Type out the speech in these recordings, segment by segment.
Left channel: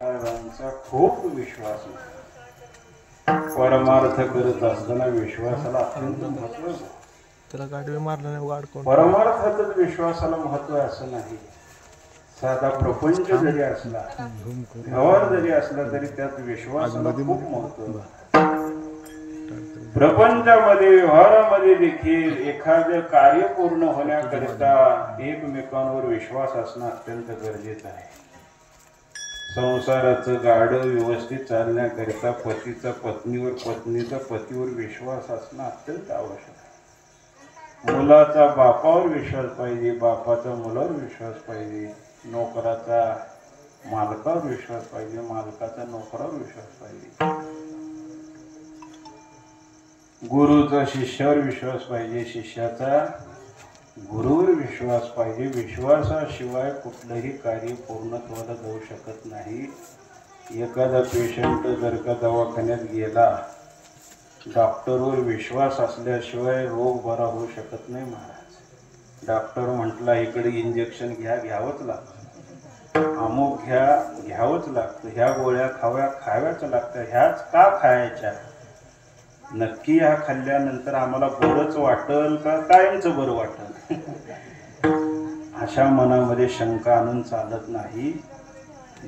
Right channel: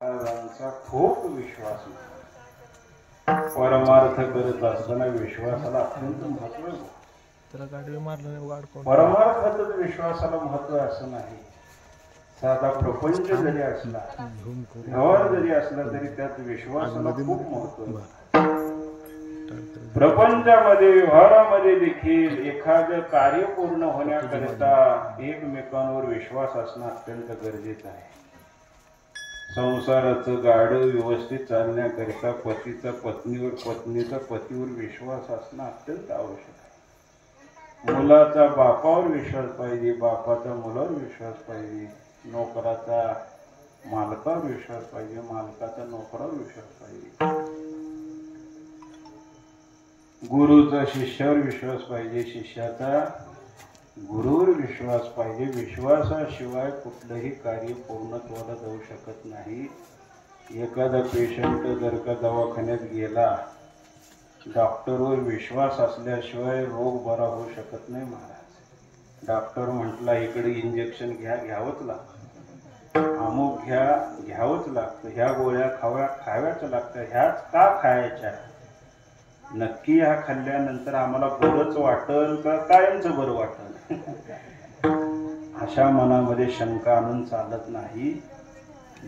महाराजांचा खूप विश्वास होता. परमार्थ करत असताना विश्वासाला अत्यंत महत्व आहे. त्याला गाडी मारला नाही गाड कोण परमार्थातच विश्वासाला महत्व आहे असं नाही. साधा प्रपंच जरी असला, व्यवहार जरी असला तरी त्यात विश्वासाला खूप महत्व आहे. प्रपंचामध्ये व्यवहारामध्ये देखील एखादं कार्य पूर्ण होण्याकरिता एकमेकांवर विश्वास असणं अत्यंत गरजेचं आहे. संसाराचं गाडं व्यवस्थित चालण्याकरिता पतीचा पत्नीवर, पत्नीचा पतीवर विश्वास असणं अत्यंत आवश्यक आहे. मुलाचा बापावर विश्वास पाहिजे, बापाचा मुलावर विश्वास पाहिजे, नोकराचा मालकावर विश्वास पाहिजे, मालकाचा नोकरावर विश्वास पाहिजे, गुरुचा शिष्यावर विश्वास पाहिजे, शिष्याचा गुरुवर विश्वास पाहिजे. विश्वासाशिवाय कुठलंही कार्य पूर्णत्वाला जाऊ शकत नाही. एखादा पेशंट जर का दवाखान्यात गेला, डॉक्टरवर विश्वास असल्याशिवाय रोग बरा होऊ शकत नाही महाराज. डॉक्टर म्हटला इकडे इंजेक्शन घ्यावंच लागतं, अमुक घ्यावंच लागतं, ह्या गोळ्या खाव्याच लागतं. ह्याच का खायच्या? नक्की ह्या खाल्ल्यानंतर आम्हाला बरंच वाटल का कायमचं बरं वाटल? अशा मनामध्ये शंका आणून चालत नाही.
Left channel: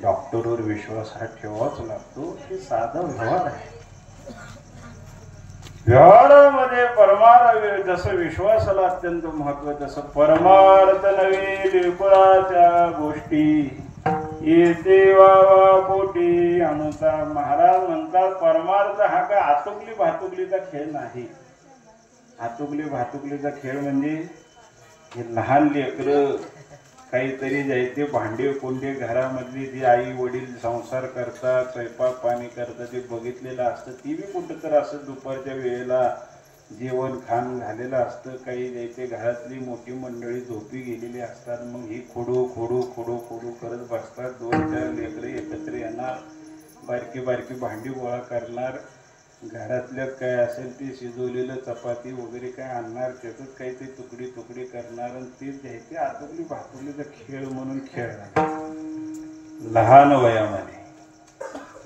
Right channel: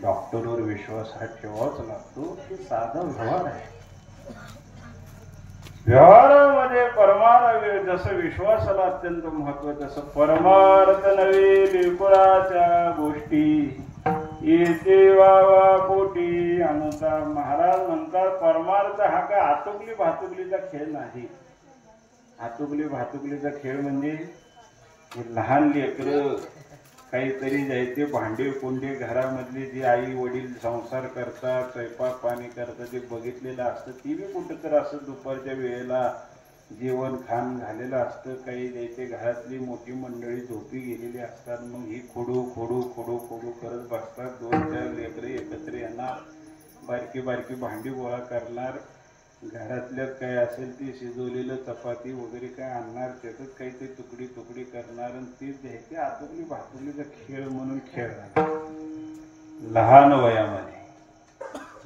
डॉक्टरवर विश्वास हा ठेवावाच लागतो. हे साधा व्यवहार आहे. व्यवहारामध्ये परमार्थ जसं विश्वासाला अत्यंत महत्व, तसं परमार्थ नव्हे बिलकुलाच्या गोष्टी येते वावा पोटी अनुसा. महाराज म्हणतात परमार्थ हा काय आतुकली भातुकलीचा खेळ नाही. आतुकली भातुकलीचा खेळ म्हणजे हे लहान लेकरं काहीतरी जायते भांडे कोंडे घरामधली जी आई वडील संसार करतात, स्वयंपाक पाणी करतात, ते बघितलेलं असतं. ती बी कुठं तर असं दुपारच्या वेळेला जेवण खाण झालेलं असतं. काही जायते घरातली मोठी मंडळी झोपी गेलेली असतात. मग ही खोडू खोडू खोडू खोडू करत बसतात. 2-4 लेकरे एकत्र येणार, बारकी बारकी भांडी गोळा करणार, घरातल्या काय असेल ते शिजवलेलं चपाती वगैरे काय आणणार, त्यातच काहीतरी तुकडी तुकडी करणार आणि तेच द्यायचे. आतुकली भातुकलीचा खेळ म्हणून खेळणार लहान वयामध्ये.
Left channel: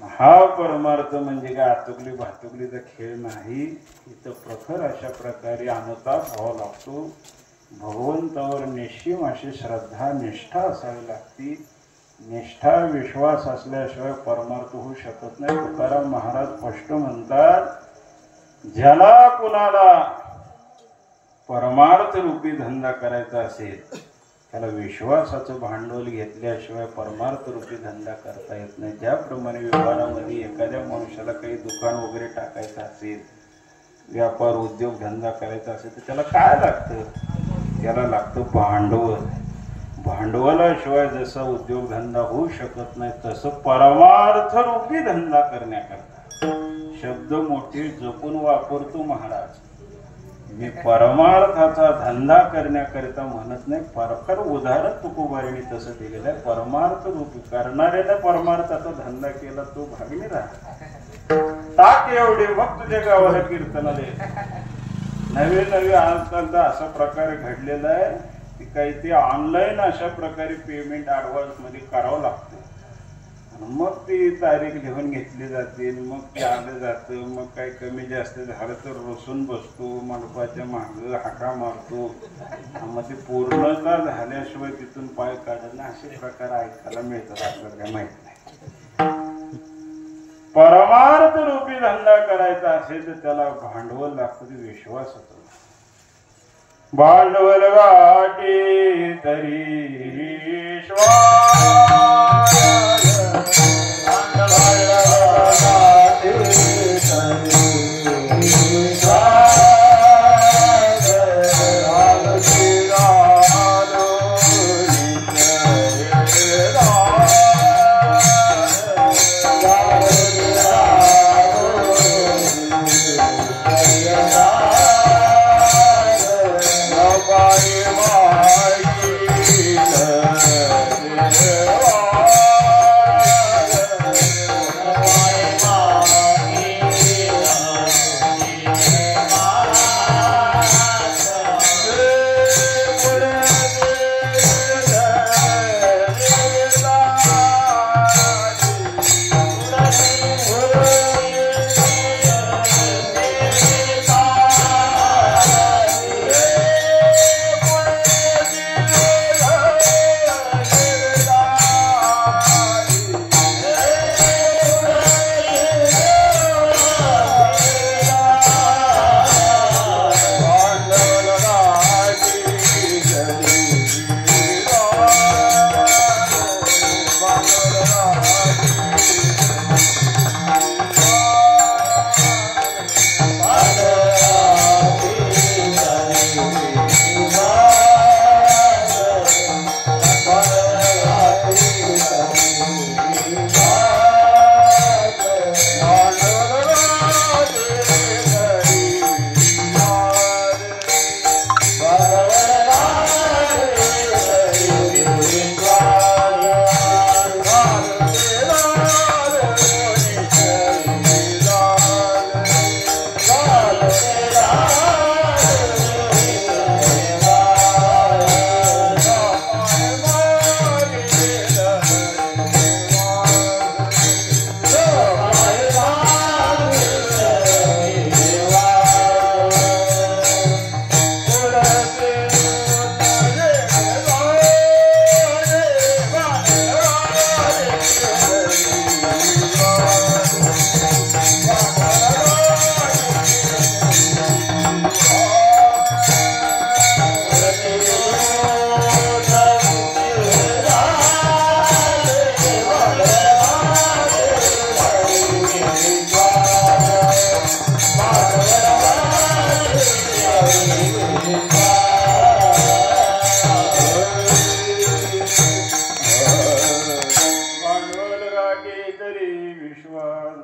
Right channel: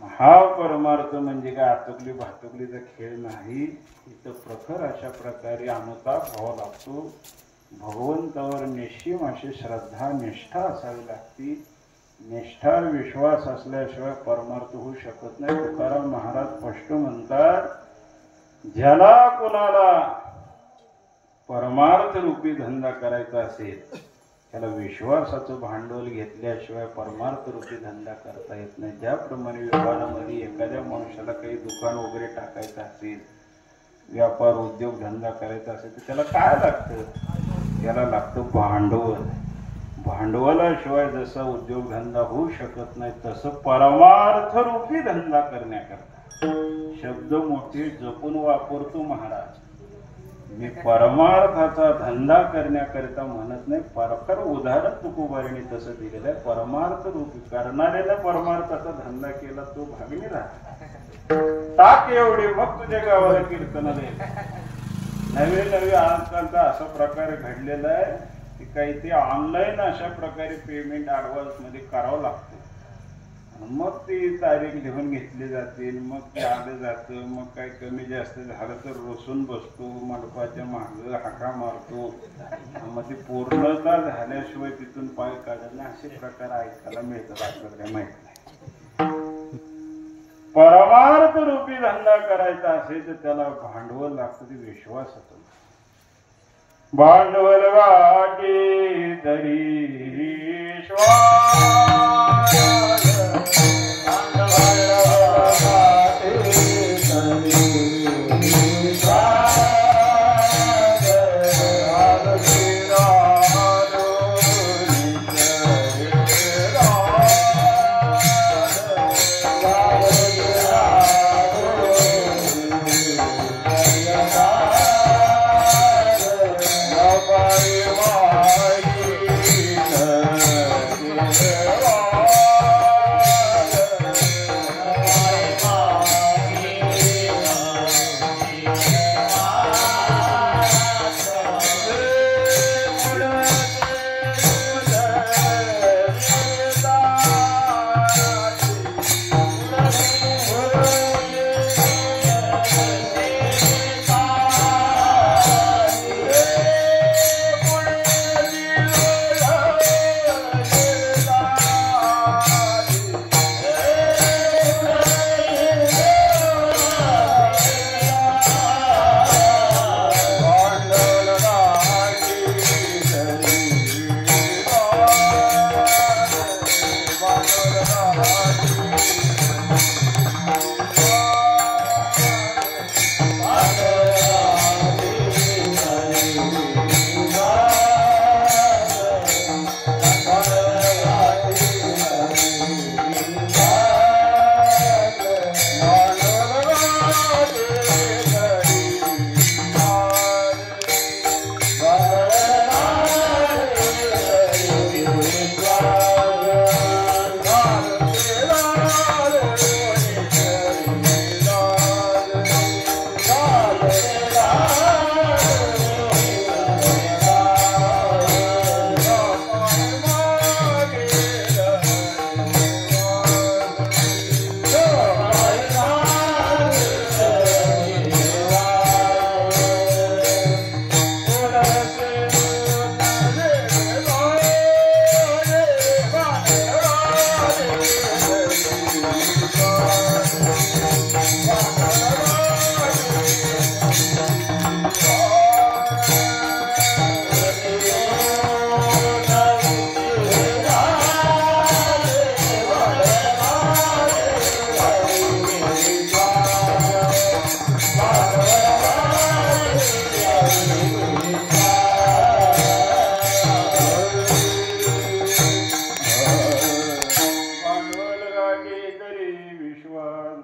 हा परमार्थ म्हणजे काय आतुकली भातुकलीचा खेळ नाही. इथं प्रखर अशा प्रकारे अनुताप व्हावा लागतो. भगवंतावर निश्चिम अशी श्रद्धा निष्ठा असावी लागती. निष्ठा विश्वास असल्याशिवाय परमार्थ होऊ शकत नाही. तुकाराम महाराज स्पष्ट म्हणतात, ज्याला कुणाला परमार्थ रूपी धंदा करायचा असेल त्याला विश्वासाचं भांडवल घेतल्याशिवाय परमार्थ रूपी धंदा करता येत नाही. ज्याप्रमाणे व्यवहारामध्ये एखाद्या मनुष्याला काही दुकान वगैरे टाकायचं असेल, व्यापार उद्योग धंदा करायचा असेल तर त्याला काय लागतं? त्याला लागतं भांडवल. भांडवलाशिवाय जसं उद्योगधंदा होऊ शकत नाही, तसं परमार्थ रूपी धंदा करण्याकरता शब्द मोठे जपून वापरतो महाराज. मी परमार्थाचा धंदा करण्याकरिता म्हणत नाही. कारण उदाहरण तुकोबाईंनी तसं दिलेलं आहे. परमार्थ रूपी करणाऱ्याने परमार्थाचा धंदा केला तो भागणी राहतो. टाक एवढे मग तुझ्या गावाला कीर्तनाला नवे आजकालचा असा प्रकार घडलेला आहे की काही ते ऑनलाईन अशा प्रकारे पेमेंट ॲडव्हान्स मध्ये करावं लागतं. मग ती तारीख लिहून घेतली जाते, मग ते आलं जातं. मग काही कमी जास्त झालं तर रोसून बसतो, मंडपाच्या मागं हाका मारतो. मग ते पूर्णता झाल्याशिवाय तिथून पाय काढत नाही. असे प्रकार ऐकायला मिळतात. आपल्याला काय माहित नाही. परमार्थ रूपी धंदा करायचा असेल तर त्याला भांडवल लागतं. ते विश्वासाचं भांडवल गाठी तरी श्वास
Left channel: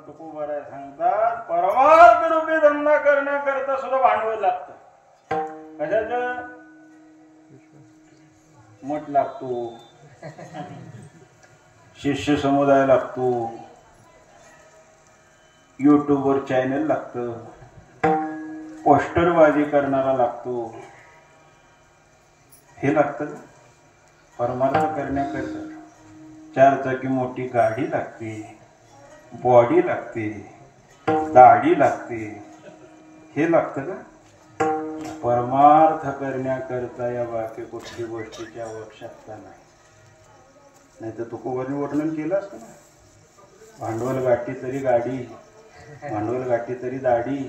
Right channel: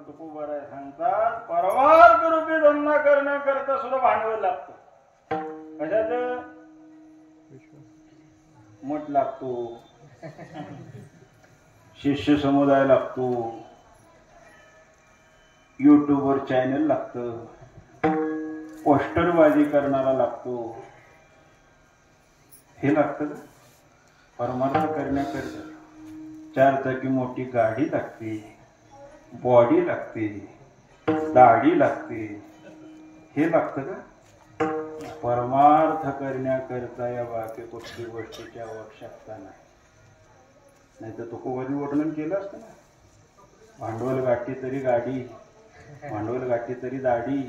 तुकोबाराय सांगतात परमार्थ रूपी धंदा करण्याकरता सुद्धा भांडवल लागतं. कशाचं? मठ लागतो, शिष्य समुदाय लागतो, युट्यूबवर चॅनल लागतं, पोस्टरबाजी करणारा लागतो. हे लागतं का? परमार्थ करण्याकरता 4 चाकी मोठी गाडी लागते, बॉडी लागते, दाढी लागते. हे लागतं का? परमार्थ करण्याकरता या बाकी कुठली गोष्टीची आवश्यकता नाही. नाही तर तुकोबांनी वर्णन केलं असतं ना, भांडवल गाठी तरी गाडी, भांडवल गाठी तरी दाढी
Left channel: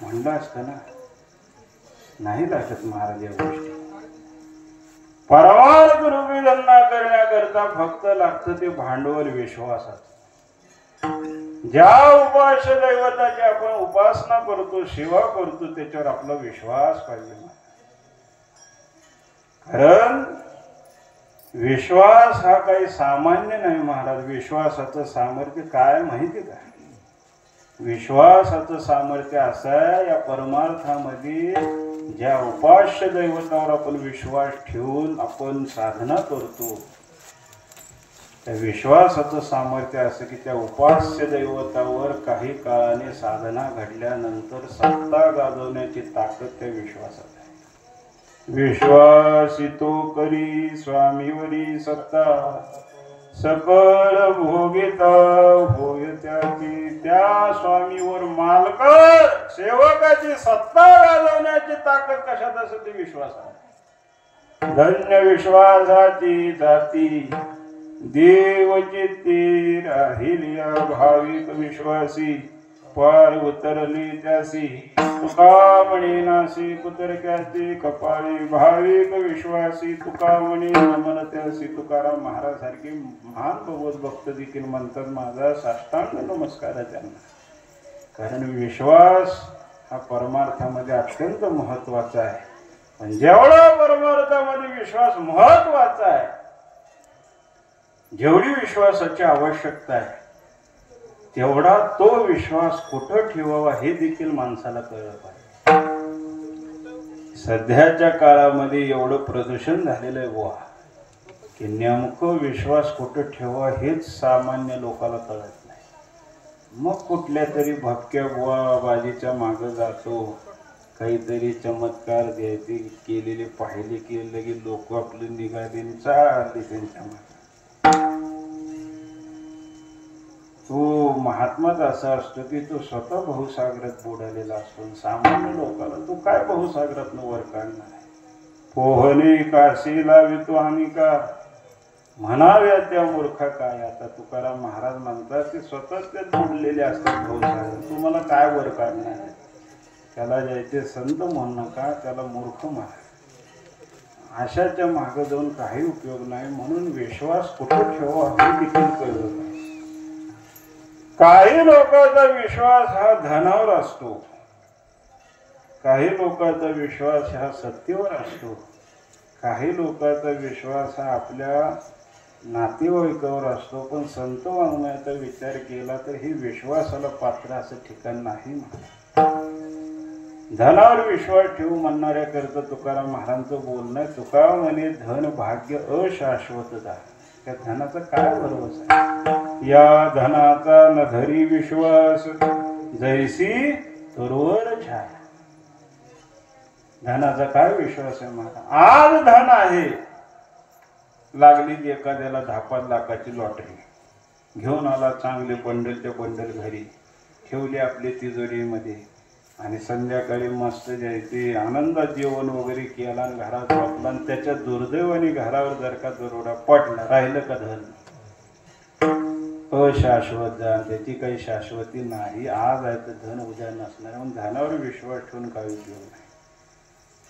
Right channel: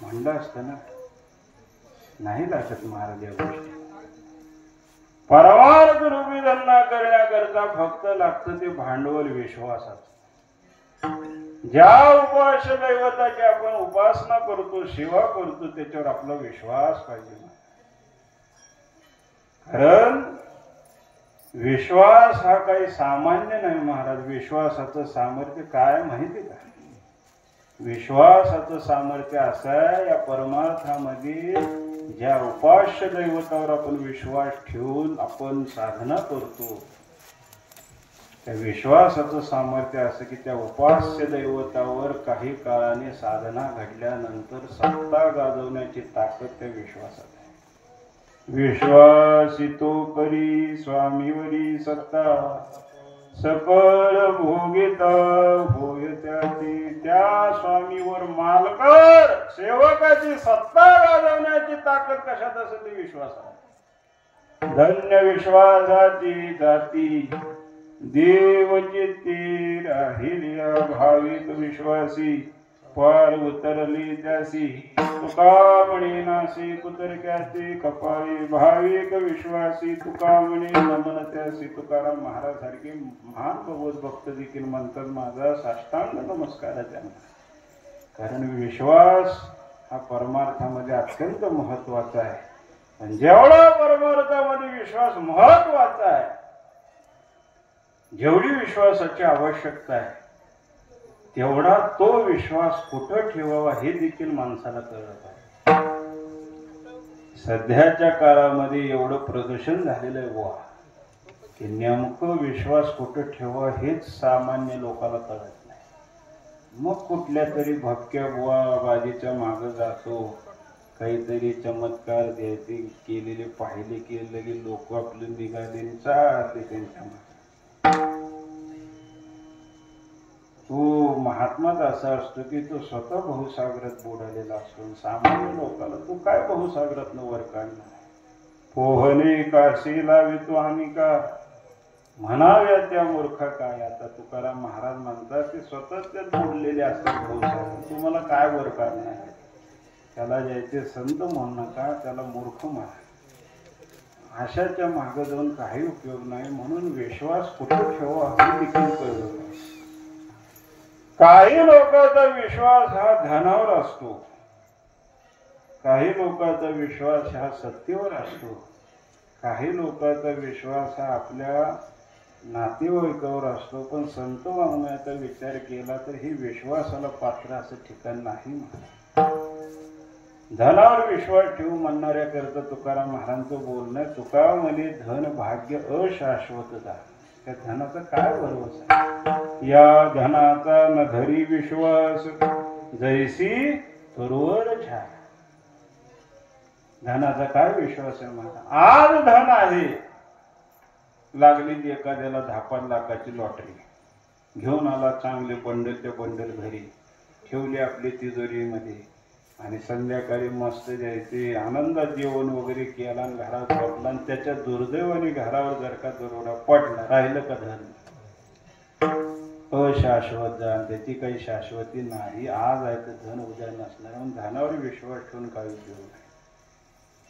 म्हणलं असतं ना. नाही लागत महाराज या गोष्टी. परमार्थ रूपी धंदा करण्याकरता फक्त लागतं ते भांडवल विश्वासाचं. ज्या उपास्य दैवताची आपण उपासना करतो, सेवा करतो, त्याच्यावर आपला विश्वास पाहिजे. कारण विश्वास हा काही सामान्य नाही महाराज. विश्वासाचं सामर्थ्य काय माहिती का? विश्वासाचं सामर्थ्य असं आहे, या परमार्थामध्ये ज्या उपास्य दैवतावर आपण विश्वास ठेवून आपण साधना करतो, त्या विश्वासाचं सामर्थ्य असं की त्या उपास्य दैवतावर काही काळाने साधना घडल्यानंतर सत्ता गाजवण्याची ताकद त्या विश्वासात आहे. विश्वासितो करी स्वामीवरी सत्ता, सकळ भोगिता होय त्याची. त्या स्वामीवर मालकर सेवकाची सत्ता गाजवण्याची ताकद कशात असते? ती विश्वासात. धन्य विश्वासाची जाती देवचित्ती राहिल्या भाविक विश्वासी, पार उतरली त्यासी तुका म्हणे नासी कुतरक्याची कपाळी. भाविक विश्वासी तुका म्हणे नमन त्यासी. तुकाराम महाराज सारखे महान भगवत भक्त देखील म्हणतात माझा साष्टांग नमस्कार आहे त्यांना. कारण विश्वास हा परमार्थामध्ये अत्यंत महत्वाचा आहे. पण जेवढा परमार्थामध्ये विश्वास महत्वाचा आहे, जेवढी विश्वासाची आवश्यकता आहे, तेवढा तो विश्वास कुठं ठेवावा हे देखील माणसाला कळलं पाहिजे. सध्याच्या काळामध्ये एवढं प्रदूषण झालेलं आहे बुवा की नेमकं विश्वास कुठं ठेवावा हेच सामान्य लोकांना कळत नाही. मग कुठल्या तरी भपक्या बुवा बाजीच्या मागं जातो, काहीतरी चमत्कार द्यायचे केलेले पाहिले की लगे लोक आपले निघाले चालले त्यांच्या मागे. तो महात्माच असा असतो की तो स्वतः बहुसागरात बुडालेला असतो. सामान्य लोकांना तो काय बहुसागरात वर काढणार आहे? पोहणे काशी लावितो आणि का म्हणाव्या त्या मूर्खा काय. आता तुकाराम महाराज म्हणतात ते स्वतःच ते बुडलेले असतात बहुसागर. तुम्हाला काय वर काढणार आहे? त्याला जायचे संत म्हणू नका, त्याला मूर्ख म्हणा. अशाच्या मागे जाऊन काही उपयोग नाही. म्हणून विश्वास कुठे ठेवा हे देखील कळलं. काही लोकांचा विश्वास हा धनावर असतो, काही लोकांचा विश्वास हा सत्तेवर असतो, काही लोकांचा विश्वास हा आपल्या नातेवाईकावर असतो. पण संत म्हणण्याचा विचार केला तर हे विश्वासाला पात्र असं ठिकाण नाही. धनावर विश्वास ठेवू म्हणणाऱ्याकरता तुकाराम महाराजांचं बोलणं, तुका म्हणे धन भाग्य अशाश्वत दान. त्या धनाचा काय भरोसा आहे? या धनाचा न धरी विश्वास जैसी तरोवर छाया. धनाचा काय विश्वास आहे माझा? आज धन आहे, लागली एखाद्याला 10-5 लाखाची लॉटरी, घेऊन आला चांगले बंडलच्या बंडल घरी ठेवले आपल्या तिजोरीमध्ये आणि संध्याकाळी मस्त जायचे आनंदात जेवण वगैरे केला आणि घरात झोपला. आणि त्याच्या दुर्दैवाने घरावर जर का दरोडा पडला, राहिलं का धन? अशाश्वत धन, त्याची काही शाश्वती नाही. आज आहे तर धन उद्या नसणार. म्हणून धनावर विश्वास ठेवून काही उपयोग नाही.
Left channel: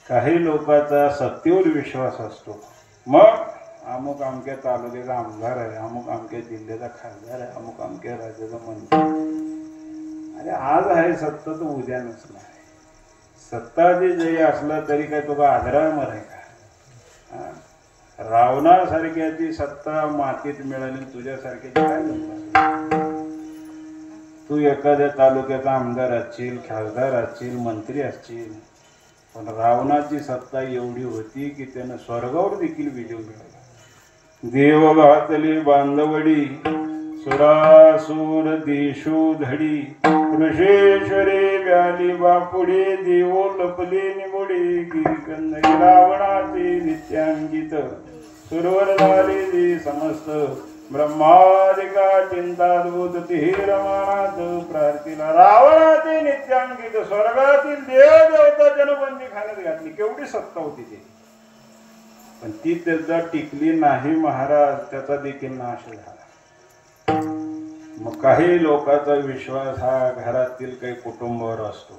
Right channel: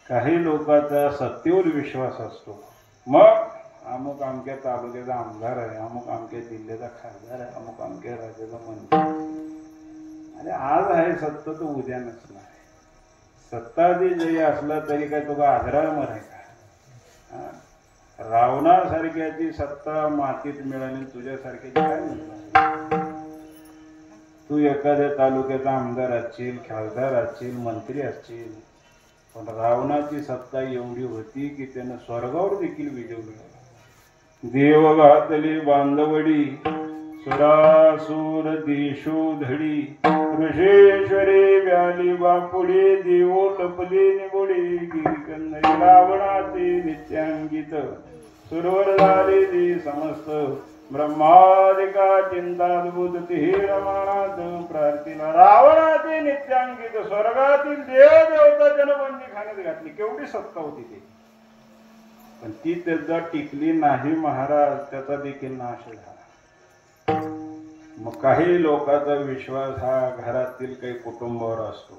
काही लोकांचा सत्तेवर विश्वास असतो. मग अमुक अमक्या तालुक्याचा आमदार आहे, अमुक अमक्या जिल्ह्याचा खासदार आहे, अमुक अमक्या राज्याचा मंत्री. अरे आज आहे सत्ता तर उद्या नसणार. सत्ता जरी असलं तरी काय तुला आदरावर आहे का? रावणासारख्याची सत्ता मातीत मिळाली, तुझ्यासारख्याची काय मिळणार? एखाद्या तालुक्याचा आमदार असतील, खासदार असतील, मंत्री असतील, पण रावणाची सत्ता एवढी होती की त्यानं स्वर्गावर देखील विजय मिळवला. देव घातली बांधवडी सुरासुर देशो धडी ऋषेश्वरे व्याली बापुडे देवो लपले निबोडे गिरिकंदरी रावणाचे नित्यांगित सुरवर झाले जे समस्त ब्रह्मादिका चिंताद्भुत ते रावणात प्रार्थिला. रावणाचे नित्यांगित स्वर्गातील देवदेवता जनबंदी खाण्यात घातली. केवढी सत्ता होती ती, पण ती त्याचा टिकली नाही महाराज, त्याचा देखील नाश झाला. मग काही लोकांचा विश्वास हा घरातील काही कुटुंबावर असतो.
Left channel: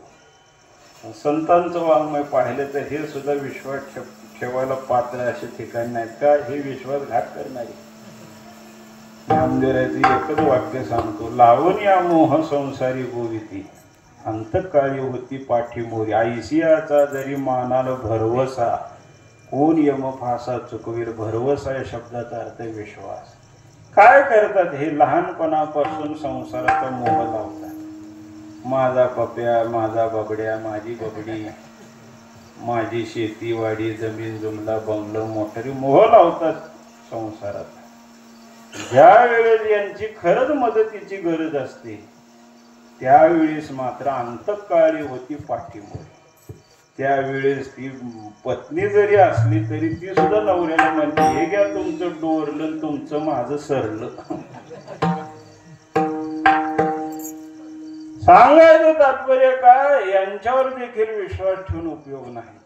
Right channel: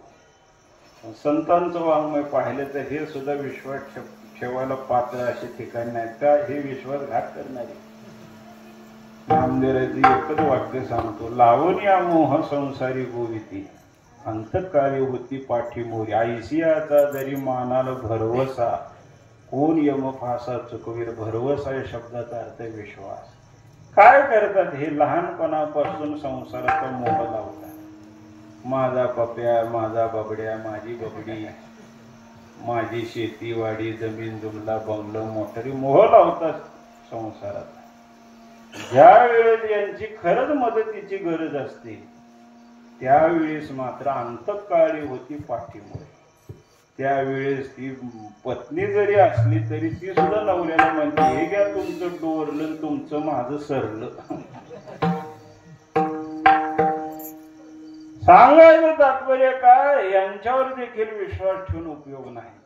संतांचं वाङ्मय पाहिलं तर हे सुद्धा विश्वास ठेवायला पात्र असे ठिकाण नाहीत का हे विश्वासघात करणारे. नामदेवाची एकच वाक्य सांगतो, लावून या मोह संसारी गोविती अंतकाळी होती पाठीमोरी ऐसियाचा जरी मानाला भरवसा कोण यम फासा चुकवीर. भरवसा या शब्दाचा अर्थ विश्वास. काय करतात हे लहानपणापासून संसाराचा मोह लावतात. माझा पप्या, माझा बबड्या, माझी बबडी, माझी शेतीवाडी, जमीन जुमला, बंगलो, मोटरी मोह लावतात संसारात. ज्या वेळेस यांची खरंच मदतीची गरज असते त्यावेळेस मात्र अंतकाळी होती पाठीमुळे. त्यावेळेस ती पत्नी जरी असली तरी ती सुद्धा नवऱ्याला म्हणते, हे घ्या तुमचं डोरलं, तुमचं माझं सरलं. सांगायचं तात्पर्य काय, यांच्यावर देखील विश्वास ठेवून उपयोग नाही.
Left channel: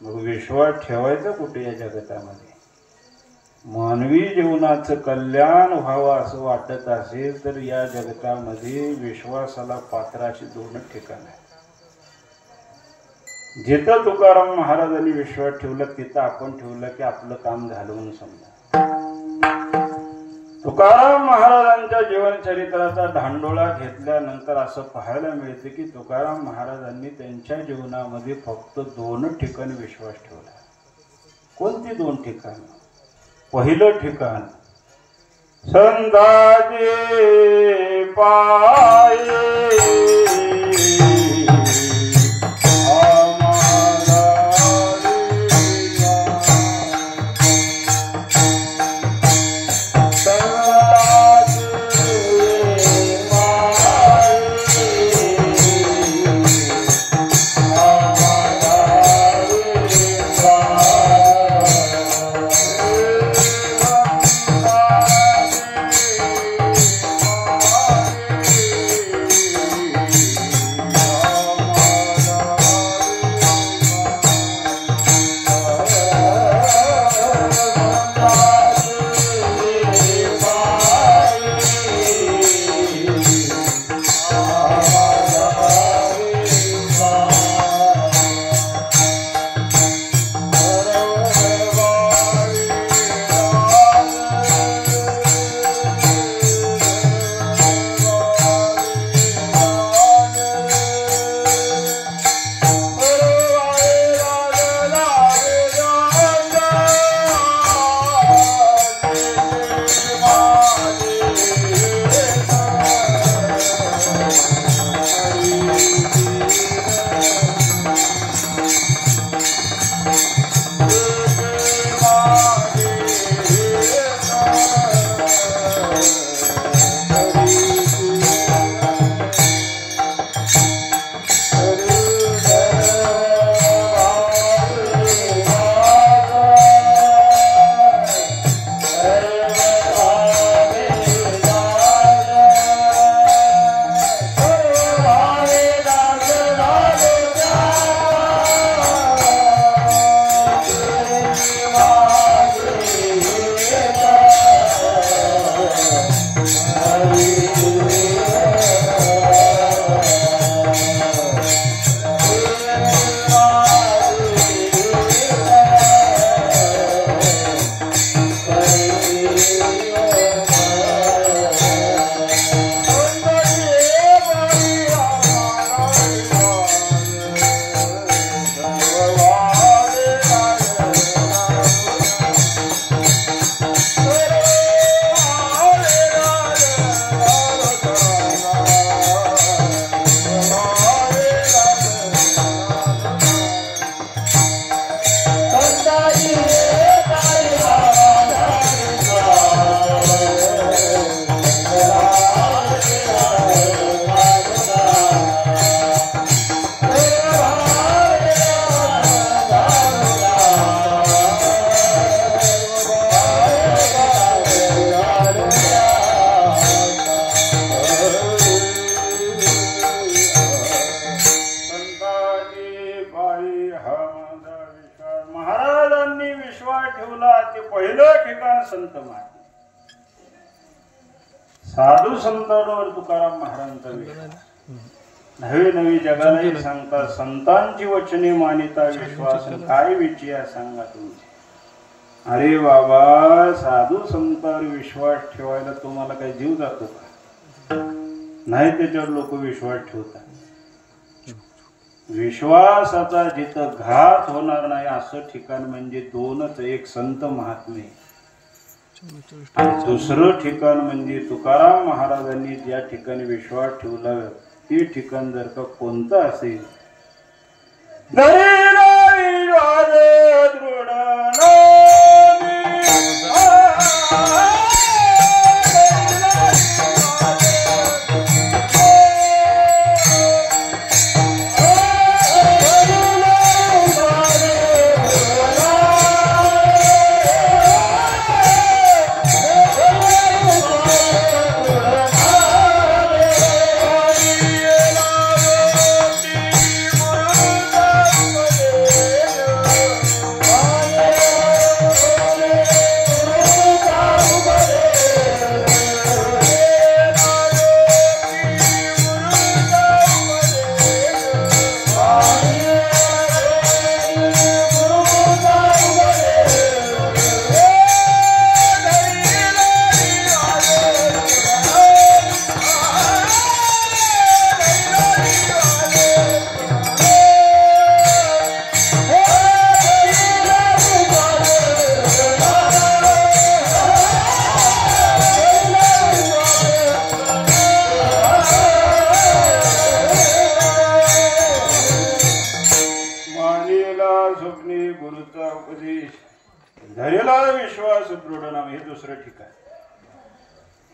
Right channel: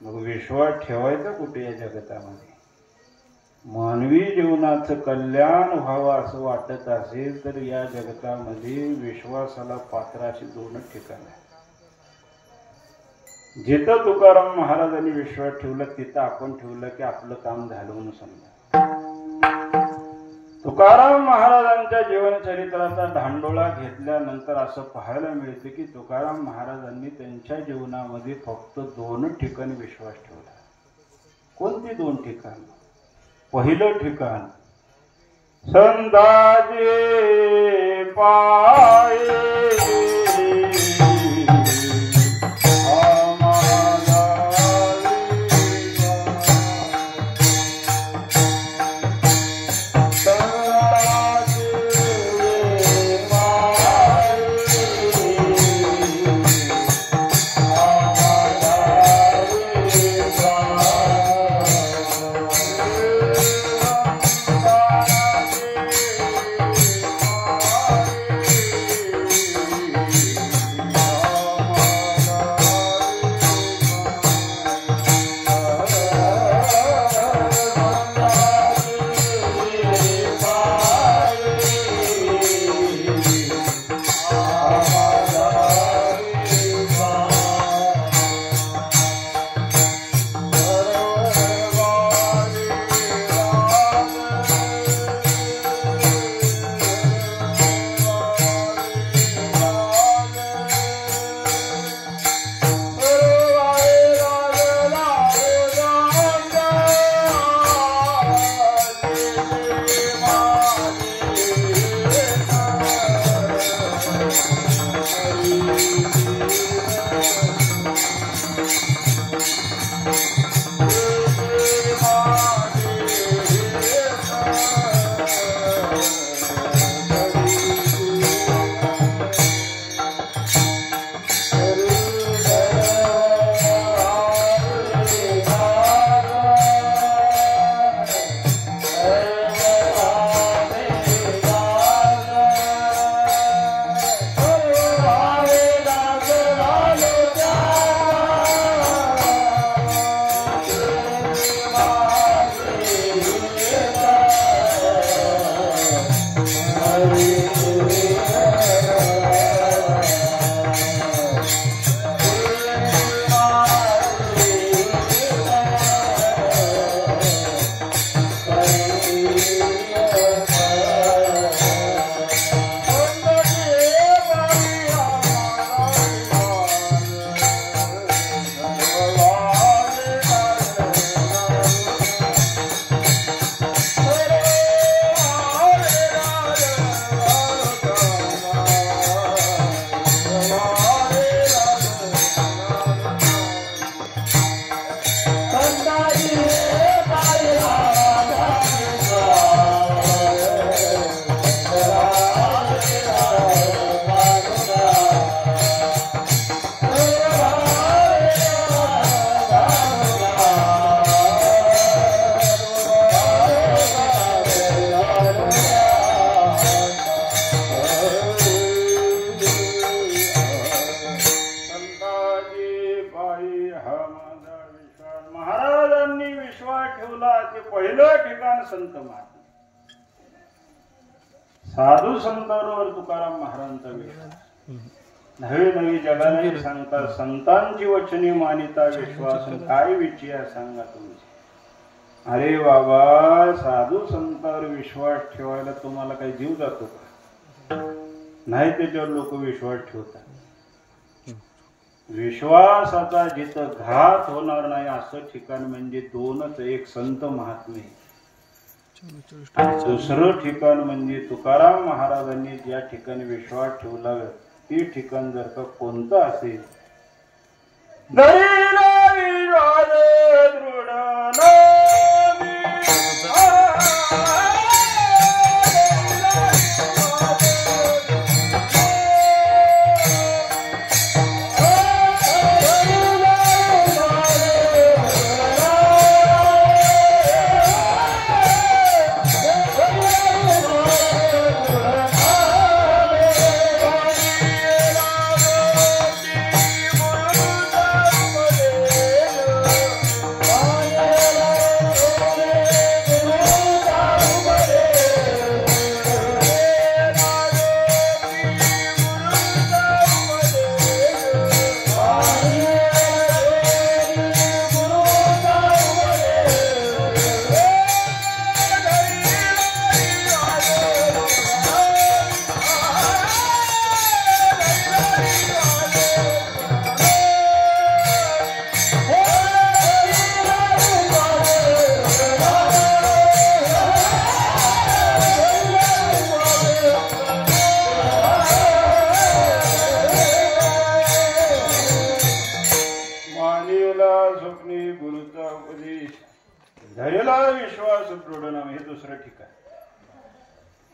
मग विश्वास ठेवायचा कुठे या जगतामध्ये? मानवी जीवनाचं कल्याण व्हावं असं वाटत असेल तर या जगतामध्ये विश्वासाला पात्र अशी दोनच ठिकाण आहेत. जिथं तुकाराम महाराजांनी विश्वास ठेवला तिथं आपण ठेवलं की आपलं काम झालं म्हणून समजा. तुकाराम महाराजांच्या जीवनचरित्राचा धांडोळा घेतल्यानंतर असं पाहायला मिळते की तुकाराम महाराजांनी त्यांच्या जीवनामध्ये फक्त दोनच ठिकाणी विश्वास ठेवला. कोणती दोन ठिकाण? पहिलं ठिकाण संताचे पाये संत महात्मा. साधू संतांवर तुकाराम महाराजांचा विश्वास. नवी नवी जगाने सांगता संतांची वचने मानिता विश्वास काय विचार सांगा तुमचे. अरे बाबा, साधू संतांवर विश्वास ठेवायला तुम्हाला काही जीव जातो का? नाही, त्याच्यावर लोक विश्वास ठेवतात. विश्वासाचा जिथं घात होणार नाही असं ठिकाण म्हणजे दोनच, एक संत महात्मे, दुसरं ठिकाण म्हणजे तुकाराम महाराजांनी ज्या ठिकाणी विश्वास ठेवला ते ठिकाण जर का कोणतं असेल,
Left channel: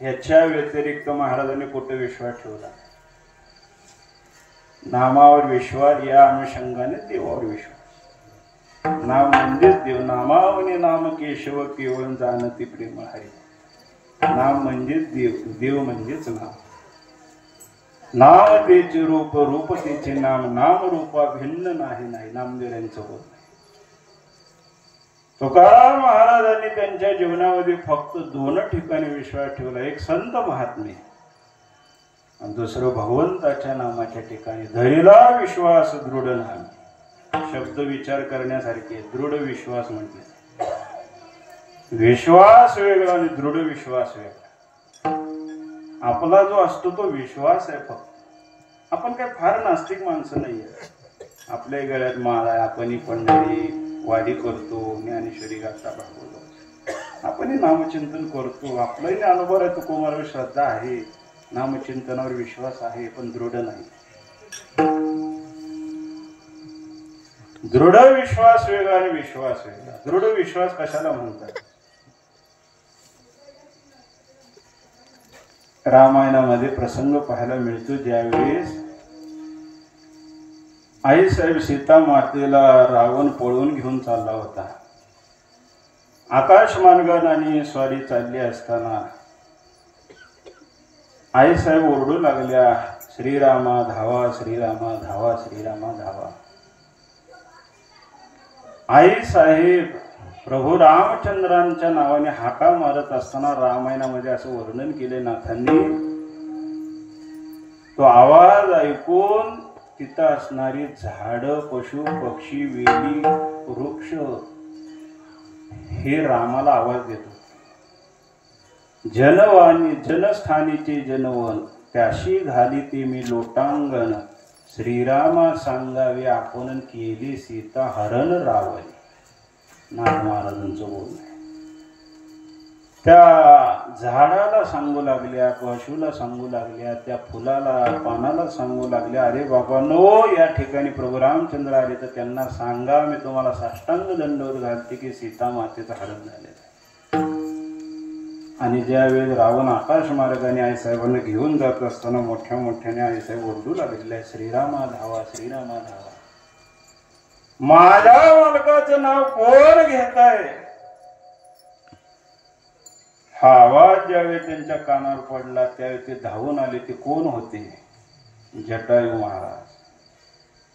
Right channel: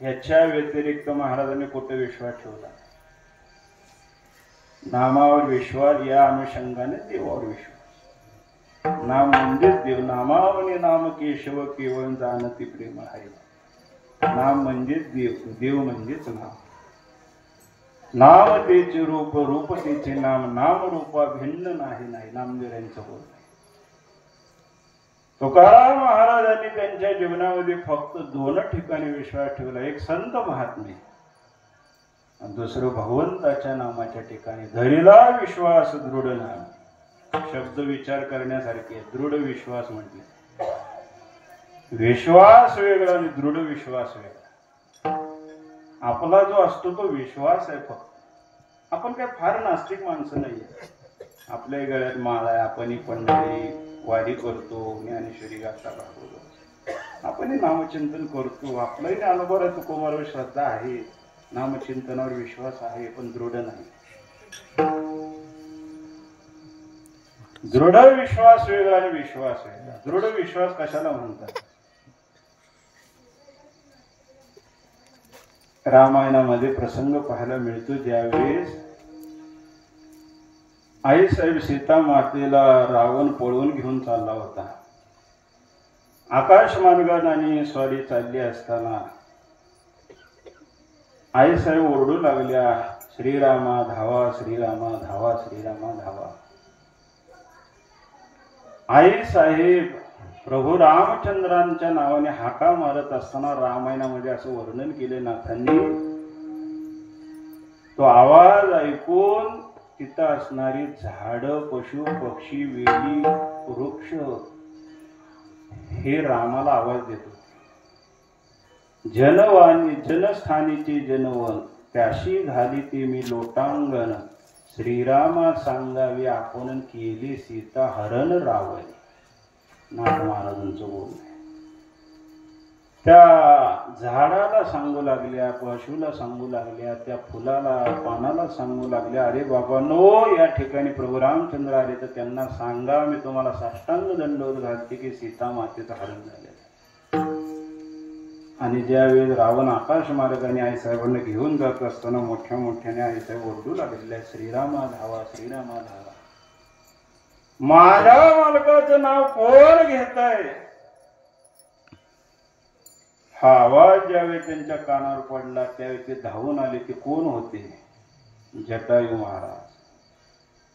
ह्याच्या व्यतिरिक्त महाराजांनी कुठे विश्वास ठेवला? नामावर विश्वास, या अनुषंगाने देवावर विश्वास. नाम म्हणजेच देव. नामावने नाम केशव केवळ जाणती प्रेम आहे. नाम म्हणजेच देव, देव म्हणजेच नाम. नाम तेचे रूप, रूप तेचे नाम, नाम रूपा भिन्न नाही. नामदेवांचं होत नाही. तुकाराम महाराजांनी त्यांच्या जीवनामध्ये फक्त दोन ठिकाणी विश्वास ठेवला, एक संत महात्मे आणि दुसरं भगवंताच्या नामाच्या ठिकाणी. धरिला विश्वास दृढ नाम. शब्द विचार करण्यासारखे. दृढ विश्वास म्हटले. विश्वास वेगळा आणि दृढ विश्वास वेगळा. आपला जो असतो तो विश्वास आहे फक्त. आपण काय फार नास्तिक माणसं नाहीये. आपल्या गळ्यात माळ आहे, आपण पंढरी वारी करतो, ज्ञानेश्वरी गाथा भागवतो, आपण नामचिंतन करतो. आपलाही अनुभव आहे, तुकोमार श्रद्धा आहे, नामचिंतनावर विश्वास आहे, पण दृढ नाही. दृढ विश्वास वेगळा आणि विश्वास वेगळा. दृढ विश्वास कशाला म्हणतात? रामायणामध्ये प्रसंग पाहायला मिळतो, ज्यावेळेस आई साहेब सीता मातेला रावण पळवून घेऊन चालला होता. आकाश मार्गाने स्वारी चालली असताना आई साहेब ओरडू लागल्या, श्रीरामा धावा, श्रीरामा धावा, श्रीरामा धावा. आई साहेब प्रभू रामचंद्रांच्या नावाने हाका मारत असताना रामायणामध्ये असं वर्णन केले नाथांनी. तो आवाज ऐकून तिथं असणारी झाड, पशु पक्षी, वेली, वृक्ष हे रामाला आवाज देतो. जनवाणी जनस्थानीचे जनवन, त्याशी घाली ते मी लोटांगण, श्रीरामा सांगावे आपण केली सीता हरण रावण. नाथ महाराजांचं बोलणं. त्या झाडाला सांगू लागल्या, पशुला सांगू लागल्या, त्या फुलाला पानाला सांगू लागल्या, अरे बाबा नो, या ठिकाणी प्रभू रामचंद्र आले तर त्यांना सांगा मी तुम्हाला साष्टांग दंडवत घालते की सीता मातेचं हरण झालेलं. आणि ज्यावेळी रावण आकाश मार्गाने आईसाहेबांना घेऊन जात असताना मोठ्या मोठ्याने आईसाहेब ओरडू लागलेल्या, श्रीरामा धावा, श्रीरामा धावा. माझ्या मालकाचं नाव कोण घेत आहे? हा आवाज ज्यावेळी त्यांच्या कानावर पडला त्यावेळी ते धावून आले. ते कोण होते? जटायू महाराज.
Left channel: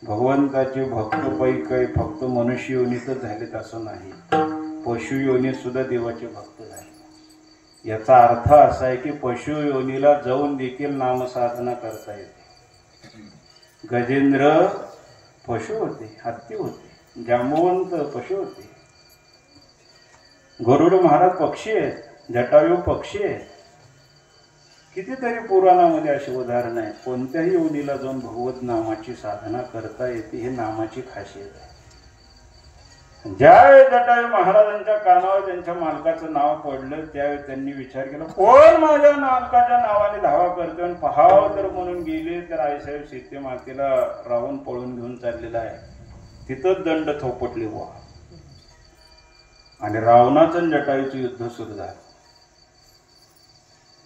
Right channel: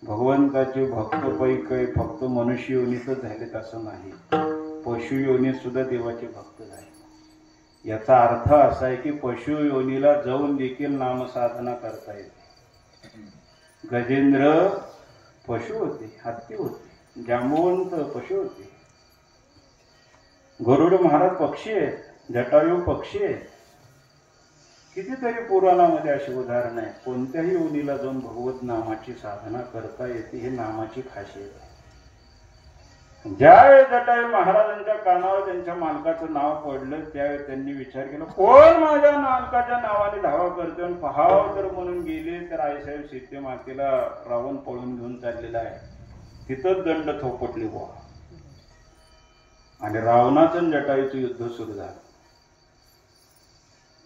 भगवंताचे भक्त पैकी फक्त मनुष्य योनीतच झालेत असं नाही, पशु योनीत सुद्धा देवाचे भक्त झाले. याचा अर्थ असा आहे की पशु योनीला जाऊन देखील नामसाधना करता येते. गजेंद्र पशु होते, हत्ती होते, जांबवंत पशु होते, गरुड महाराज पक्षी आहेत, जटायू पक्षी आहेत. कितीतरी पुराणामध्ये अशी उदाहरणं आहेत. कोणत्याही योनीला जाऊन भगवत नामाची साधना करता येते. ही नामाची खासियत आहे. ज्यावेळी जटायू महाराजांच्या कानावर त्यांच्या मालकाचं नाव पडलं त्यावेळी त्यांनी विचार केला, कोण माझ्या मालकाच्या नावाने धावा करतोय. आणि पहावं तर म्हणून गेले तर आईसाहेब सीते मातेला रावण पळून घेऊन चाललेला आहे. तिथंच दंड थोपटले बुवा. आणि रावणाचं जटायूचं युद्ध सुरू झालं.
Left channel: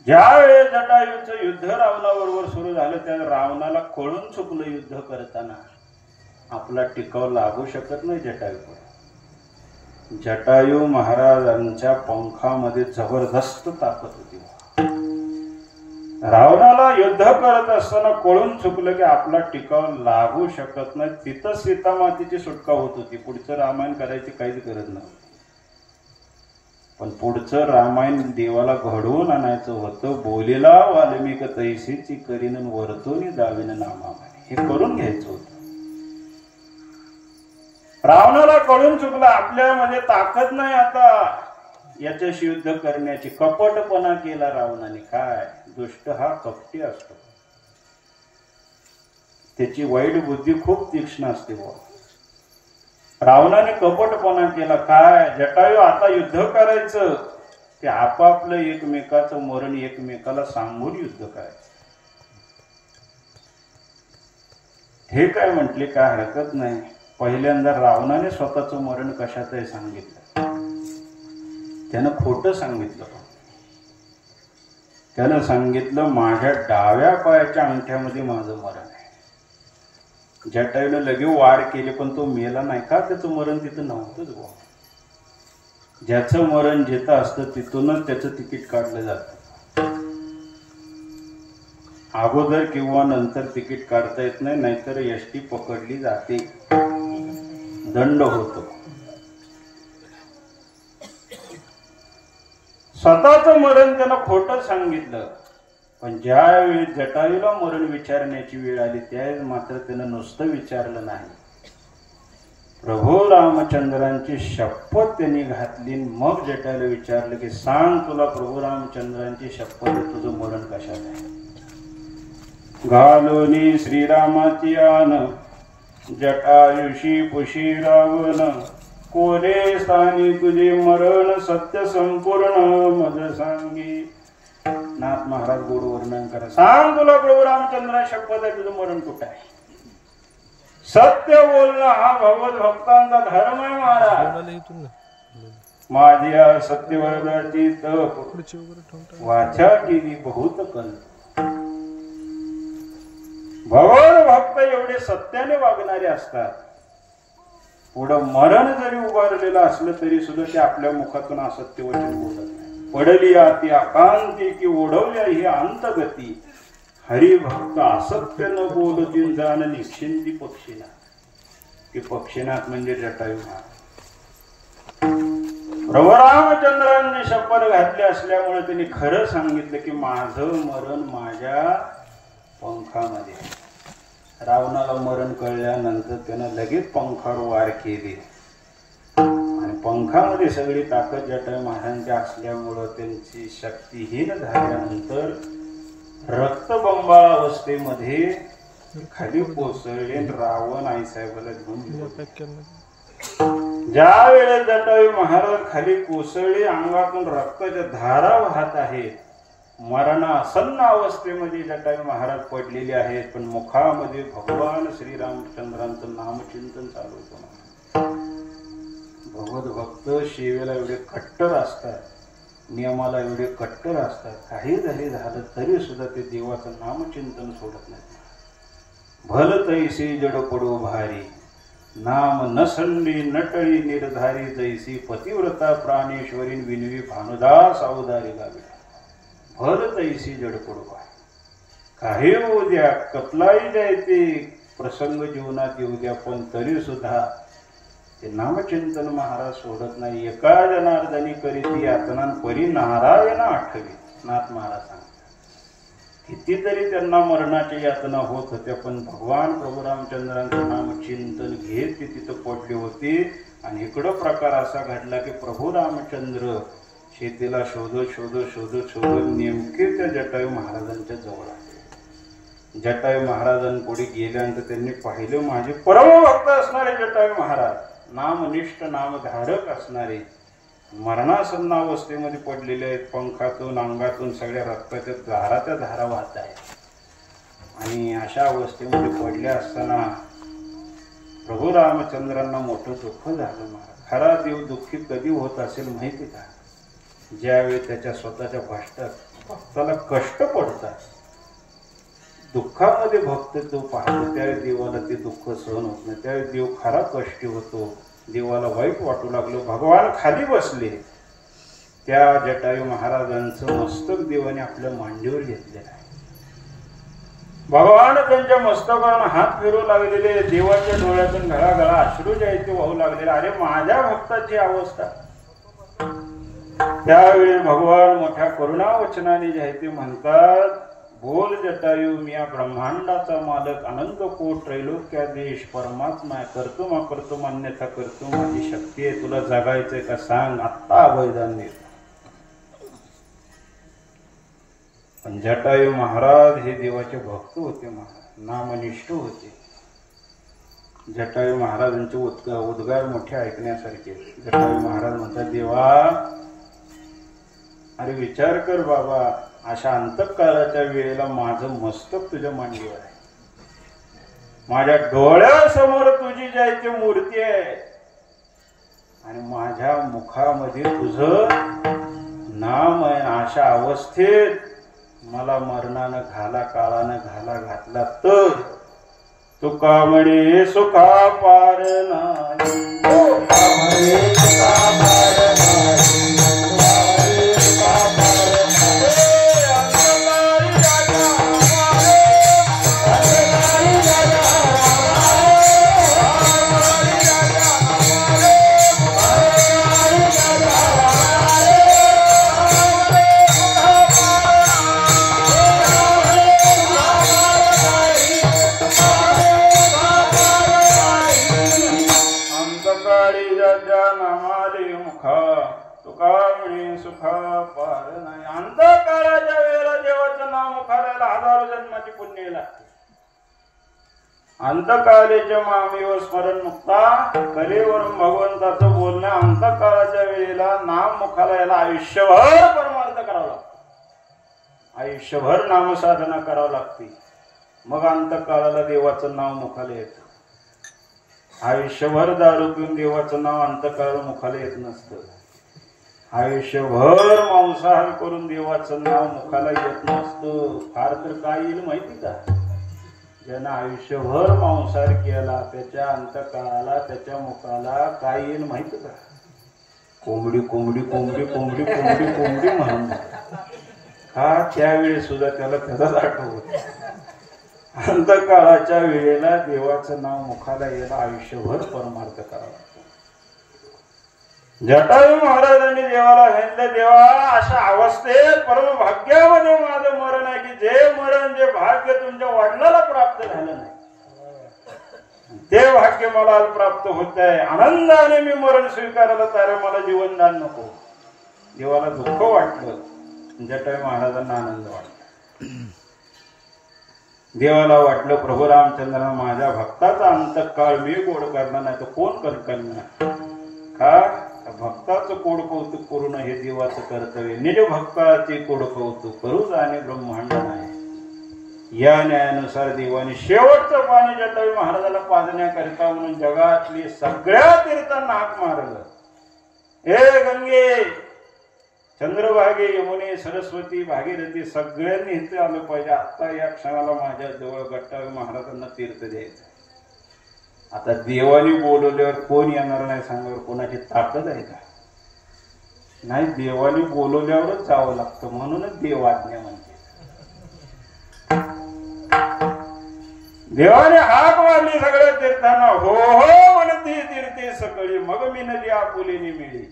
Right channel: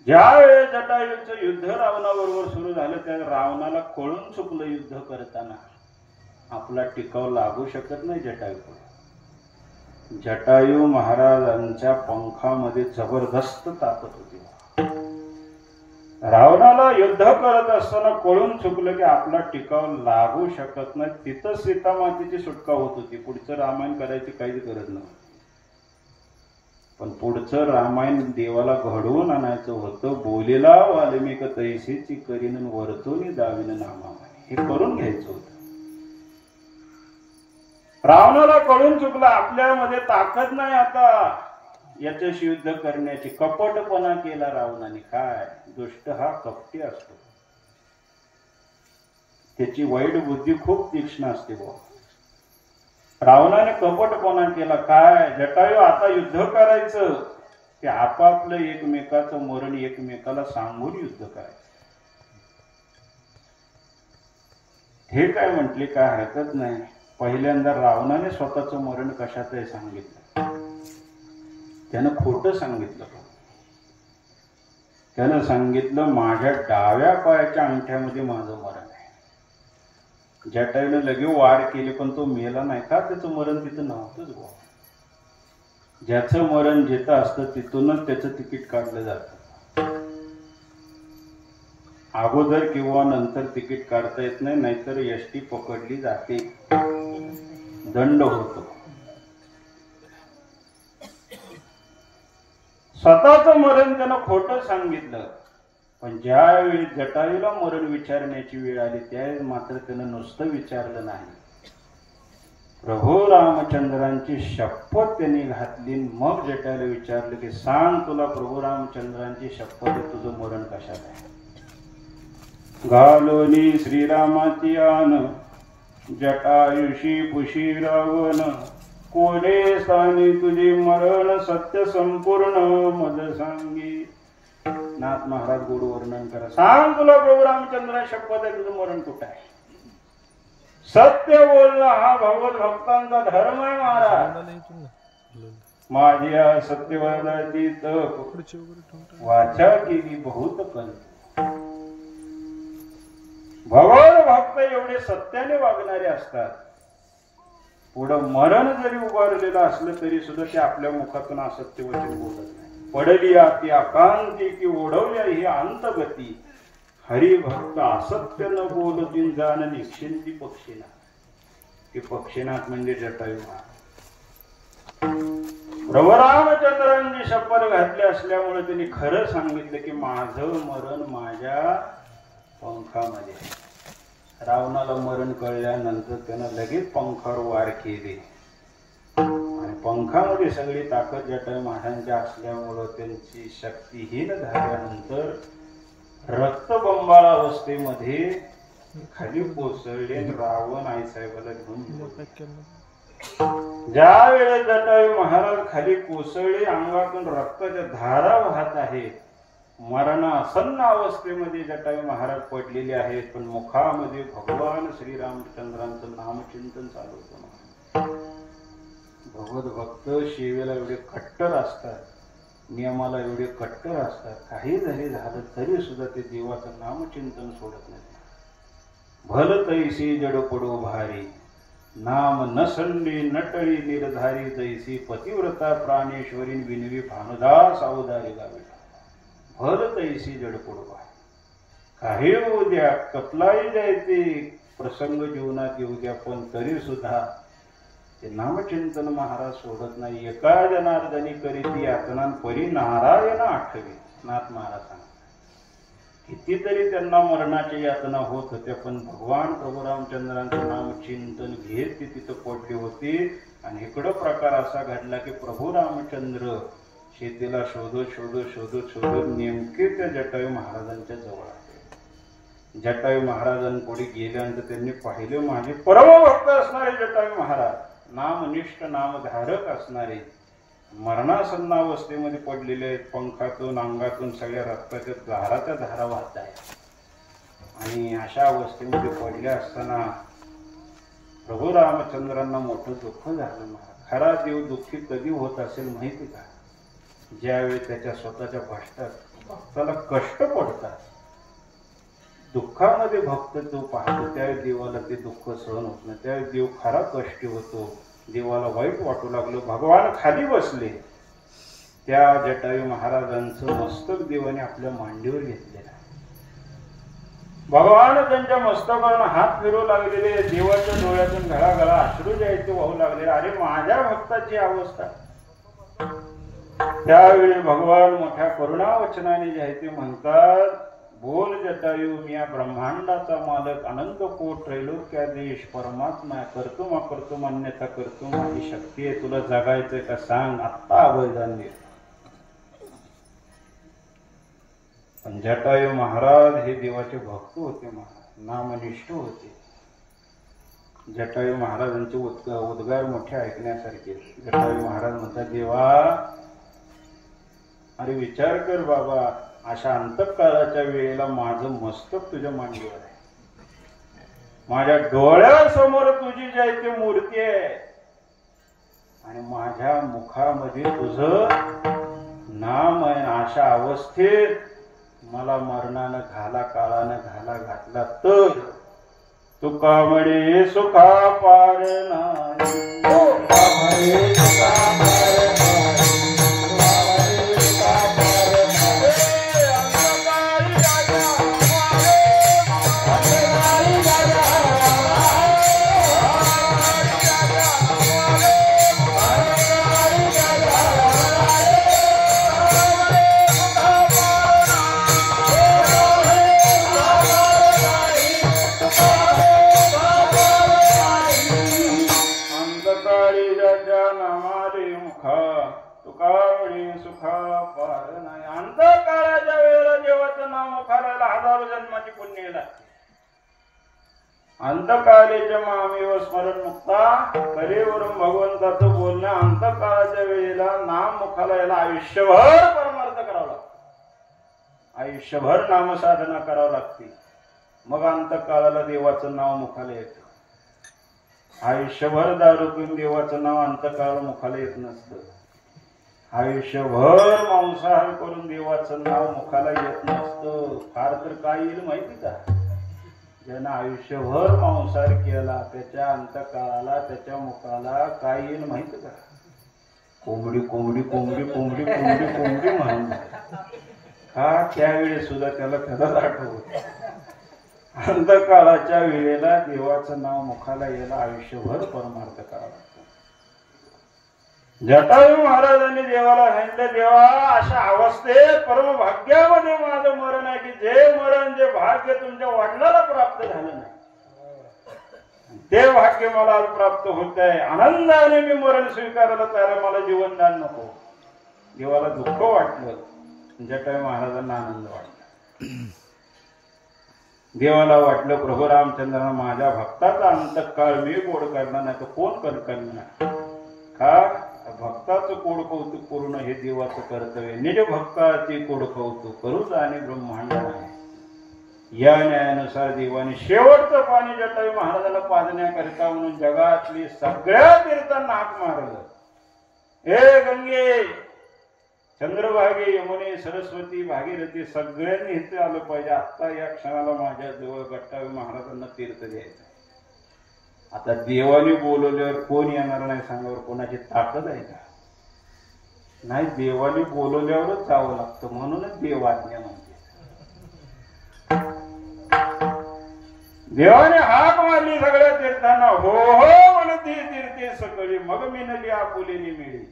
ज्यावेळेस जटायूचं युद्ध रावणाबरोबर सुरू झालं त्या रावणाला कळून चुकलं युद्ध करताना आपला टिकाव लागू शकत नाही जटायूकडे. जटायू महाराजांच्या पंखामध्ये जबरदस्त ताकद होती. रावणाला युद्ध करत असताना कळून चुकलं की आपला टिकाव लागू शकत नाही. तिथं सीता मातेची सुटका होत होती. पुढचं रामायण करायची काहीच गरज नव्हती. पण पुढचं रामायण देवाला घडवून आणायचं होतं. बोलेला वाल्मिक तैसीची करीन वरतोनी दाविन नामामाने, हे करून घ्यायचं होतं. रावणाला कळून चुकलं आपल्यामध्ये ताकद नाही आता याच्याशी युद्ध करण्याची. कपटपणा केला रावणाने. काय दुष्ट हा कपटी असतो. त्याची वाईट बुद्धी खूप तीक्ष्ण असते बुवा. रावणाने कपटपणा केला. काय जटायू आता युद्ध करायचं ते आपापलं एकमेकाचं मरण एकमेकाला सांगून युद्ध करायचं. हे काय म्हटले काय हरकत नाही. पहिल्यांदा रावणाने स्वतःचं मरण कशातही सांगितलं. त्यानं खोटं सांगितलं. त्यानं सांगितलं माझ्या डाव्या पायाच्या अंगठ्यामध्ये माझं मरण आहे. जटायूने लगे वार केले पण तो मेला नाही. का त्याचं मरण तिथं नव्हतंच बुवा. ज्याचं मरण जिथं असतं तिथूनच त्याचं तिकीट काढलं जातं. अगोदर किंवा नंतर तिकीट काढता येत नाही. नाहीतर एसटी पकडली जाते, दंड होतो. स्वतःचं मरण त्यानं खोटं सांगितलं. पण ज्यावेळी जटायूला मरण विचारण्याची वेळ आली त्यावेळेस मात्र त्यानं नुसतं विचारलं नाही. प्रभू रामचंद्रांची शपथ त्यांनी घातली. मग जटायूला विचारलं की सांग तुला प्रभू रामचंद्रांची शपथ तुझं मरण कशात आहे. घालोनी श्रीरामाची आन जटायुषी पुशी रावण कोले स्थानी तुझे मरण सत्य संपूर्ण मज सांगी. नाथ महाराज गोड वर्णन करा. सांग तुला प्रभू रामचंद्र शपथ आहे तुझं मरण कुठं आहे. सत्य बोलणं हा भगवत भक्तांचा धर्म आहे महाराज. माझ्या सत्यवर्णाची तप वाचा केली बहुत कल. भगवत भक्त एवढे सत्याने वागणारे असतात. पुढं मरण जरी उभारलेलं असलं तरी सुद्धा ते आपल्या मुखातून असत्य वचन बोलत नाही. पडली आती आकांती की ओढवल्या ही अंतगती. हरिभक्त असत्य न बोलतील जाण निश्चिंती पक्षीनाथ. की पक्षीनाथ म्हणजे जटायू. प्रभू रामचंद्रांनी शपथ घातली असल्यामुळे त्यांनी खरं सांगितलं की माझं मरण माझ्या पंखामध्ये. रावणाला मरण कळल्यानंतर त्यानं लगेच पंखावर वार केले. आणि पंखामध्ये सगळी ताकद जटायू महाराजांच्या असल्यामुळं त्यांची शक्तीहीन झाल्यानंतर रक्तबंबाळ अवस्थेमध्ये खाली कोसळले. रावण आईसाहेबाला घेऊन ज्या वेळेस जटायू महाराज खाली कोसळले अंगातून रक्ताच्या धारा वाहत आहेत. मरणासन्न अवस्थेमध्ये जटायू महाराज पडलेले आहेत. पण मुखामध्ये भगवान श्रीरामचंद्रांचं नामचिंतन चालू होतं. भगवत भक्त सेवेला एवढे कट्टर असतात, नियमाला एवढे कट्टर असतात. काही जरी झालं तरी सुद्धा ते देवाचं नामचिंतन सोडत नाही. भल तैसी जड पडो भारी नाम नसंडी नटळी निर्धारी जैसी पतिव्रता प्राणेश्वरी विनवी भानुदास अवदारी लावे. भल तैसी जड पडो भारी. काही होऊ द्या, कतलाही जायते प्रसंग जीवनात येऊ द्या, पण तरी सुद्धा ते नामचिंतन महाराज सोडत नाही. एका जनार्दनी करीती यातना परी नारायण आठवी. नाथ महाराज सांगतात कितीतरी त्यांना मरणाची यातना होत होत्या, पण भगवान प्रभू रामचंद्रांचं नामचिंतन घेत ते तिथं पडली होती. आणि इकडं प्रकार असा घडला की प्रभू रामचंद्र शेतीला शोधत शोधत शोधत शोधत नेमके त्या जटायू महाराजांच्या जवळ आले. जटायू महाराजांपुढे गेल्यानंतर त्यांनी पाहिले माझे परमभक्त असणारे जटायू महाराज, नामनिष्ठ नामधारक असणारे, मरणासन्नावस्थेमध्ये पडलेले आहेत. पंखातून अंगातून सगळ्या रक्ताच्या धाराच्या धारा वाहत आहेत. आणि अशा अवस्थेमध्ये पडल्या असताना प्रभू रामचंद्रांना मोठं दुःख झालं. महाराज खरा देव दुःखी कधी होत असेल माहिती का? ज्यावेळी त्याच्या स्वतःच्या भक्ताला कष्ट पडतात, दुःखामध्ये भक्त तो पाहतो, त्यावेळी देवाला ते दुःख सहन होत नाही. त्यावेळी देव खरा कष्टी होतो. देवाला वाईट वाटू लागलं. भगवान खाली बसले. त्या जटायू महाराजांचं मस्तक देवाने आपल्या मांडीवर घेतलेलं आहे. भगवान त्यांच्या मस्तकावर हात फिरू लागलेले. देवाच्या डोळ्यातून घळाघळा अश्रू जे आहेत ते वाहू लागलेले. अरे माझ्या भक्ताची अवस्था. त्यावेळी भगवान मोठ्या करुणावचनाने जे आहे ते म्हणतात, बोल जटायू, मी या ब्रह्मांडाचा मालक, अनंत कोट त्रैलोक्याधीश परमात्मा, करतो करतो मान्यता करतो, माझी शक्ती आहे. तुला जगायचंय का सांग, आत्ता अभयदान दे. पण जटायू महाराज हे देवाचे भक्त होते. महाराज नामनिष्ठ होते. जटायू महाराजांचे उद्गार मोठे ऐकण्यासारखे. जटायू महाराज म्हणतात, देवा अरे विचार कर बाबा, अशा अंतकाळाच्या वेळेला माझं मस्तक तुझ्या मांडीवर आहे. माझ्या डोळ्यासमोर तुझी जी आहे ती मूर्ती आहे. आणि माझ्या मुखामध्ये तुझं नाम आहे. अशा अवस्थेत मला मरणानं घाला, काळानं घाला घातला तर तुका म्हणे सुखा पार नाही. अंतकाळाच्या वेळेला देवाचं नाव मुखाला हजारो जन्माची पुण्य लागते. अंतकाळेच्या मामीवर स्मरण मुक्ता कलेवरून भगवंताचं बोलणं. अंतकाळाच्या वेळेला नाम मुखाला याला आयुष्यभर परमार्थ करावा लागतो. आयुष्यभर नामसाधना करावी लागते. मग अंतकाळाला देवाचं नाव मुखाला येतं. आयुष्यभर दारू पिऊन देवाचं नाव अंतकाळ मुखाला येत नसतं. आयुष्यभर मांसाहार करून देवाचं नाव मुखाला येत नसतं. फार तर काय येईल माहिती का? ज्यानं आयुष्यभर मांसाहार केला त्याच्या अंतकाळाला, त्याच्या मुखाला काय येईल माहिती का? कोंबडी कोंबडी कोंबडी कोंबडी कोंबडी कोंबडी म्हणून. हा त्यावेळी सुद्धा त्याला त्याचाच आठवत. अंतकाळाच्या वेळेला देवाचं नाव मुखाला यायला आयुष्यभर परमार्थ करावा. जटायू महाराजांनी देवाला सांगितलं, देवा अशा अवस्थेत परम भाग्यामध्ये माझं मरण आहे की जे मरण, जे भाग्य तुमच्या वडिलाला प्राप्त झालं नाही ते भाग्य मला प्राप्त होत आहे. आनंदाने मी मरण स्वीकारायला तयार, मला जीवनदान नको. देवाला दुःख वाटलं, जटायू महाराजांना आनंद वाटला. देवाला वाटलं प्रभू रामचंद्रांना माझ्या भक्ताचा अंतकाळ मी गोड करणार नाही तर कोण करणार का? भक्ताचं कोड कौतुक करून हे देवाचं कर्तव्य. निज भक्ताचे कोड कौतुक करूच आणि ब्रह्मांड नाही. या न्यायानुसार देवाने शेवटचं पाणी जटायू महाराजाला पाजण्याकरिता म्हणून जगातली सगळ्या तीर्थांना हाक मारलं. हे गंगे, चंद्रभागे, यमुने, सरस्वती, भागीरथी सगळ्यांनी इथे आलं पाहिजे. आता या क्षणाला माझ्या जवळ जटायू महाराजांना तीर्थ द्यायचं. आता देवाने बोलवल्यावर कोण येणार नाही सांगावर कोणाची ताकद आहे का? नाही, देवाने बोलवल्यावरच जावं लागतं. म्हणूनच देव आज्ञा म्हणते. देवाने हाक मारली सगळ्या तीर्थांना. हो हो म्हणती तीर्थी सकळी मग मिनली आपुलेली मिळी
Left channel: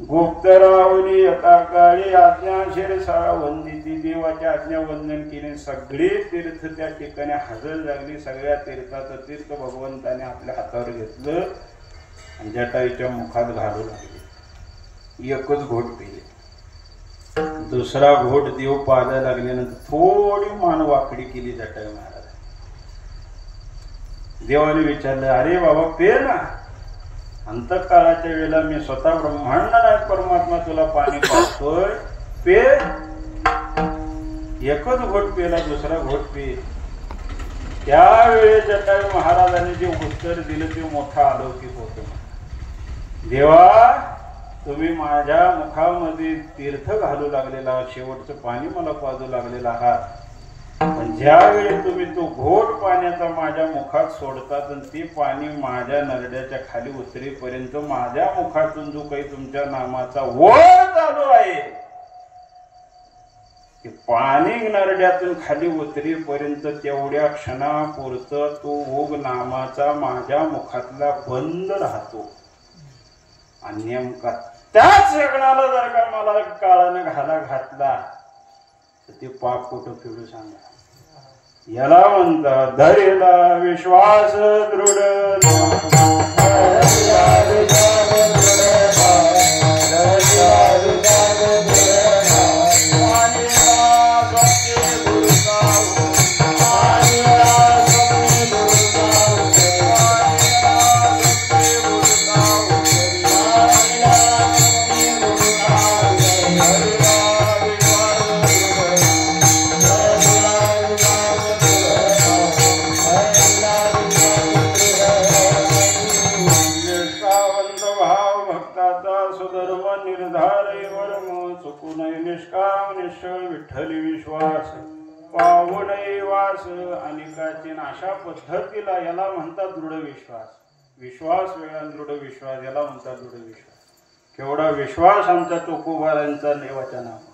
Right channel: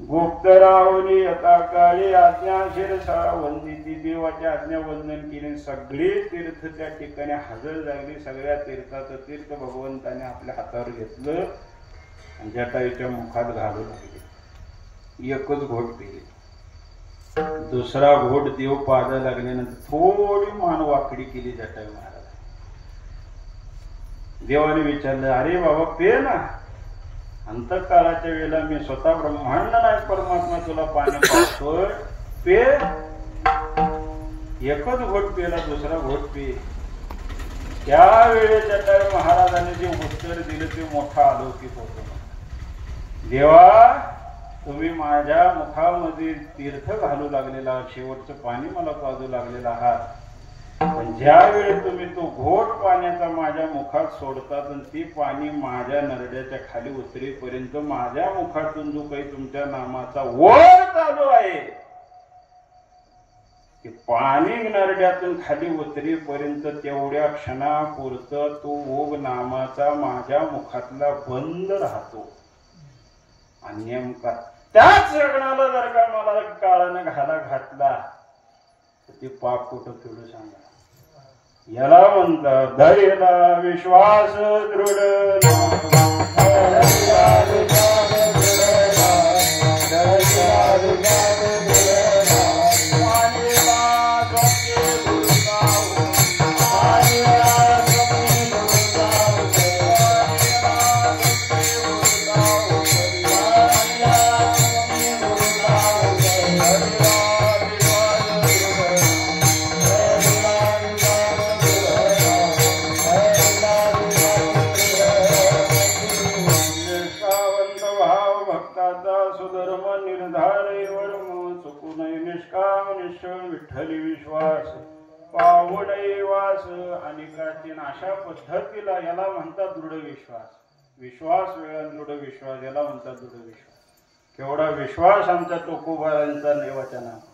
गुप्तरावली आता काळी आज्ञाशीर सारा वंदिती देवाच्या आज्ञा वंदन केले सगळे तीर्थ त्या ठिकाणी हजर झाली सगळ्या तीर्थाचं तीर्थ भगवंताने आपल्या हातावर घेतलं आणि जटायूच्या मुखात घालू लागले एकच घोट पिले दुसरा घोट देव पाहायला लागल्यानंतर थोडी मान वाकडी केली जटायू महाराज देवाने विचारलं अरे बाबा पे ना अंतकाळाच्या वेळेला मी स्वतः ब्रह्मांड नाही परमात्मा तुला पाणी पाहतोय पे एकच घोट पेला दुसरा घोट पे त्यावेळी जटायू महाराजांनी जे उत्तर दिलं ते मोठं अलौकिक होत देवा तुम्ही माझ्या मुखामध्ये तीर्थ घालू लागलेला शेवटचं पाणी मला पाजू लागलेला आहात पण ज्यावेळी तुम्ही तो घोट पाण्याचा माझ्या मुखात सोडतात आणि ते पाणी माझ्या नरड्याच्या खाली उतरेपर्यंत माझ्या मुखातून जो काही तुमच्या नामाचा ओघ चालू आहे ते पाणी नरड्यातून खाली उतरेपर्यंत तेवढ्या क्षणापुरतं तो ओघ नामाचा माझ्या मुखातला बंद राहतो आणि नेमका त्याच क्षणाला जर का मला काळाने घाला घातला तर ते पाप कुठं फेडू सांगा याला म्हणतात धैर्यला विश्वास दृढ विठ्ठल विश्वास पावणे वास अनेकाचे अशा पद्धतीला याला म्हणतात दृढ विश्वास विश्वास वेगळा दृढ विश्वास याला म्हणतात दृढ विश्वास केवढा विश्वास आमचा तुकोबारांचा देवाच्या नामात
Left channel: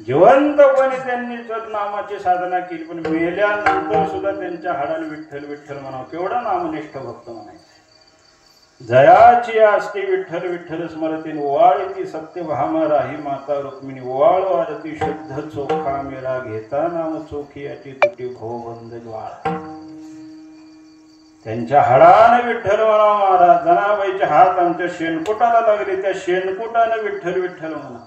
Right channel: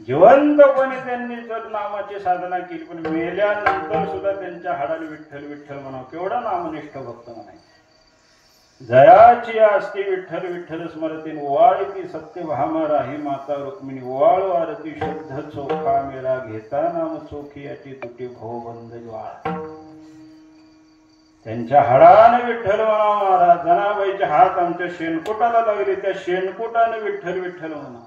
जिवंतपणे त्यांनी नामाची साधना केली पण मेल्यानंतर सुद्धा त्यांच्या हाडाने विठ्ठल विठ्ठल म्हणावं केवढा नामनिष्ठ भक्त म्हणायचं जयाची असते विठ्ठल विठ्ठल स्मरतीन ओवाळी सत्य भामा राही माता रुक्मिणी ओवाळ आरती शुद्ध चोखा मेरा घेता नाम चोखी याची तुटी भो बंद ज्वाळ त्यांच्या हाडाने विठ्ठल म्हणा महाराज जनाबाईचे हात आमच्या शेणकोटाला लागले त्या शेणकोटाने विठ्ठल विठ्ठल म्हणा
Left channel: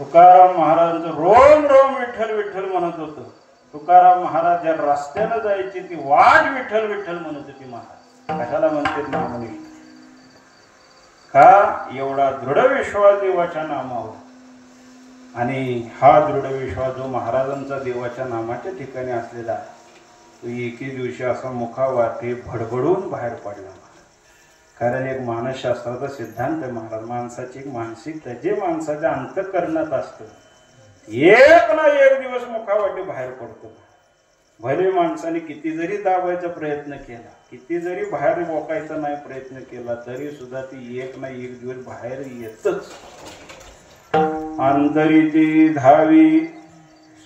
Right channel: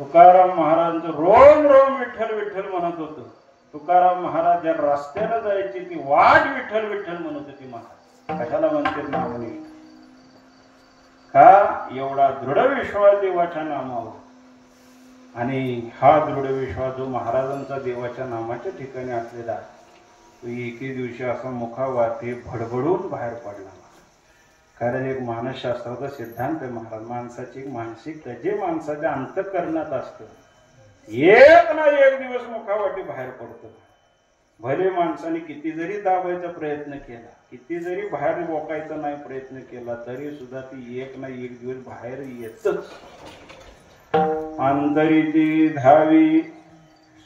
तुकाराम महाराजांचं रोम रोम विठ्ठल विठ्ठल म्हणत होतं तुकाराम महाराज ज्या रस्त्याला जायची ती वाट विठ्ठल विठ्ठल म्हणत होती महाराज कशाला म्हणते नामनिष्ठ का एवढा दृढ विश्वास देवाच्या नामावर आणि हा दृढ विश्वास जो महाराजांचा देवाच्या नामाच्या ठिकाणी असलेला तो एके दिवशी असा मुखावाटे भडभडून बाहेर पडला कारण एक मानसशास्त्राचा सिद्धांत आहे महाराज माणसाची एक मानसिकता जे माणसाच्या अंतःकरणात असतं एक ना एक दिवस मुखावाटे बाहेर पडतो भले माणसाने किती जरी दाबायचा प्रयत्न केला किती जरी बाहेर बोकायचा नाही प्रयत्न केला तरी सुद्धा ती एक ना एक दिवस बाहेर येतच अंतरी ती धावी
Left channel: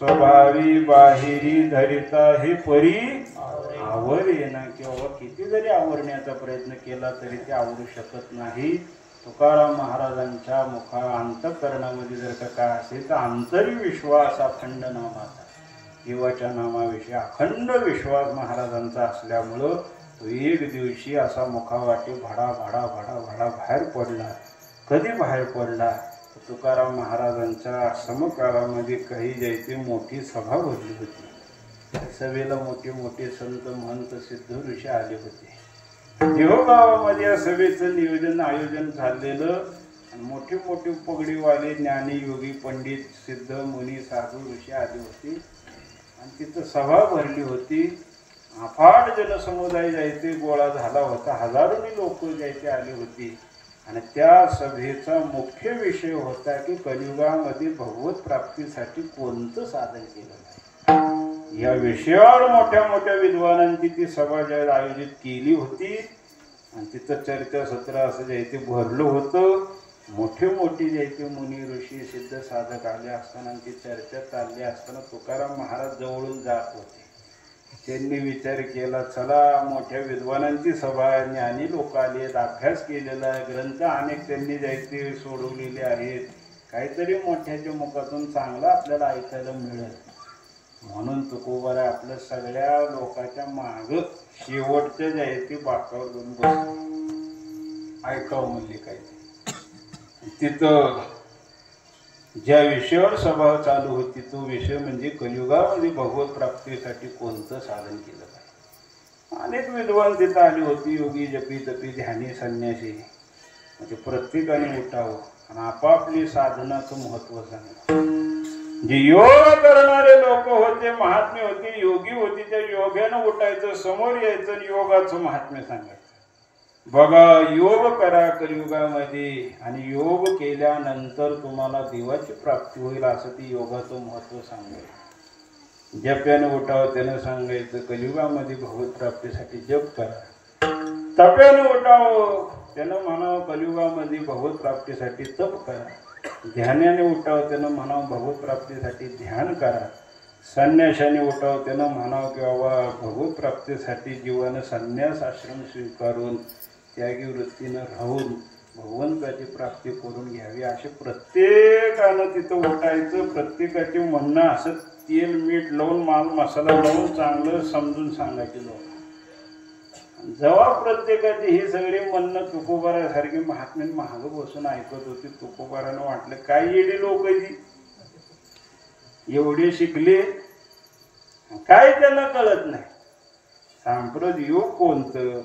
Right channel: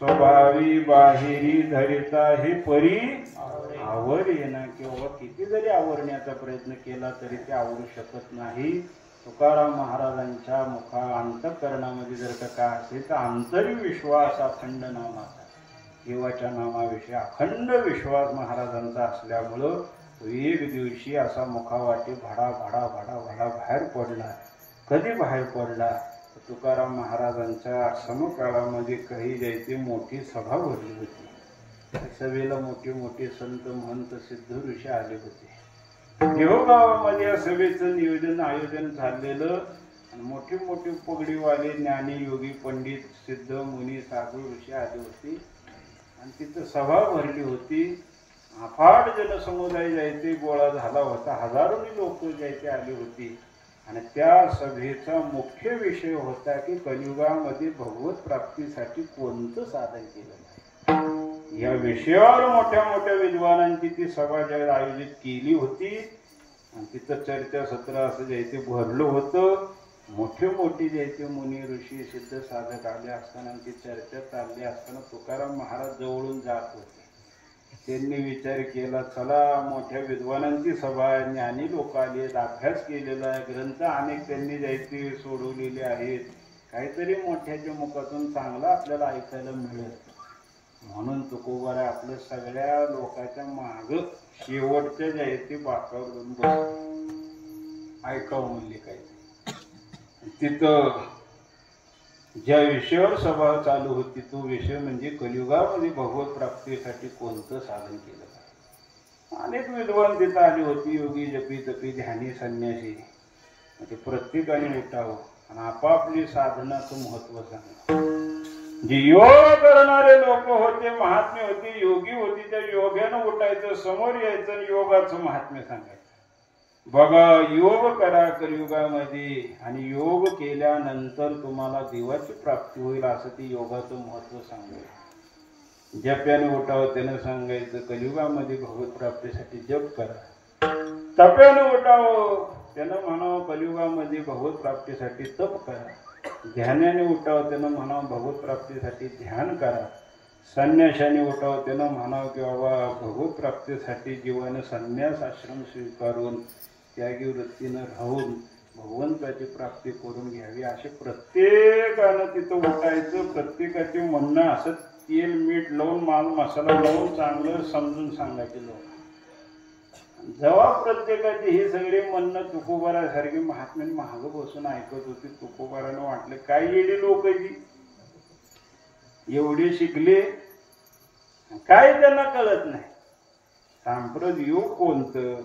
स्वभावी बाहेरी धरिता हे परी आवर येणं किंवा किती जरी आवरण्याचा प्रयत्न केला तरी ते आवरू शकत नाही तुकाराम महाराजांच्या मुखा अंतःकरणामध्ये जर का काय असेल तर आंतरिक विश्वास अखंड नामाचा देवाच्या नामाविषयी अखंड विश्वास महाराजांचा असल्यामुळं तो एक दिवशी असा मुखावाटे भडा भडा भडा भडा बाहेर पडला कधी बाहेर पडला तुकाराम महाराजांच्या समकाळामध्ये काही जायची मोठी सभा भरली होती त्या सभेला मोठे मोठे संत महंत सिद्ध ऋषी आले होते देवगावामध्ये या सभेचं नियोजन आयोजन झालेलं आणि मोठे मोठे पगडीवाले ज्ञानी योगी पंडित सिद्ध मुनी साधू ऋषी आले होते आणि तिथं सभा भरली होती अफाट जनसमुदाय जायचे गोळा झाला होता हजारोनी लोक जायचे आली होती आणि त्या सभेचा मुख्य विषय होता की कलियुगामध्ये भगवत प्राप्तीसाठी कोणतं साधन केलं या विषयावर मोठ्या मोठ्या विद्वानांची ती सभा ज्यावेळी आयोजित केली होती आणि तिथं चर्चा सत्र असं जे भरलं होतं मोठे मोठे जे मुनी ऋषी सिद्ध साधक आले असताना ती चर्चा चालली असताना तुकाराम महाराज जवळून जात होते त्यांनी विचार केला, चला मोठ्या विद्वानांची सभा आहे, ज्ञानी लोक आलेत, अभ्यास केलेला आहे, ग्रंथ अनेक त्यांनी जायचे सोडवलेले आहेत, काहीतरी मोठ्याच्या मुखातून चांगलं आपल्याला ऐकायला मिळेल. म्हणून तुकोबारा आपल्या सगळ्या लोकांच्या माग शेवटच्या जयंती बाकावर जाऊन बसले. ऐकावं म्हणले काहीतरी. तिथं ज्या विषयावर सभा चालू होती तो विषय म्हणजे कलियुगामध्ये भगवत प्राप्तीसाठी कोणतं साधन केलं पाहिजे. अनेक विद्वान तिथं आली होती, योगी जपी तपी ध्यानी संन्यासी. म्हणजे प्रत्येकाने उठावं आणि आपापली साधनाचं महत्व सांगा. जे योग करणारे लोक होते, महात्मे होते, योगी होती, त्या योग्यानं उठायचं, समोर यायचं आणि योगाचं महात्म्य सांगायचं. बघा, योग करा कलियुगामध्ये आणि योग केल्यानंतर तुम्हाला देवाची प्राप्ती होईल, असं ती योगाचं महत्व सांगायचं. जप्याने उठावं त्यानं सांगायचं, कलियुगामध्ये भगवत प्राप्तीसाठी जप करा. तप्यानं उठावं त्यानं म्हणावं, कलियुगामध्ये भगवत प्राप्तीसाठी तप करा. ध्यानाने उठावं त्यानं म्हणावं, भगवत प्राप्तीसाठी ध्यान करा. संन्यासाने उठावं त्यानं म्हणावं की बाबा भगवत प्राप्तीसाठी जीवानं संन्यास आश्रम स्वीकारून त्यागी वृत्तीनं राहून भगवंताची प्राप्ती करून घ्यावी. असे प्रत्येकानं तिथं उठायचं. प्रत्येकाचे म्हणणं असं तेल मीठ लावून माल मसाला लावून चांगलं समजून सांगायचे लोक. जेव्हा प्रत्येकाची ही सगळी म्हणणं तुकोबारासारखी महात्म्याने महाग बसून ऐकत होती, तुकोबारानं वाटलं काय येडी लोक एवढे शिकले, काय त्यांना कळत नाही. सांप्रत योग कोणतं,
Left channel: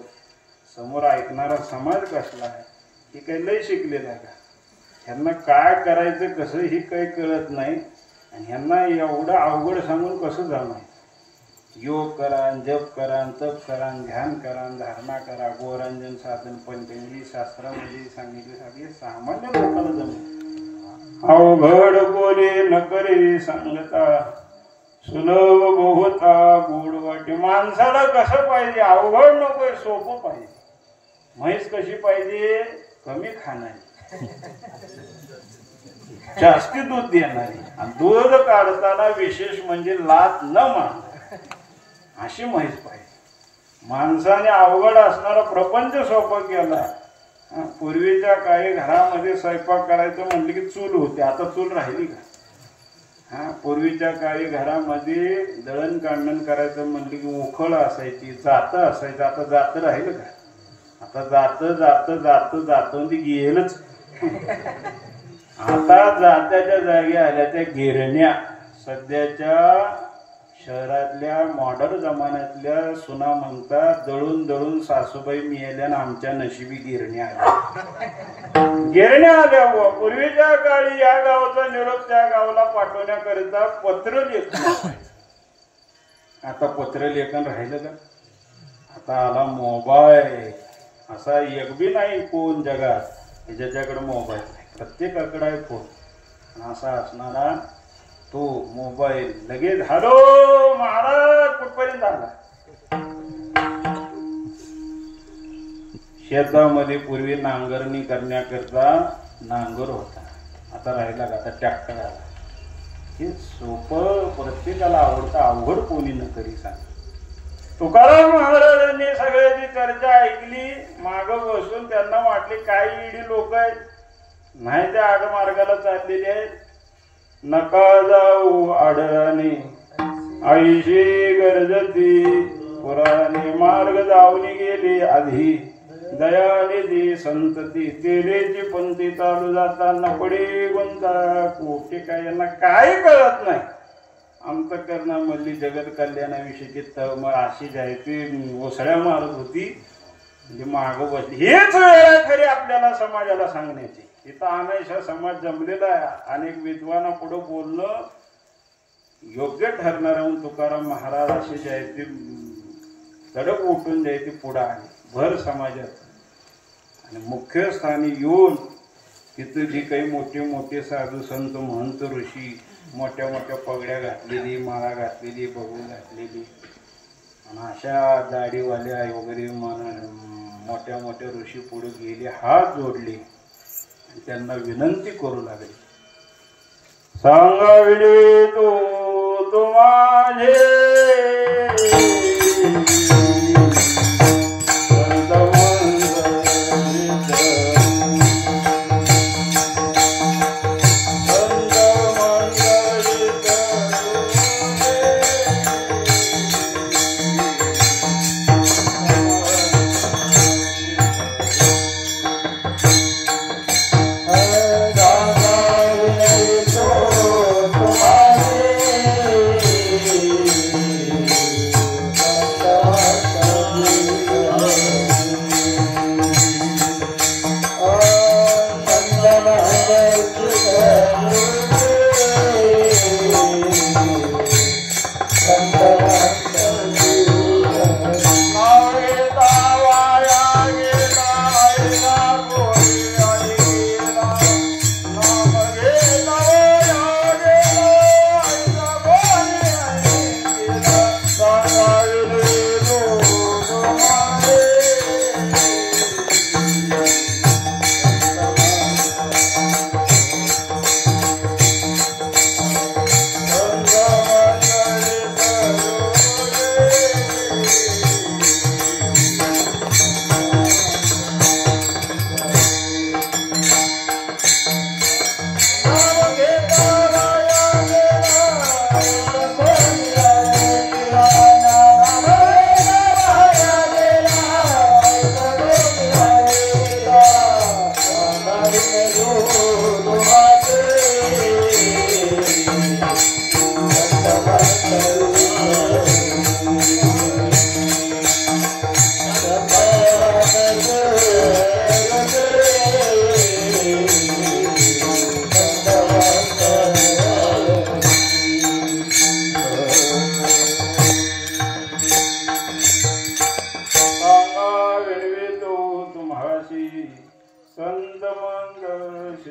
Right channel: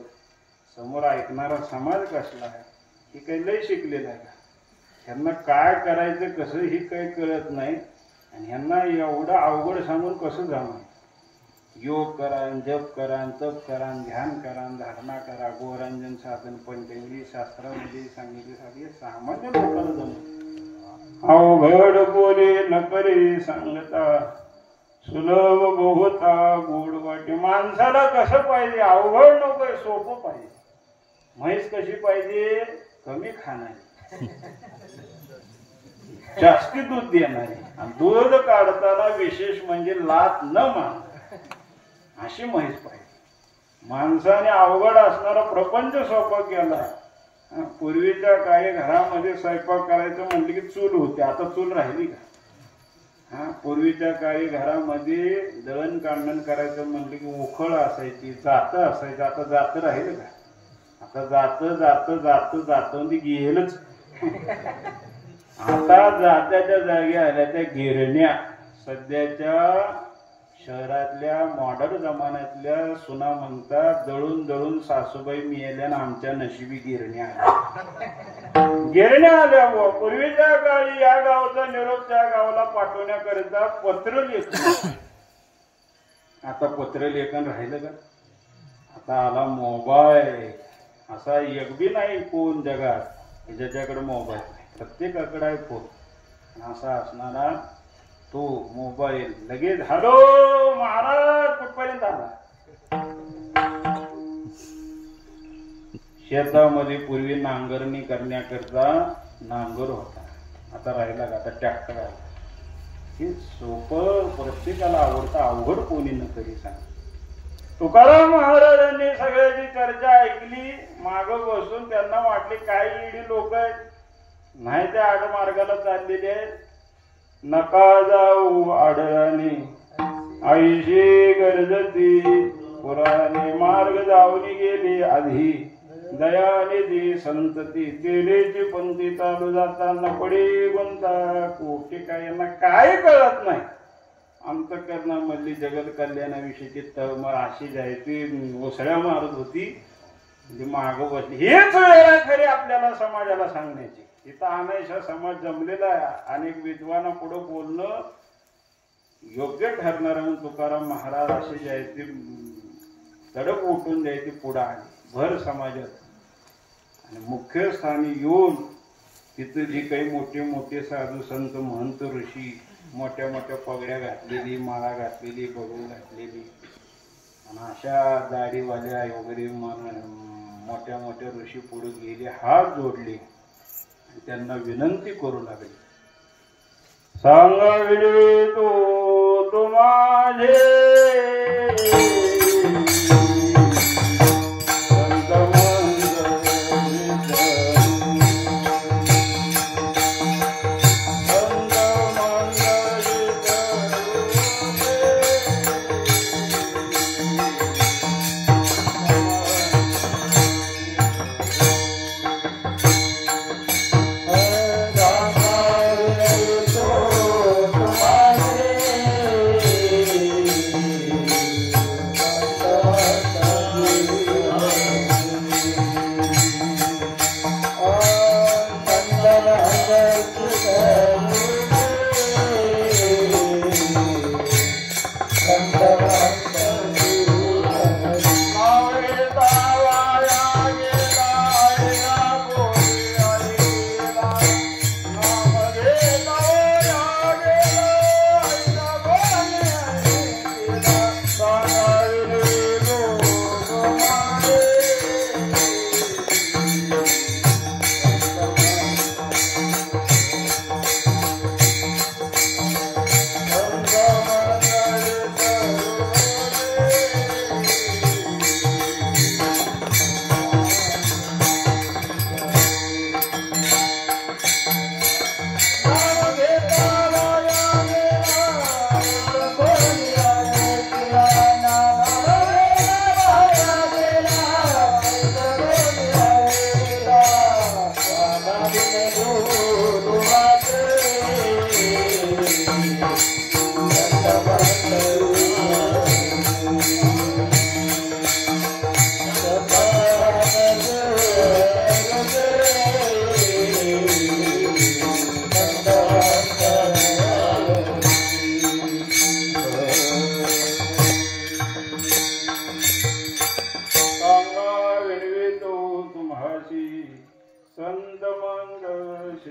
समोर ऐकणारा समाज कसला आहे, हे काही लय शिकलेलं आहे का? ह्यांना काय करायचं कसं ही काही कळत नाही. आणि ह्यांना एवढं अवघड सांगून कसं जमायचं. योग करा, जप करा, तप करा, ध्यान करा, धारणा करा, गोरंजन साधन पंचंगी शास्त्रामध्ये सांगितले सगळे सामान्य लोकांना जमत. अवघड बोले न करे सांगता, सुलभ बहुता गोड वाटे. माणसाला कसं पाहिजे, अवघड नको, सोपं पाहिजे. म्हैस कशी पाहिजे, कमी खाणारी, जास्ती दूध देणारी, आणि दूध काढताना विशेष म्हणजे लात न मारणारी अशी म्हैस पाहिजे. माणसाने अवघड असणारा प्रपंच सोपा केला. पूर्वीच्या काही घरामध्ये स्वयंपाक करायचं म्हणलं की चूल होते, आता चूल राहिली का? पूर्वीच्या काही घरामध्ये दळण काढण करायचं म्हणलं की उखळ असायची, जातं असायचं. आता जातं राहिलं का? आता जातं जातं जातं जातं ती गेलच. आता जात्याच्या जागी आल्या त्या गिरण्या. सध्याच्या शहरातल्या मॉडर्न जमान्यातल्या सुना म्हणतात, दळून दळून सासूबाई मिळाल्या आणि आमच्या नशिबी गिरण्या आल्या. गिरण्या आल्या. पूर्वीच्या काळी या गावाचा निरोप त्या गावाला पाठवण्याकरिता पत्र लेखन. आता पत्र लेखन राहिलं का? आता आला मोबाईल. असा एक बी नाही कोण जगात ज्याच्याकडे मोबाईल नाही. प्रत्येकाकडे आहे फोन. असा असणारा तो मोबाईल लगेच हॅलो महाराज कुठपर्यंत झाला. शेतामध्ये पूर्वी नांगरणी करण्याकरता नांगर होता, आता राहिला का? आता ट्रॅक्टर आला. हे सोपं प्रत्येकाला आवडतं, अवघड कोणी न तरी सांग. तुकाराम महाराजांनी सगळ्याची चर्चा ऐकली. माग बसून त्यांना वाटले काय इडी लोक आहेत, नाही त्या आडमार्गाला चाललेले आहेत. नका जाऊ आडराने आईशी गरजती, पुराणे मार्ग जाऊनी गेले आधी. दयानिधी संतती तेरेची पंथी चालू जाताना पडे गुंता कोटे. काय यांना काय कळत नाही. अंतःकरणामधली जगत कल्याणाविषयीची तळमळ अशी जायची ओसळ्या मारत होती. म्हणजे माग बसली. हेच वेळ खरी आपल्याला समाजाला सांगण्याची. इथं अनायशा समाज जमलेला आहे. अनेक विद्वाना पुढं बोलणं योग्य ठरणार. तुकाराम महाराज असे जायचे तडक उठून द्यायचे पुढं आले भर समाजात. आणि मुख्य स्थानी येऊन तिथं जी काही मोठे मोठे साधू संत महंत ऋषी मोठ्या मोठ्या पगड्या घातलेली, माळा घातलेली, बहू घातलेली, आणि अशा दाढीवाल्या वगैरे मोठ्या मोठ्या ऋषी पुढे गेले, हात जोडले आणि त्यांना विनंती करू लागले. सांगाविले तो माझे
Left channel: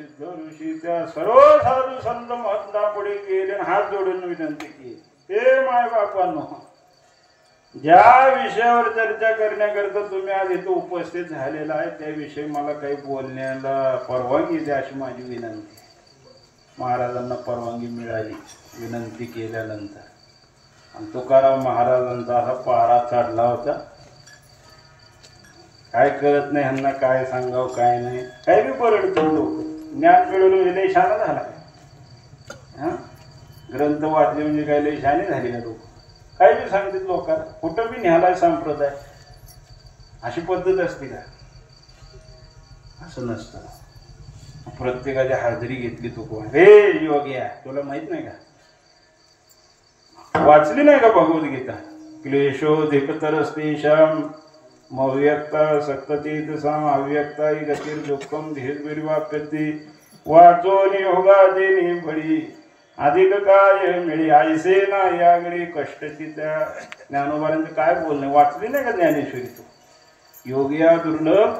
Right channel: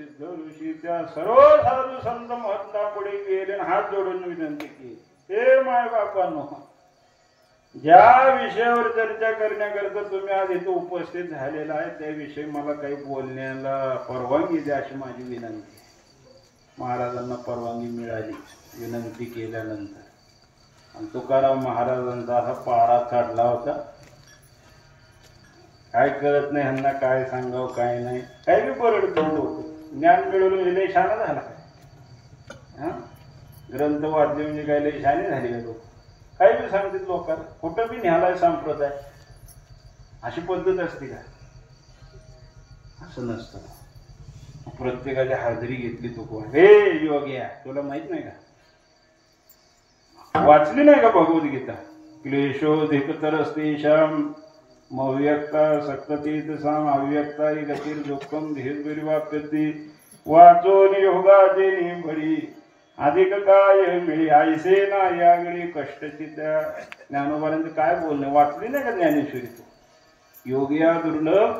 सिद्ध ऋषी त्या सर्व साधू संत महात्मा पुढे गेले आणि हात जोडून विनंती केली, हे माय बापांनो, ज्या विषयावर चर्चा करण्याकरता तुम्ही आज इथे उपस्थित झालेला आहे त्याविषयी मला काही बोलण्याला परवानगी द्या अशी माझी विनंती. महाराजांना परवानगी मिळाली विनंती केल्यानंतर. आणि तुकाराम महाराजांचा असा पारा चढला होता, काय कळत नाही ह्यांना, काय सांगावं काय नाही, काय बी परडतो लोक. ज्ञान मिळवलं म्हणजे लय शाना झाला काय, ग्रंथ वाचले म्हणजे काय लय शाने झाली का लोक, काय बी सांगतात लोकांना, कुठं बी न्यालाय संप्रदाय, अशी पद्धत असते का? असं नसतं. प्रत्येकाची हाजरी घेतली तू कोण, हे योग्य तुला माहित नाही का, वाचली नाही का भगवद्गीता? क्लेशोधिकतरस्तेषां मव्यक्ता सत्ततीत साम अव्यक्ता गतिर् दुःखम धीर्भिर्वाप्यते वाचोन योगादेनी बळी अधिक काय मिळी आयसे ना यागळी कष्टची. त्या ज्ञानोबारांचं काय बोलणं, वाचली नाही का ज्ञानेश्वरी? तू योगिया दुर्लभ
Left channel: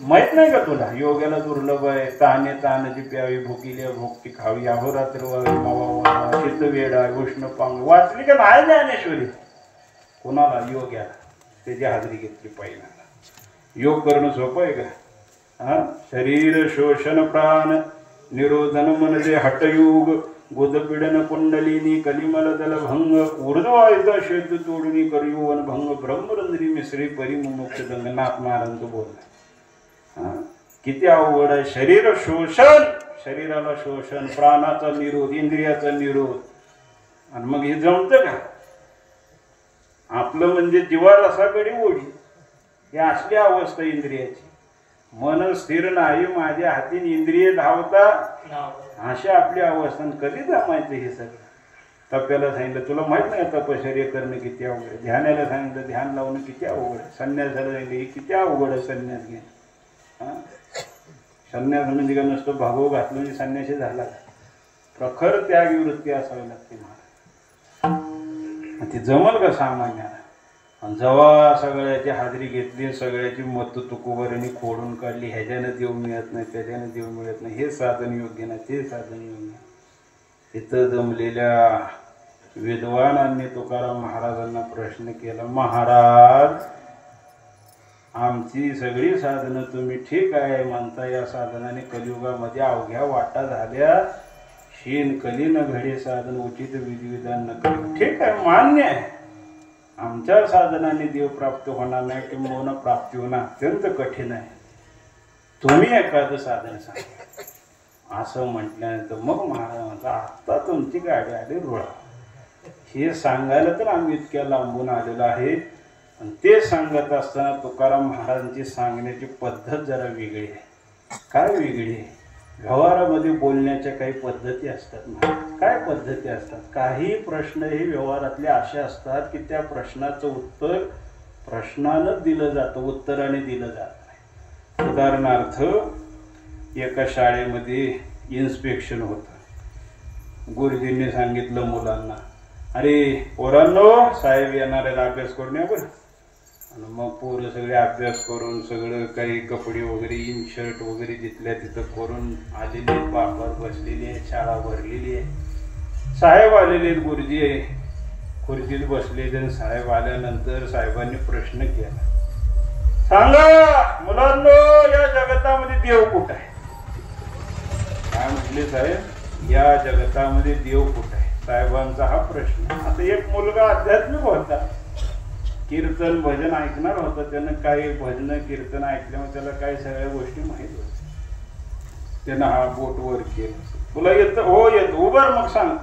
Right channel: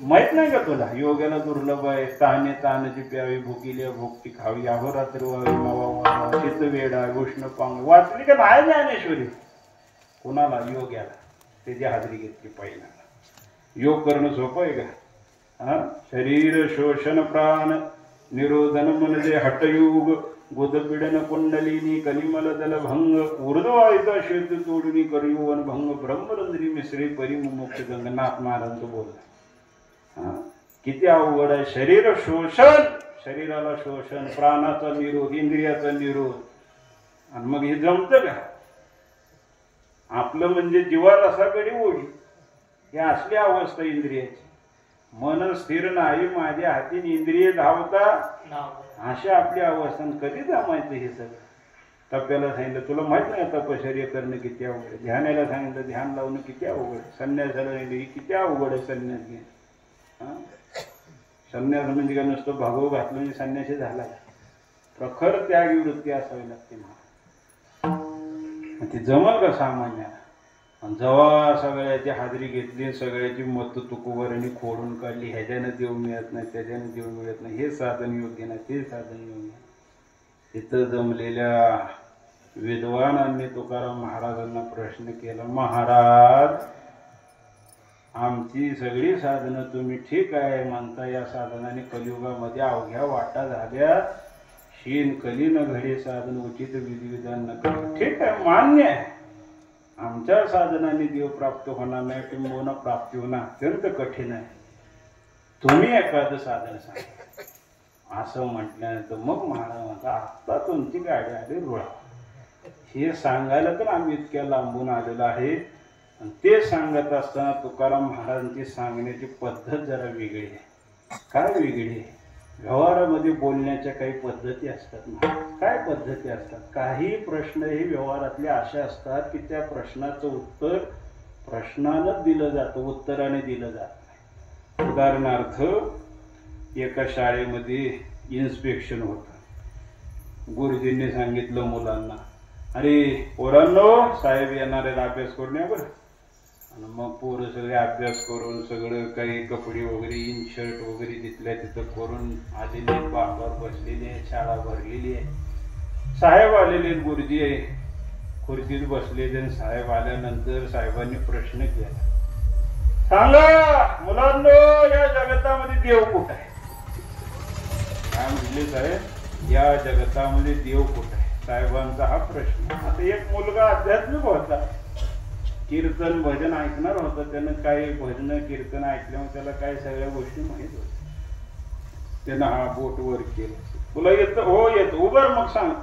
माहित नाही का तुला? योग्याला दुर्लभ आहे. ताने तानाची प्यावी, भुकील्या भोगती खावी, अहोरात्र मावा चित्त वेडा उष्ण पांग. वाचली का नाही ज्ञानेश्वरी? कोणाला? योग्याला. त्याची हाजरी घेतली पाहिजे. योग करणं सोपं आहे का? शरीर शोषण प्राण निरोधन म्हणजे हटयुग गोदपीडन कुंडलिनी कलिमल दल भंग ऊर्ध्वायचा शेत तोडणी करियोवन भंग ब्रह्मरंजनी मिश्री परिमुमुक्ष दंगनाथ महाराज बोलला. किती अवघड आहे. शरीर शोषण, शरीराला शोषण, प्राणाचा निरोध, इंद्रियाचा निरोध. आणि मग हे जमतं का? आपलं म्हणजे जीवारसाकडे ओढी, ही असली अवस्था इंद्रियाची. मन स्थिर नाही, माझ्या हातीन इंद्रिय धावता, अशी आपली अवस्था. कधी जमायचं हे सगळं? तप्याला सांगितलं, तुला माहित नाही तपश्चर्या करणं किती अवघड आहे. ध्यानाला सांगितलं, ध्यान लावणं किती अवघड आहे. संन्यासाला सांगितलं किती अवघड आहे संन्यास घेणं. संन्यास म्हणजे का नुसतं भागव घातलं म्हणजे संन्यासी झाला. प्रखर त्यागी वृत्ती असावी लागते मला. ती जमल का सामान्याला? जेव्हा सगळ्याची हाजरी घेतली, सगळ्याची मत तुकोबरीने खोडून काढली, ह्याच्यानं देव मिळत नाही, त्याच्यानं देव मिळत नाही, हे साधन योग्य नाही, ते साधन योग्य. तिथं जमलेल्या विद्वानांनी तुकाराम महाराजांना प्रश्न केला, महाराज आमची सगळी साधनं तुम्ही ठीक आहे म्हणता, या साधनाने कलियुगामध्ये अवघ्या वाटा झाल्या, शीन कलीन घडे साधन उचित विधिविधान न. ठीक आहे, मान्य आहे. आमच्या साधनाने देव प्राप्त होणार नाही, किंवा प्राप्ती होणं अत्यंत कठीण आहे. तुम्ही एखादं साधन सांगा असं म्हटल्यानंतर मग महाराज म्हणता, आता तुमची गाडी आली रुळा. हे सांगायला तर आम्ही इतक्या लांबून आलेलो आहे. आणि ते सांगत असताना तुकाराम महाराजांची सांगण्याची पद्धत जरा वेगळी आहे. काय वेगळी आहे? व्यवहारामध्ये बोलण्याच्या काही पद्धती असतात. काय पद्धती असतात? काही प्रश्न हे व्यवहारातले असे असतात की त्या प्रश्नाचं उत्तर प्रश्नानं दिलं जातं, उत्तराने दिलं जात नाही. उदाहरणार्थ, एका शाळेमध्ये इन्स्पेक्शन होतं. गुरुजींनी सांगितलं मुलांना, अरे पोरांनो, साहेब येणार आहे, अभ्यास करून या बरं. आणि मग पोरं सगळे अभ्यास करून सगळं काही कपडे वगैरे, इन शर्ट वगैरे तिथल्या तिथं करून आलेले, बापावर बसलेली आहे, शाळा भरलेली आहे. साहेब आलेले आहेत, गुरुजी आहे, खुर्चीत बसलेले. आणि साहेब आल्यानंतर साहेबांनी प्रश्न केला, सांगा मुलांनो, या जगतामध्ये देव कुठं आहे? काय म्हटले साहेब? या जगतामध्ये देव कुठं आहे? साहेबांचा हा प्रश्न. आता एक मुलगा आध्यात्मिक होता, कीर्तन भजन ऐकणार होतं. त्यानं काही भजन कीर्तन ऐकल्यामुळे त्याला काही सगळ्या गोष्टी माहीत होत्या. त्यानं हा बोट वर केलं, तुला येतं? हो येतं. उभार मग सांग.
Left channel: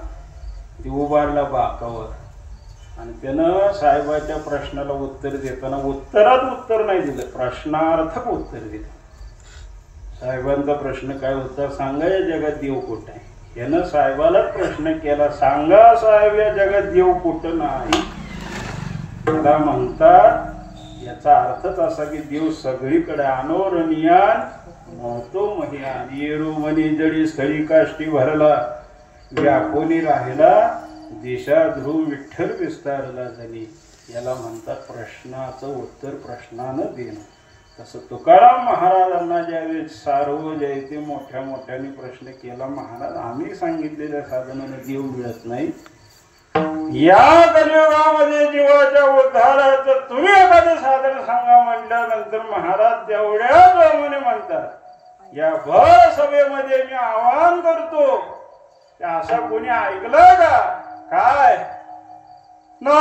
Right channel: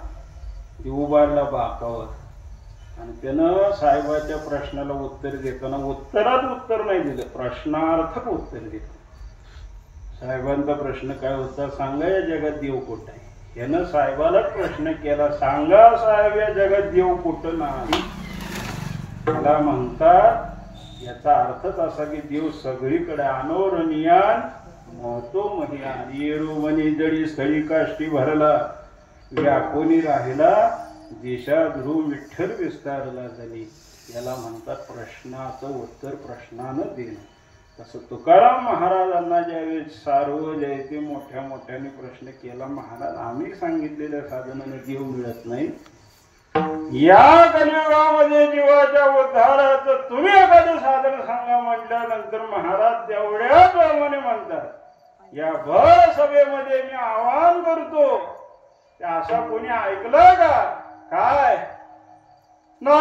ती उभारला बाकावर. आणि त्यानं साहेबाच्या प्रश्नाला उत्तर देताना उत्तरात उत्तर नाही दिलं, प्रश्नार्थक उत्तर दिलं. साहेबांचा प्रश्न काय होता? सांगा या जगात देव कुठं आहे? यानं साहेबालाच प्रश्न केला, सांगा साहेब या जगात देव कुठं नाही. मला म्हणतात याचा अर्थच असा की देव सगळीकडे. अनोरणियान महतो महियान येरू मनी जडी स्थळी काष्टी भरला, व्यापोनी राहिला दिशा ध्रुव विठ्ठल विस्तारला झाली. याला म्हणतात प्रश्नाचं उत्तर प्रश्नानं देणं. तसं तुकाराम महाराजांना ज्यावेळी सार्वजयते मोठ्या मोठ्याने प्रश्न केला, महाराज आम्ही सांगितलेल्या साधनाने देव मिळत नाही, या कलियुगामध्ये जीवाच्या उद्धाराचं तुम्ही एखादं साधन सांगा म्हटल्यानंतर महाराज तेवढ्या प्रमाणे म्हणतात, या भर सभेमध्ये मी आवाहन करतो, असं कोणी ऐकलं का? काय ना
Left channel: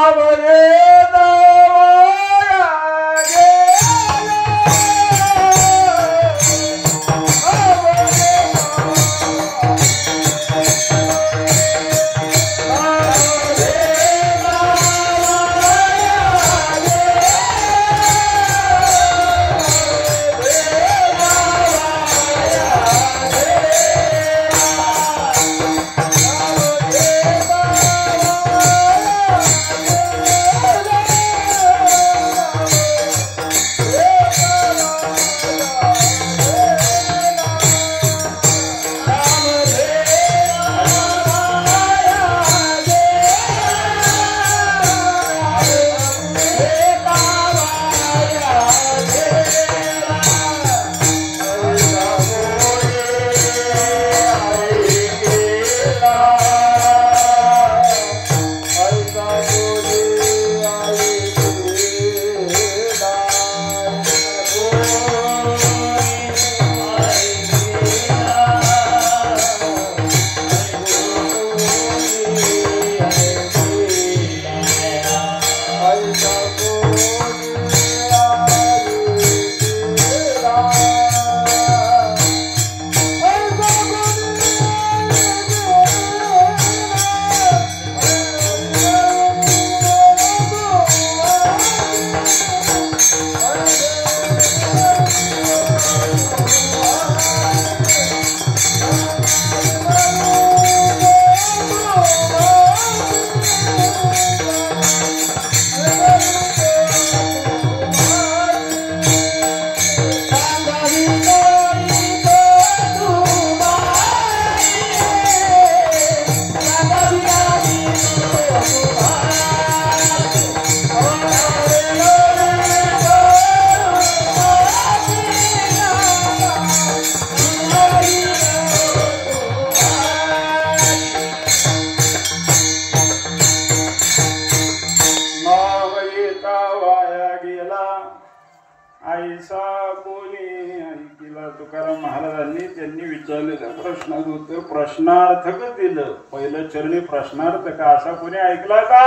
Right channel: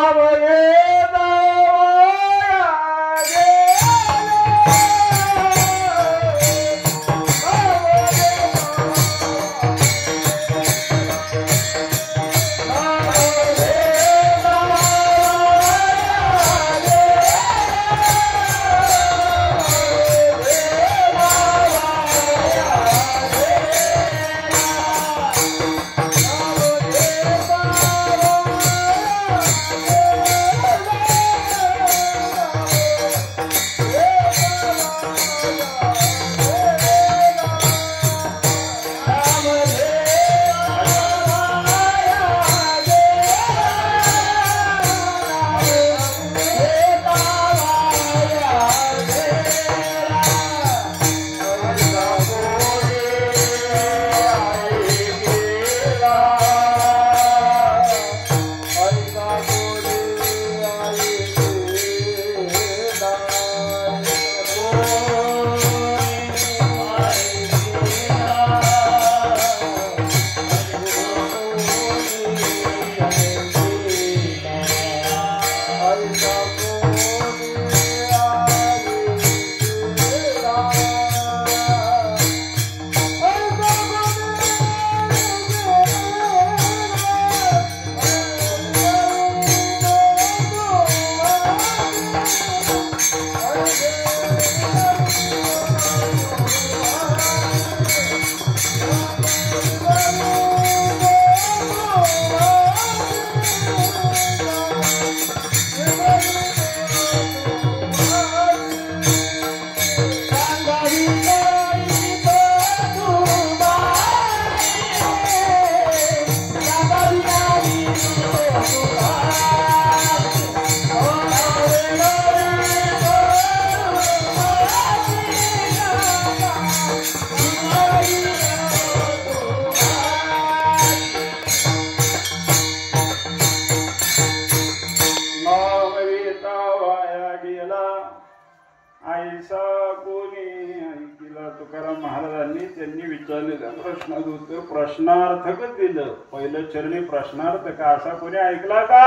प्रश्नार्थक दिलं, पहिलं चरणी प्रश्नार्थक, असा कोणी ऐकला का?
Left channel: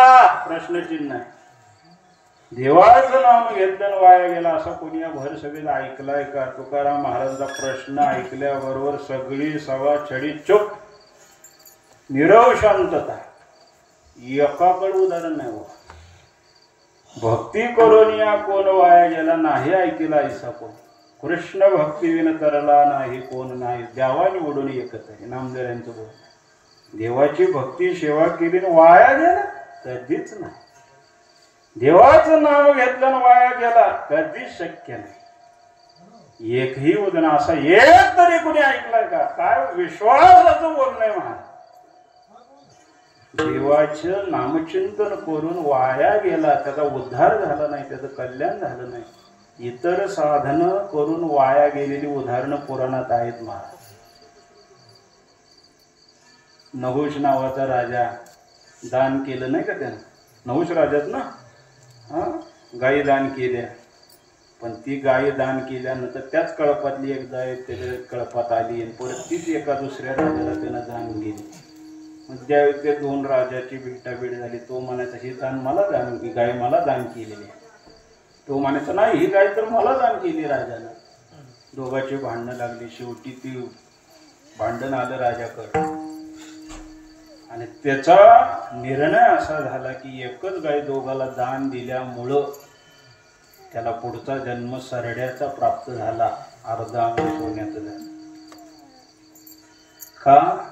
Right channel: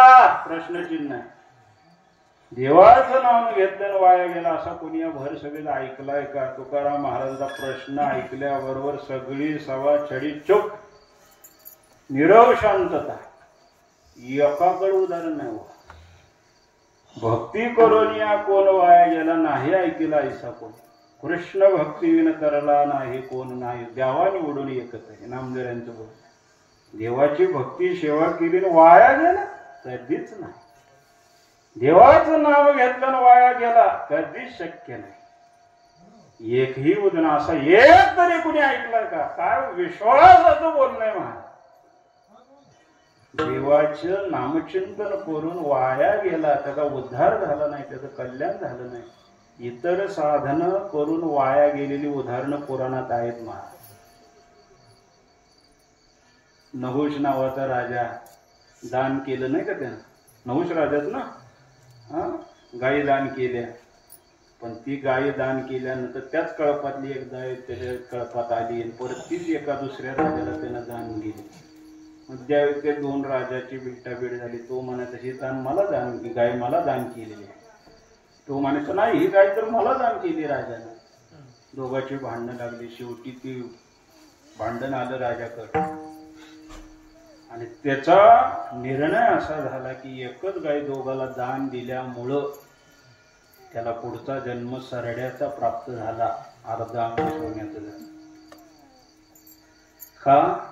प्रश्नचिन्ह. देवाचं नाव घेतलं वाया गेला असा कोणी या भर सभेला ऐकलाय का? तुकाराम महाराजांचा प्रश्न ऐकल्याबरोबर सगळी सभा छडी चुप, निरव शांतता. एकाकडे उदाहरण नाही. भक्ती करून या कोण वाया गेला नाही ऐकला ऐसा कोण. कृष्ण भक्ती विन तरला नाही कोण नाही, देवाने ओढून एकच आहे. नामदेवांचं बोल, देवाची भक्ती सेवा केली वाया गेला कधीच नाही. देवाचं नाव घेतलं वाया गेला कधीच शक्य नाही. एकही उदाहरण असा एक तरी कोणी ऐकलं का? काय विश्वासाचं बोलणं महाराज. देवाचं नामचिंतन करून वाया गेला, त्याचा उद्धार झाला नाही, त्याचं कल्याण झालं नाही. इतर साधन करून वाया गेलेली उदाहरणं पुराणात आहेत महाराज. नहुष नावाचा राजा दान केलं नाही का त्यानं? नहुष राजाच ना, गायी दान केल्या, पण ती गायी दान केल्यानंतर त्याच कळपातली एक गाय त्याच्या कळपात आली आणि परत तीच एका दुसऱ्या राजाला त्यानं दान गेली. मग ज्यावेळी त्या दोन राजाची भेटाभेट झाली, तो म्हणायचा ही गाय मला दान केलेली आहे. तो म्हणायचा नाही, ही गाय तर मला दान केली राजाला. दोघांची भांडणं लागली. शेवटी ती भांडण आलं राजाकडे आणि त्याचा निर्णय असा झाला की एकच गाय दोघाला दान दिल्यामुळं त्याला पुढचा जन्म सरड्याचा प्राप्त झाला, अर्धा अंश होण्याचं झालं. का?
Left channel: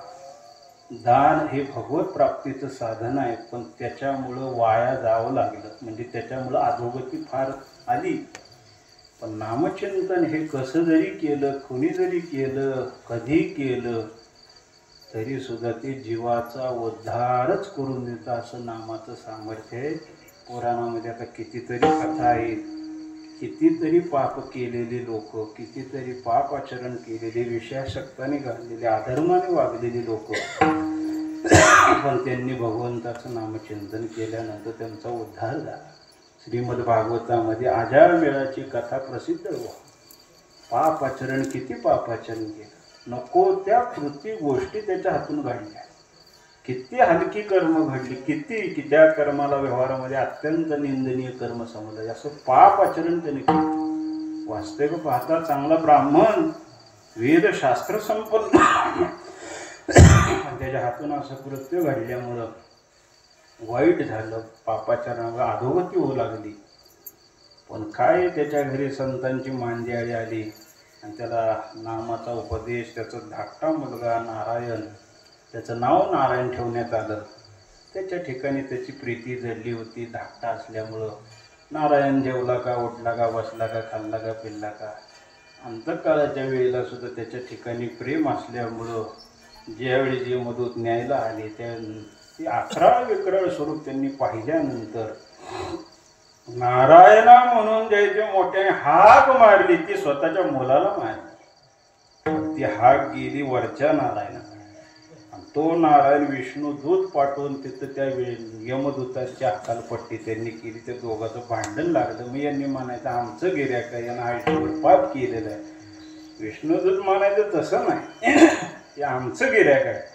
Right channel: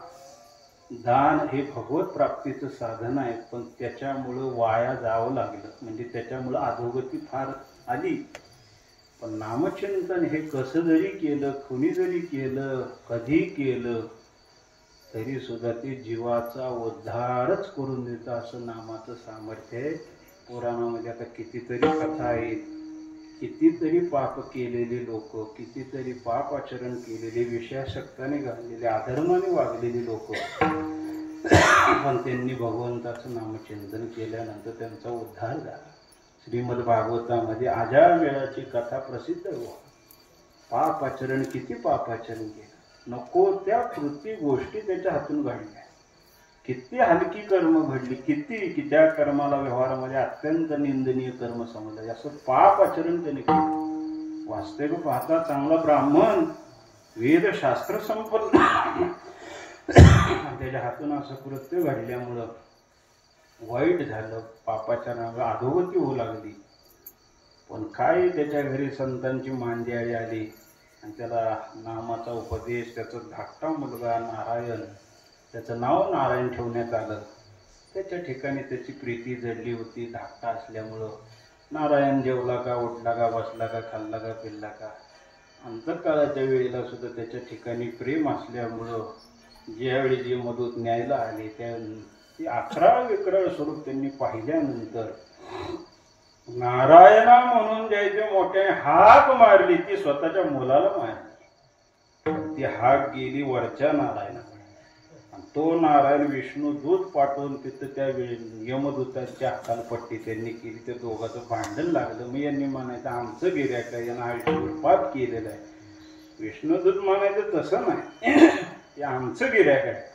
दान हे भगवत प्राप्तीचं साधन आहे, पण त्याच्यामुळं वाया जावं लागलं, म्हणजे त्याच्यामुळं अधोगती फार आली. पण नामचिंतन हे कसं जरी केलं, कुणी जरी केलं, कधी केलं तरी सुद्धा ते जीवाचा उद्धारच करून देतं, असं नामाचं सामर्थ्य आहे. पुराणामध्ये आता कितीतरी कथा आहेत. कितीतरी पाप केलेले लोक, कितीतरी पाप आचरण केलेले, विषयासक्ताने घाललेले, अधर्माने वागलेली लोक, पण त्यांनी भगवंताचं नामचिंतन केल्यानंतर त्यांचा उद्धार झाला. श्रीमद भागवतामध्ये अजामेळाची कथा प्रसिद्ध हो. पाप आचरण, किती पाप आचरण केलं, नको त्या कृती गोष्टी त्याच्या हातून घडल्या, किती हलकी कर्म घडली, किती त्या कर्माला व्यवहारामध्ये अत्यंत निंदनीय कर्म समजलं, असं पाप आचरण त्याने केलं. वास्तविक पाहता चांगला ब्राह्मण, वेदशास्त्र संपन्न, त्याच्या हातून असं कृत्य घडल्यामुळं वाईट झालं, पापाचरणाला अधोगती होऊ लागली. पण काय त्याच्या घरी संतांची मांदियाळी आली आणि त्याला नामाचा उपदेश, त्याचा धाकटा मुलगा नारायण, त्याचं नाव नारायण ठेवण्यात आलं. त्याच्या ठिकाणी त्याची प्रीती जडली होती. धाकटा असल्यामुळं नारायण जेवला का, उठला का, बसला का, खाल्ला का, पिल्ला का, अंतकाळाच्या वेळेला सुद्धा त्याच्या ठिकाणी प्रेम असल्यामुळं ज्यावेळी जे मदत न्यायला आले त्या ती अकराळ विकराळ स्वरूप त्यांनी पाहिल्यानंतर नारायणा म्हणून द्यायचे मोठ्याने हाक मारली, ती स्वतःच्या मुलाला मारली. ती हाक गेली वरच्या नारायणाकडे. तो नारायण विष्णू दूत पाठवून तिथं त्या यमदूताची अक्कलपट्टी त्यांनी केली. त्या दोघांचं भांडण लागलं. मग यांनी म्हणायचं आमचं गिऱ्हाईक आहे, यांना आयुष्यभर पाप केलेलं आहे. विष्णुदूत म्हणायचं तसं नाही, ते आमचं गिऱ्हाईक आहे,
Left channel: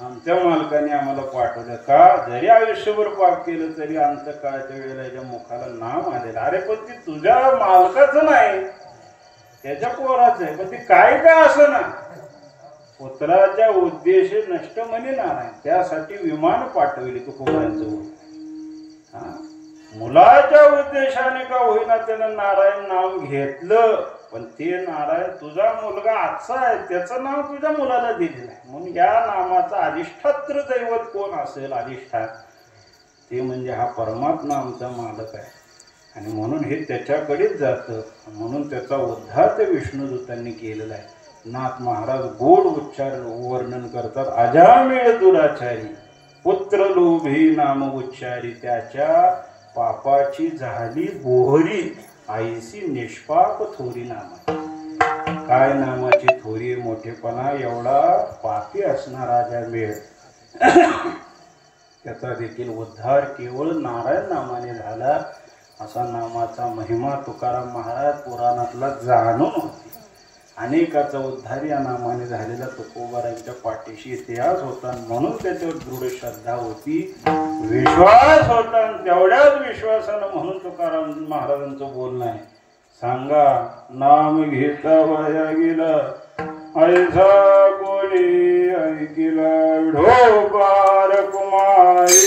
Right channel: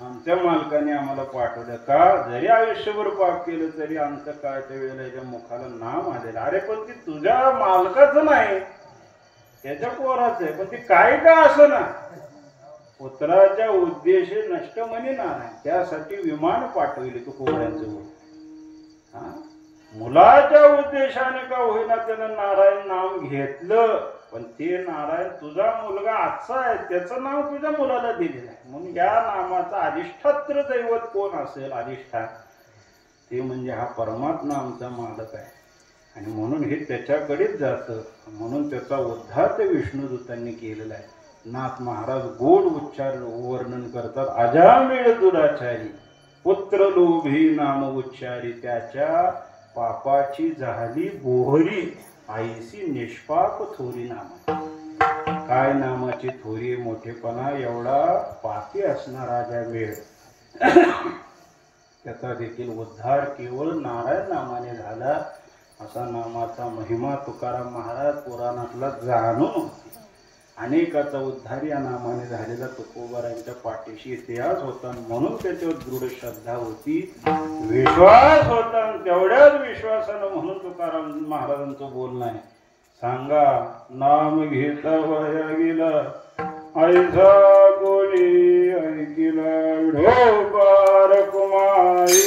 आमच्या मालकाने आम्हाला पाठवलं. का जरी आयुष्यभर पाप केलं तरी अंतकाळाच्या वेळेला याच्या मुखाला नाम आलेलं. अरे पण ती तुझ्या मालकाचं नाही, त्याच्या पोराचं आहे. पण ती काय असं ना, पुत्राच्या उद्देश नष्ट म्हणे नारायण, त्यासाठी विमान पाठवले तू कोऱ्यांचं. मुलाच्या उद्देशाने का होईना त्यानं नारायण नाव घेतलं, पण ते नारायण तुझा मुलगा आजचा आहे, त्याचं नाव तुझ्या मुलाला दिलेलं आहे. म्हणून या नामाचा अधिष्ठात्र दैवत कोण असेल, अधिष्ठान, ते म्हणजे हा परमात्मा आमचा मालक आहे. आणि म्हणून हे त्याच्याकडेच जातं. म्हणून त्याचा उद्धार त्या विष्णुदूतांनी केलेला आहे. नाथ महाराज गोड उच्चार वर्णन करतात. अजामेळ दुराचारी पुत्र लोभी नाम उच्चारी, त्याच्या पापाची झाली बोहरी, आईसी निष्पाप थोरी नाम. काय नामाची थोरी मोठेपणा, एवढा पापी असणारा अजामेळ, त्याचा देखील उद्धार केवळ नारायण नामाने झाला. असा नामाचा महिमा तुकाराम महाराज पुराणातला जाणून होते. अनेकाचा उद्धार या नामाने झालेला तुकोबारांच्या पाठीशी इतिहास होता. म्हणून त्याच्यावर दृढ श्रद्धा होती, विश्वास होता. तेवढ्याच विश्वासानं म्हणून तुकाराम महाराजांचं बोलणं आहे. सांगा नाम घेता वया गेला, ऐसा कोणी ऐकिला ढोकार कुमारी.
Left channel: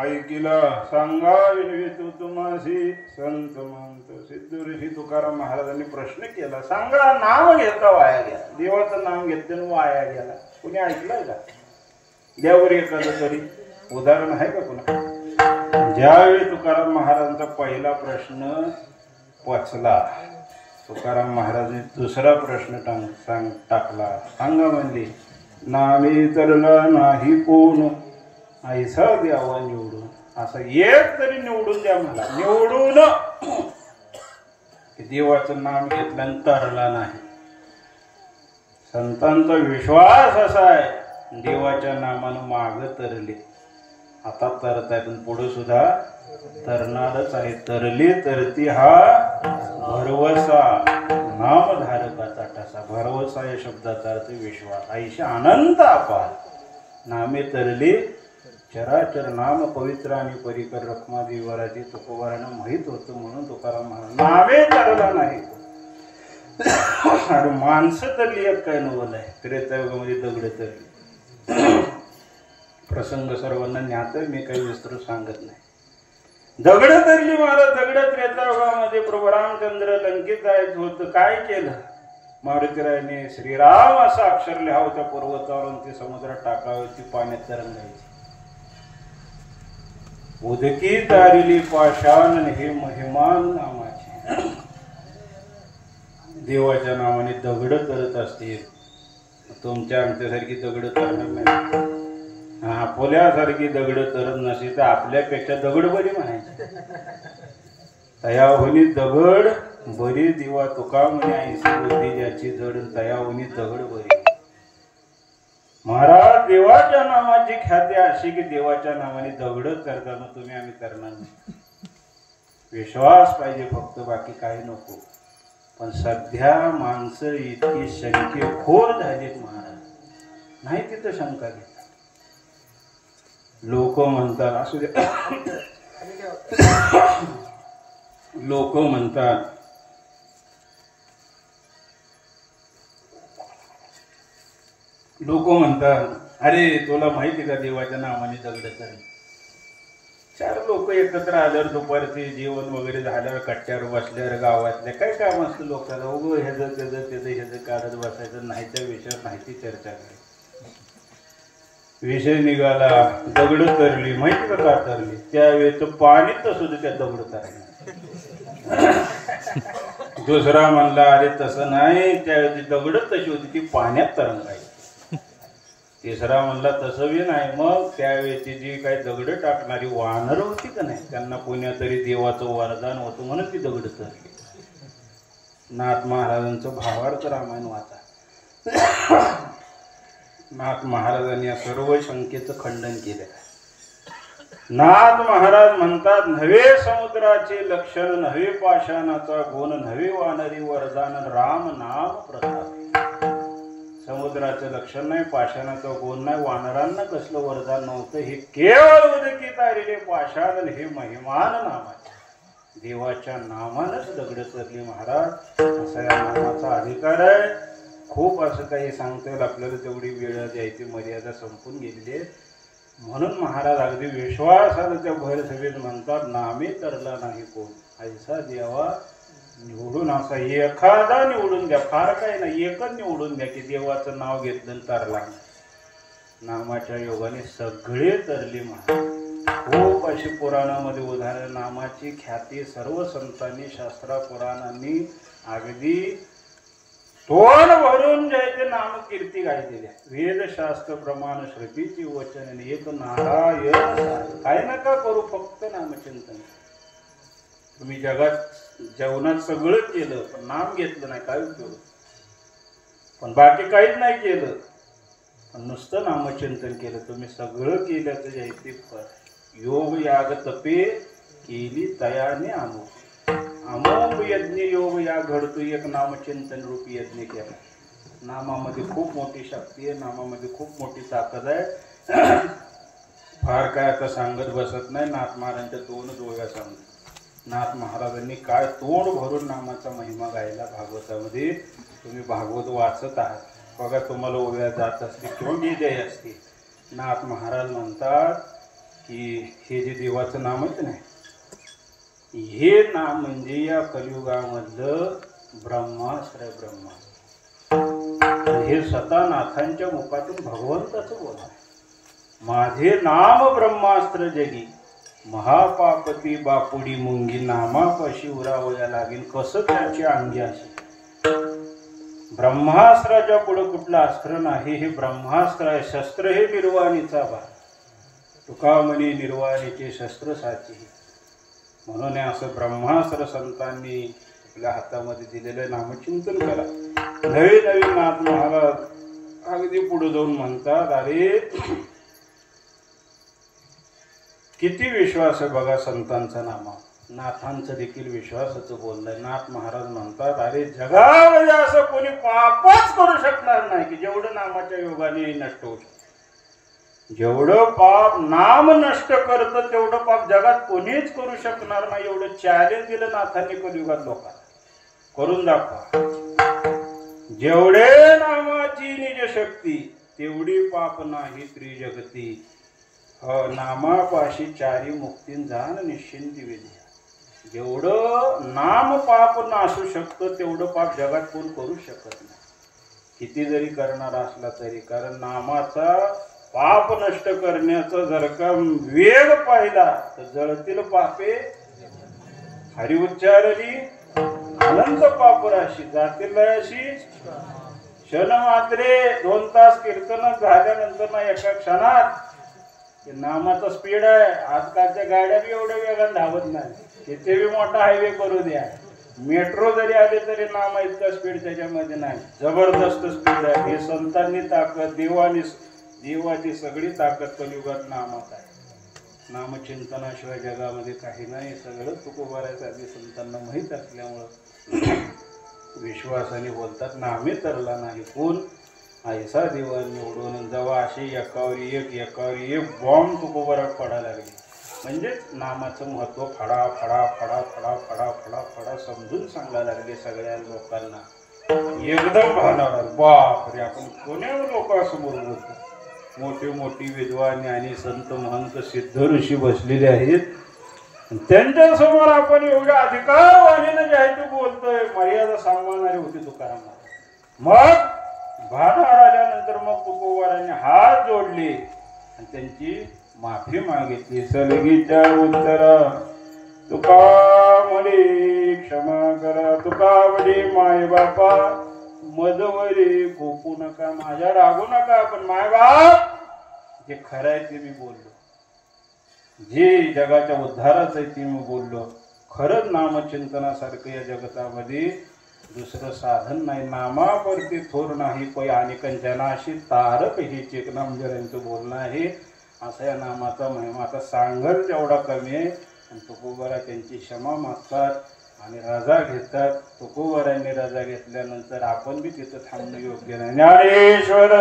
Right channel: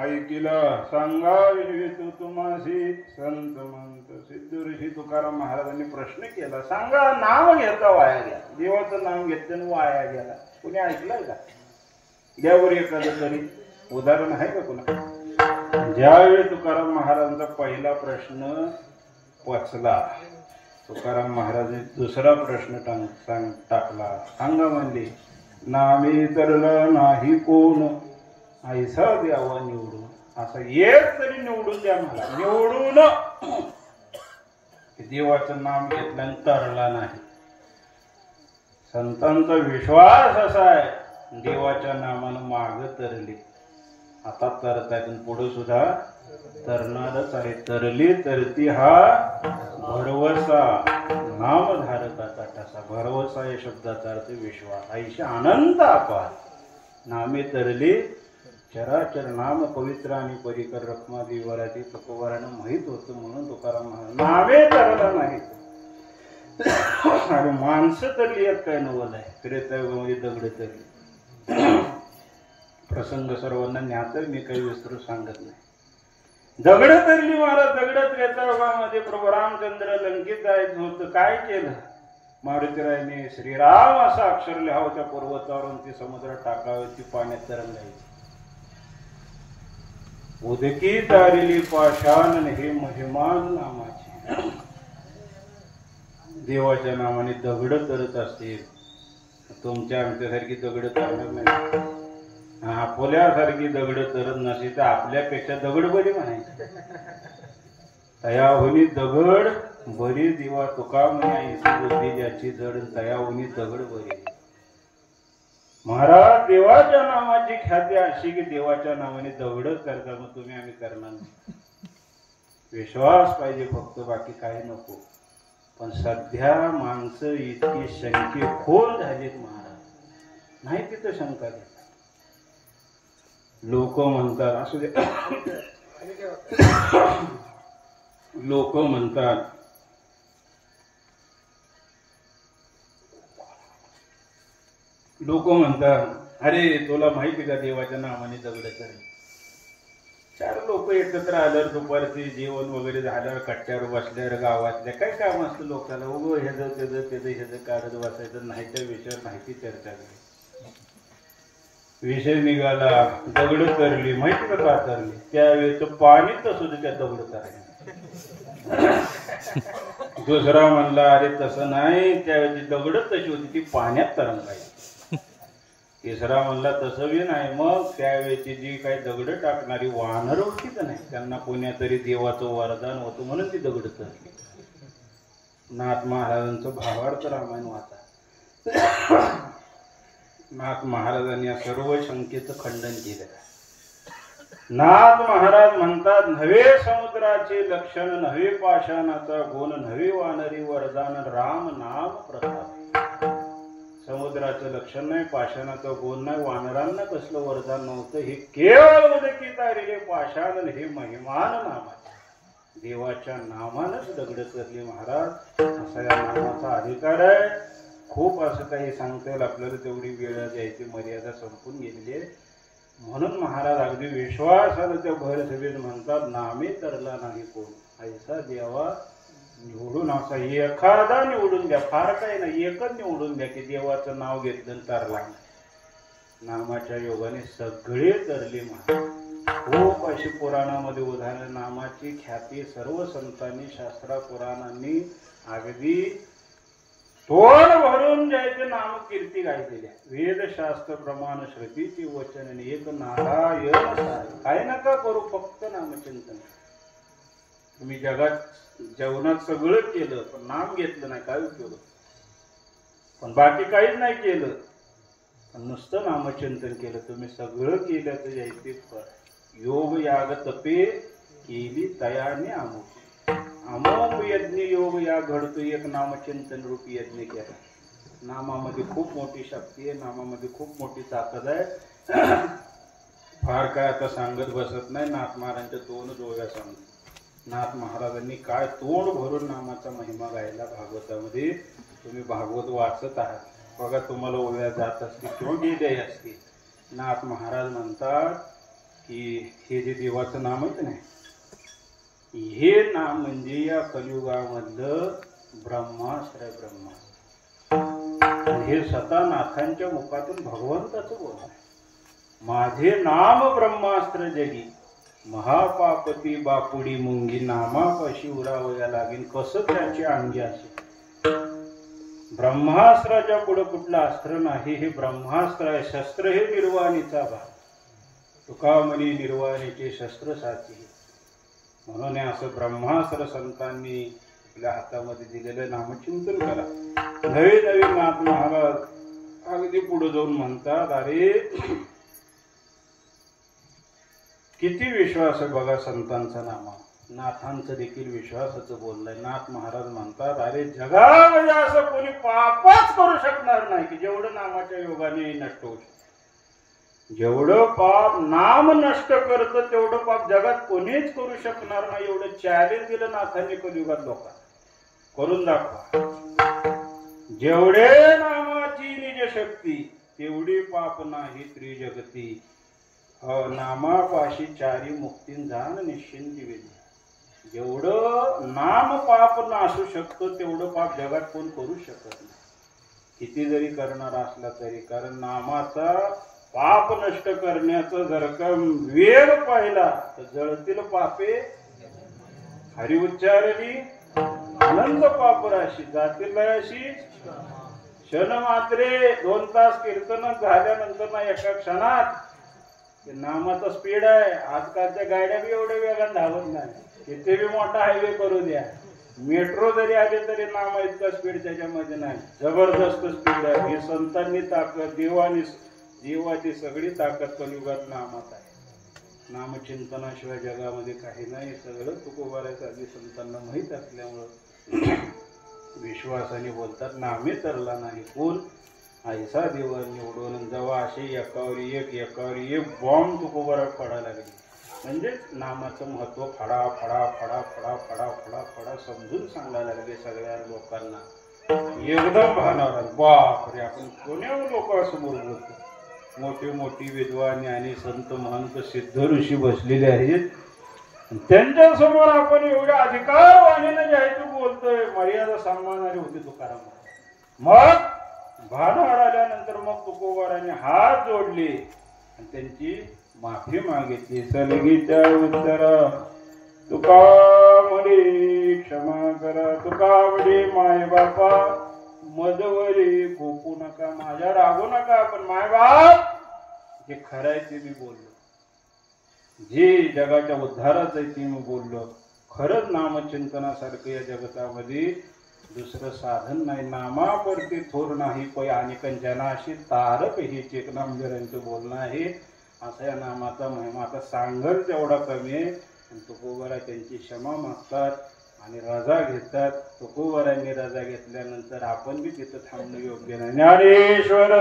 ऐकिला सांगा विनवितो तुम्हासी संत मंत सिद्ध ऋषी तुकाराम महाराजांनी प्रश्न केला, सांगा नाम घेता वाया गेला, देवाचं नाम घेतलं वाया गेला, कुणी ऐकलंय का? द्यावर एखादं तरी उदाहरण आहे का कुणा? ज्यावेळी तुकाराम महाराजांचा पहिला प्रश्न पचला, तुकाराम महाराजांनी दुसरा प्रश्न टाकला, सांगा म्हणले, नामे तरला नाही कोण ऐसा द्यावा निवडून, असं एक तरी निवडून द्या मला, निवडून. देवाचं नाम घेतलं तरला नाही. संतांचा विश्वास असा आहे, देवाच्या नामानं माग तरले, आता तरतायत पुढे सुद्धा तरणारच आहे. तरली तरती हा भरवसा, नामधारकाचा ठसा. भरवसा या शब्दाचा अर्थ विश्वास. ऐशी अनंत अपार नामे तरले चराचर नाम पवित्र आणि परिकर रखमादी वराती तुकोबारानं माहित होतं, म्हणून तुकाराम महाराज नामे तरला नाही. आणि माणसं तरली एक काय नवल आहे, त्रेतायुगामध्ये दगड तरली. प्रसंग सर्वांना ज्ञात, मी काही विस्तृत सांगत नाही. दगड तरली मला, दगड त्रेतायुगामध्ये प्रभू रामचंद्र लंकेत जायचं होतं, काय केलं? मारुतीरायाने श्रीराम असं अक्षर लिहावं त्या पर्वतावरून, ती समुद्रात टाकावी, ती पाण्यात तरंगायची. उदकी तारिली पाषाण हे महिमान नामाचे. देवाच्या नावाने दगड तरत असतील, तुमच्या आमच्यासारखी दगड तरत नाही. आपल्यासारखी दगड तरत नसेल तर आपल्यापेक्षा दगड बरी म्हणायची. तयाहुनी दगड बरी दिवा तुका म्हणे, ऐसी बुद्धी ज्याची जड, तयाहुनी दगड बरी. महाराज देवाच्या नामाची ख्याती अशी की देवाच्या नावाने दगड करतात, मग तुम्ही आम्ही करणार नाही. विश्वास पाहिजे फक्त, बाकी काही नको. पण सध्या माणसं इतकी शंकेखोर झालीत महाराज, नाही तिथं शंका घेतात. लोक म्हणतात असू दे, लोक म्हणतात अरे तुला माहिती का देवाच्या नावाने दगड कर. चार लोक एकत्र आल्यावर दुपारचे जेवण वगैरे झाल्यावर कट्ट्यावर बसल्यावर गावातल्या काय काम असतं लोकांना, उगं ह्याचं काढत बसायचं, नाही त्या विषयावर माहिती चर्चा करायची. विषय निघाला, दगड तरली. माहिती का तरली? त्यावेळी तर पाणी तसं त्या दगड तरली. दुसरा म्हणला अरे तसं नाही, त्यावेळी दगड तशी होती ती पाण्यात तरंगायची. तिसरा म्हणला तसं बी नाही, मग त्यावेळेची जी काही दगड टाकणारी वानर होती का नाही, त्यांना कोण्यातरी देवाचं वरदान होतं म्हणून ती दगड तरली. नाथ महाराजांचं भावार्थ रामायण वाचा. नाथ महाराजांनी या सर्व शंकेचं खंडन केलं. नाथ महाराज म्हणतात, नव्हे समुद्राचे लक्षण, नव्हे पाषाणाचा गुण, नव्हे वानरी वरदान, राम नाम प्रताप. समुद्राचं लक्षण नाही, पाषाणाचा गुण नाही, वानरांना कसलं वरदान नव्हतं, हे केवळ उदकी तारिले पाषाण हे महिमान नाम आहे. देवाच्या नामानच दगड तरली महाराज, असा या नामाचा अधिकार आहे. खूप असं काही सांगता येईल आपल्याला, तेवढी वेळ द्यायची मर्यादा संपून गेलेली आहे. म्हणून महाराज अगदी विश्वासानं त्या भैरसभेत म्हणतात, नामे तरला नाही कोण, ऐसा द्यावा निवडून. असा एखादा निवडून द्या, फार काही नाही, एकच निवडून द्या की देवाचं नाव घेतलं तरला. नामाच्या योगाने सगळे तरले महाराज. खूप अशी पुराणामध्ये उदाहरण, नामाची ख्याती सर्व संतांनी, शास्त्रा पुराणांनी अगदी तोंड भरून द्यायचे नाम कीर्ती गायलेल्या. वेदशास्त्र प्रमाण श्रुतीची वचन, एक नारायण. काय नका करू, फक्त नामचिंतन. तुम्ही जगात जेवणात सगळं केलं पण नाम घेतलं नाही, काय उपयोग. पण बाकी काहीच नाही केलं, पण नुसतं नामचिंतन केलं, तुम्ही सगळं केल्याचं यायचे फळ. योग याग तपे केली तयाने अमोघ. अमोघ यज्ञ योग या घडतो, एक नामचिंतन रूपी यज्ञ केला. नामामध्ये खूप मोठी शक्ती आहे, नामामध्ये खूप मोठी ताकद आहे. फार काय आता सांगत बसत नाही. नाथ महाराजांच्या तोंड ओव्या सांगतो. नाथ महाराजांनी काय तोंड भरून नामाचा महिमा गायला भागवतामध्ये. तुम्ही भागवत वाचत आहात बघा, तुम्हाला ओव्या जात असतील किंवा गेल्या असतील. नाथ महाराज म्हणतात, की हे जे देवाचं नाम आहे ना, हे नाम म्हणजे या कलियुगामधलं ब्रह्मास्त्र. हे स्वतः नाथांच्या मुखातून भगवंताचं बोल आहे. माझे नाम ब्रह्मास्त्र जगी, महापापती बापुडी मुंगी, नामापाशी उरावया लागेल कसं त्याची अंगी अशी. ब्रह्मास्त्राच्या पुढे कुठलं अस्त्र नाही. हे ब्रह्मास्त्र आहे. शस्त्र हे निर्वाणीचा भाग. तुका म्हणे निर्वाणीचे शस्त्र साची. म्हणून असं ब्रह्मास्त्र संतांनी आपल्या हातामध्ये दिलेलं नामचिंतन करा. नवे नवीन नाथ महाराज अगदी पुढे जाऊन म्हणतात, अरे किती विश्वास आहे बघा संतांचा नामा. नाथांचं देखील विश्वासाचं बोललंय. नाथ महाराज म्हणतात, अरे जगामध्ये असं कोणी पापच करू शकणार नाही की जेवढं नामाच्या योगाने नष्ट होऊ शकतं. जेवढं पाप नाम नष्ट करतं तेवढं पाप जगात कोणीच करू शकणार नाही. एवढं चॅलेंज दिलं नाथांनी कलियुगात लोकांना. करून दाखवा. जेवढे नामाची निज शक्ती तेवढी पाप नाही त्रिजगती. नामापाशी चारी मुक्तीन जाण निश्चिंती विद्या. जेवढं नाम पाप नाशू शकतं तेवढं पाप जगात कोण करू शकत नाही, किती जरी करणार असला तरी. कारण नामाचा पाप नष्ट करण्याचा जर का वेग पाहिला तर जळतील पापे हरि उच्चारली अनंत पाप राशी जातील अशी. क्षण मात्रे 2 तास कीर्तन झाल्यानंतर ना एका क्षणात नामाचा स्पीड आहे. आजकालच्या गाड्या बी एवढ्या वेगाने धावत नाही. तिथे बी मोठा हायवे करू द्या, मेट्रो जरी आले तरी नाम इतका स्पीड त्याच्यामध्ये नाही. जबरदस्त स्पीड आहे. हे संतांनी ताकद, देवाची सगळी ताकद कलियुगात नामात आहे. नामचिंतनाशिवाय जगामध्ये काही नाही. सगळं तुकोबाऱ्याचं आधी संतांना माहीत असल्यामुळं विश्वासाने बोलतात, नामे तरला नाही कोण ऐसा देवा निवडून. जेव्हा असे एकावर एक बॉम्ब तुकोबारात पडायला लागले म्हणजेच नामाचं महत्व फडा फडा फडा फडा फडा फडा फडा समजून सांगायला लागले सगळ्या लोकांना. एकदम भानावर बापरे, आपण कोण्या लोक असं बोलतो. मोठी मोठी विद्वान आणि संत महंत सिद्ध ऋषी बसलेले आहेत. त्यांच्या समोर आपण एवढ्या अधिकारवाणीनं जे आहे ते बोलतोय. मर्यादा सांभाळणारे होते तुकाराम. मग भानावर आल्यानंतर मग तुकोबारांनी हात जोडले आणि त्यांची माफी मागितली. सलगीच्या उत्तर तुका म्हणे क्षमा करा. तुका म्हणे माय बापा मदवरी गोपू नका, माझ्या रागू नका. पण माय बाप जे खरं आहे ते मी बोललो, जे जगाच्या उद्धाराचं आहे ते मी बोललो. खरंच नामचिंतनासारखं या जगतामध्ये दुसरं साधन नाही. नामावरती थोर नाही पै अनेकन जनाशी तारक हेच एक नामजरांचं बोलणं आहे. असा या नामाचा महिमा आता सांगल तेवढा कमी आहे. आणि तुकोबारा त्यांची क्षमा मागतात आणि रजा घेतात. तुकोबारांनी रजा घेतल्यानंतर आपण बी तिथं थांबणं योग्य नाही. ज्ञानेश्वर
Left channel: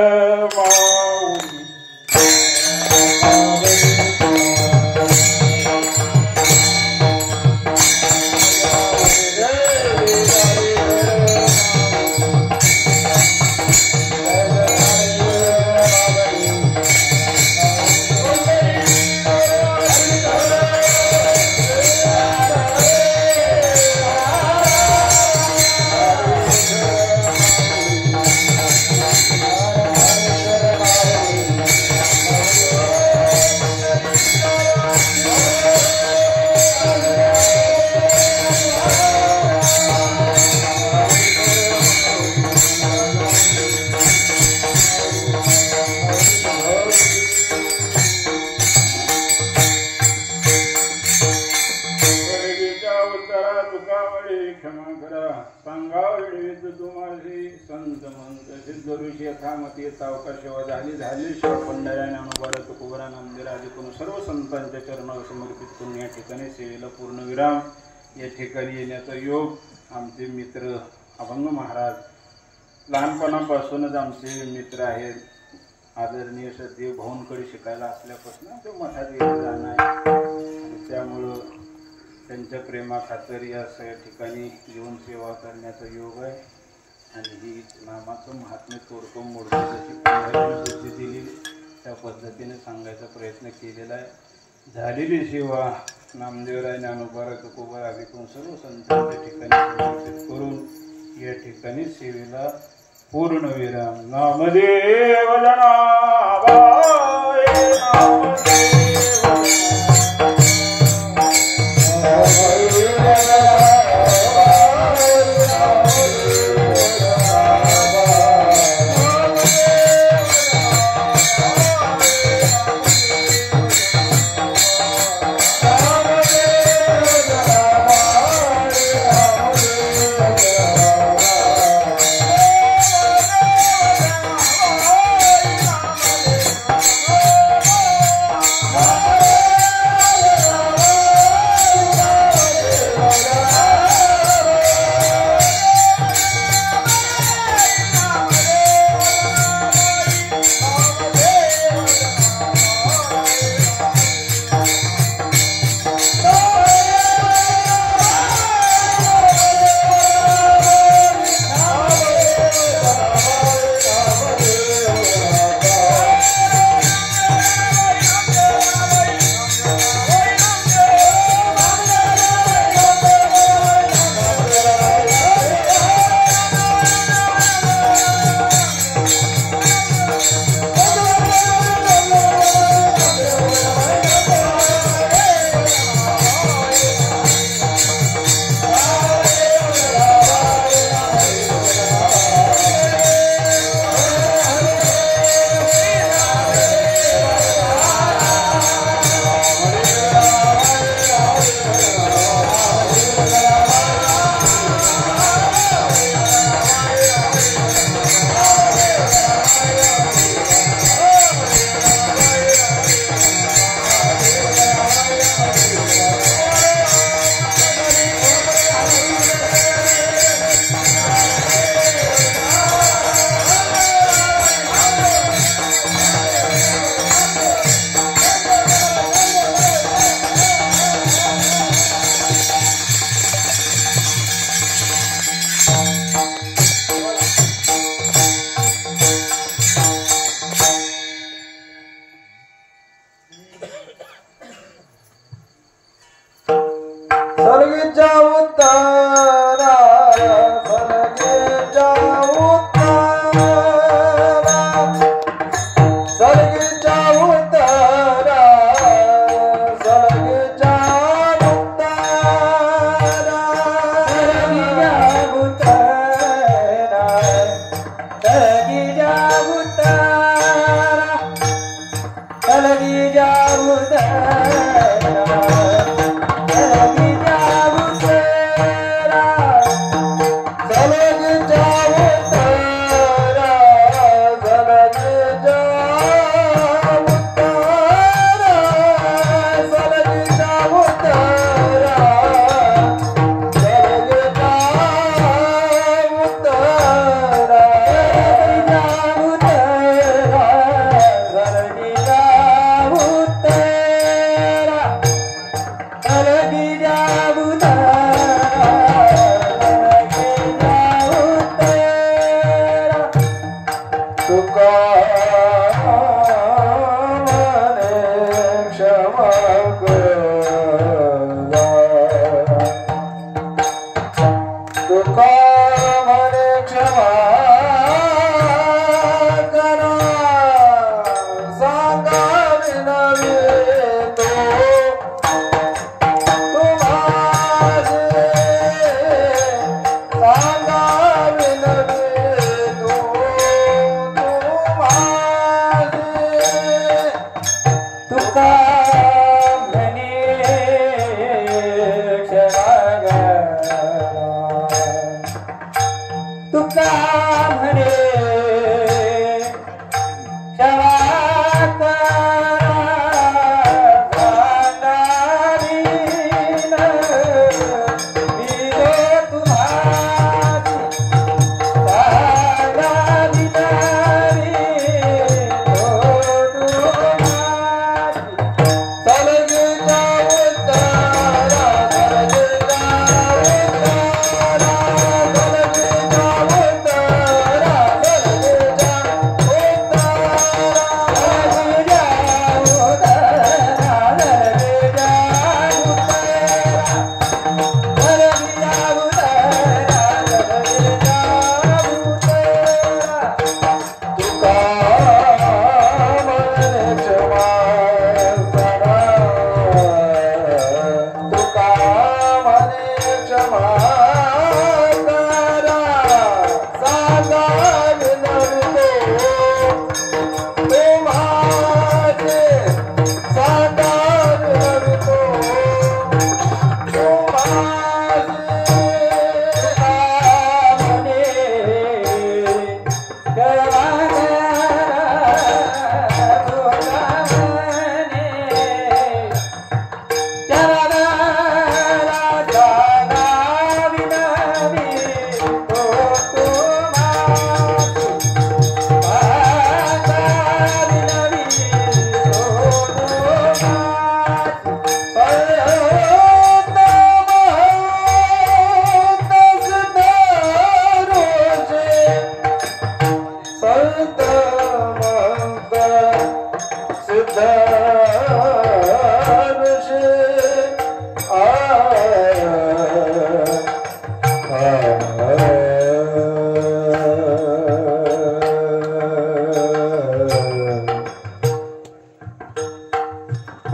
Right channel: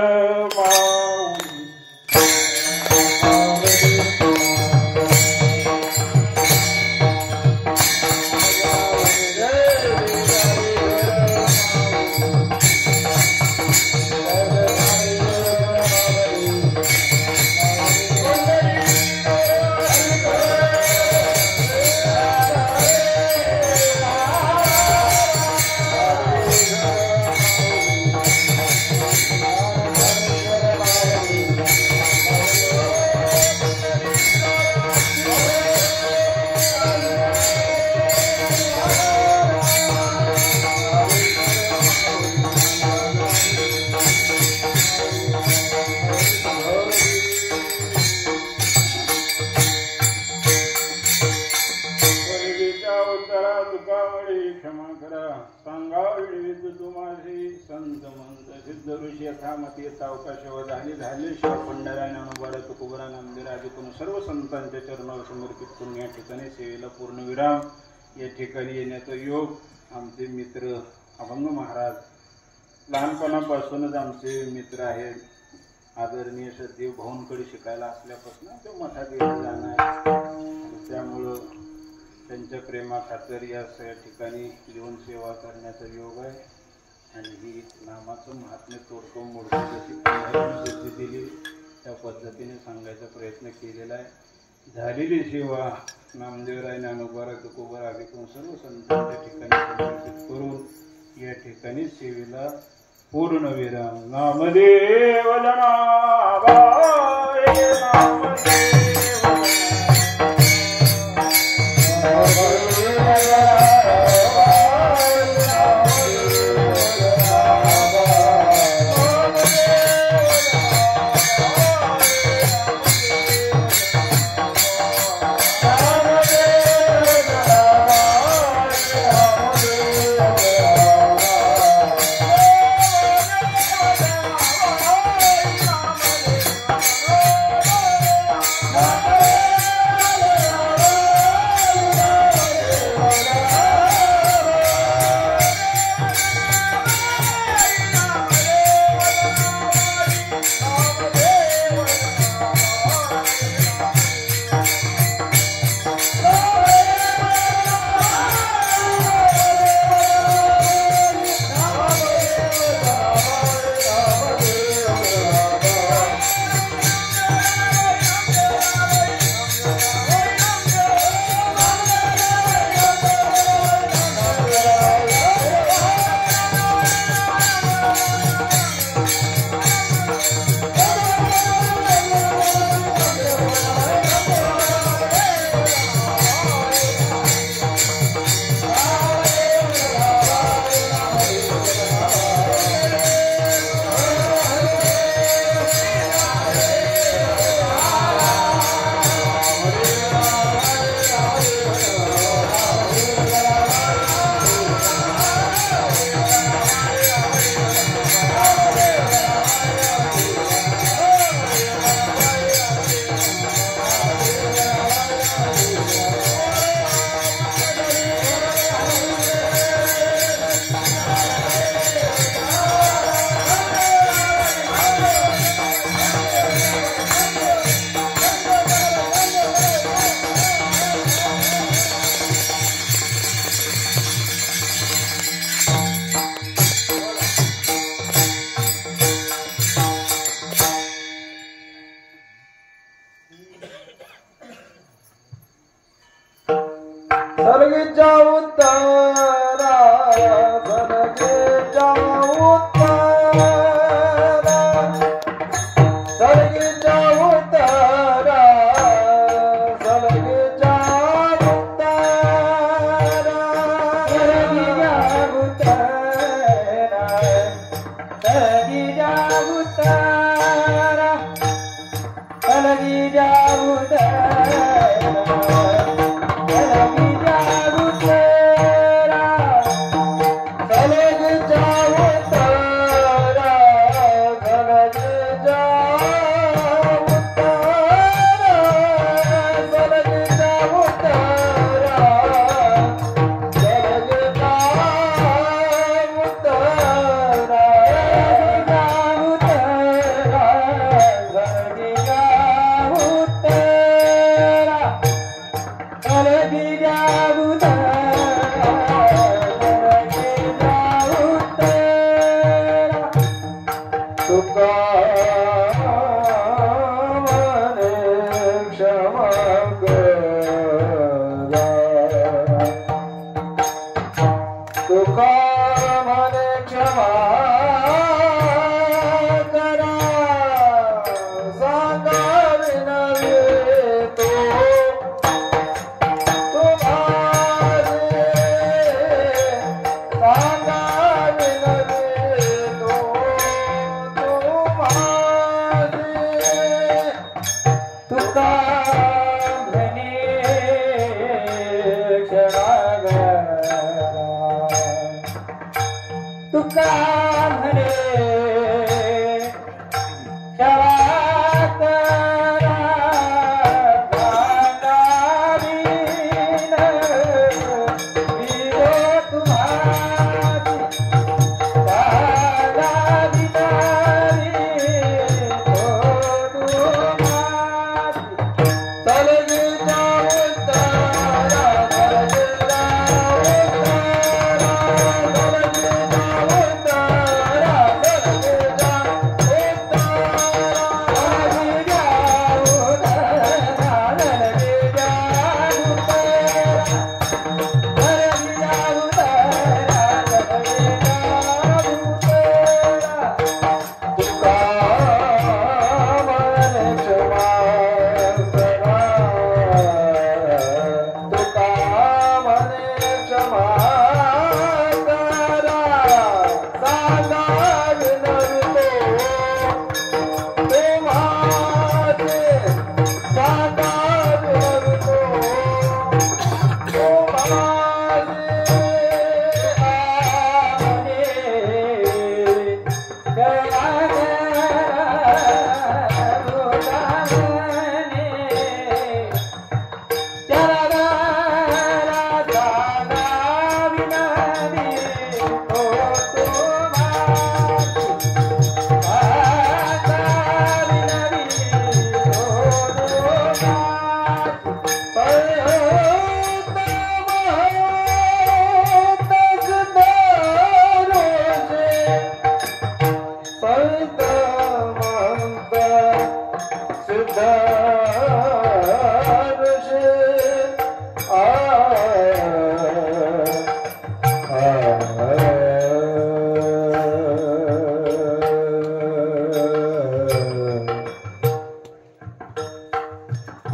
सर्व संतांच्या चरणावर समर्पित करून या ठिकाणी सेवेला पूर्णविराम. या ठिकाणी येण्याचा योग आमचे मित्र अभंग महाराज लहानपणापासूनच आमचे मित्र आहेत. आदरणीय सदेव भाऊंकडे शिकायला असल्यापासून ते मठात येत जाणं आहे. त्यामुळं त्यांच्या प्रेमाखातर या सगळ्या ठिकाणी येऊन सेवा करण्याचा योग आहे. आणि ही नामाचं महात्म्य तोडतो मोडतो जशी बुद्धी दिली त्या पद्धतीने सांगायचा प्रयत्न केलेला आहे. झालेली सेवा नामदेवराय ज्ञानोबा तुकोबा आदिकून सर्व संतांच्या ठिकाणी समर्पित करून या ठिकाणी सेवेला पूर्ण विराम. नामदेव जनाबाई नामदेव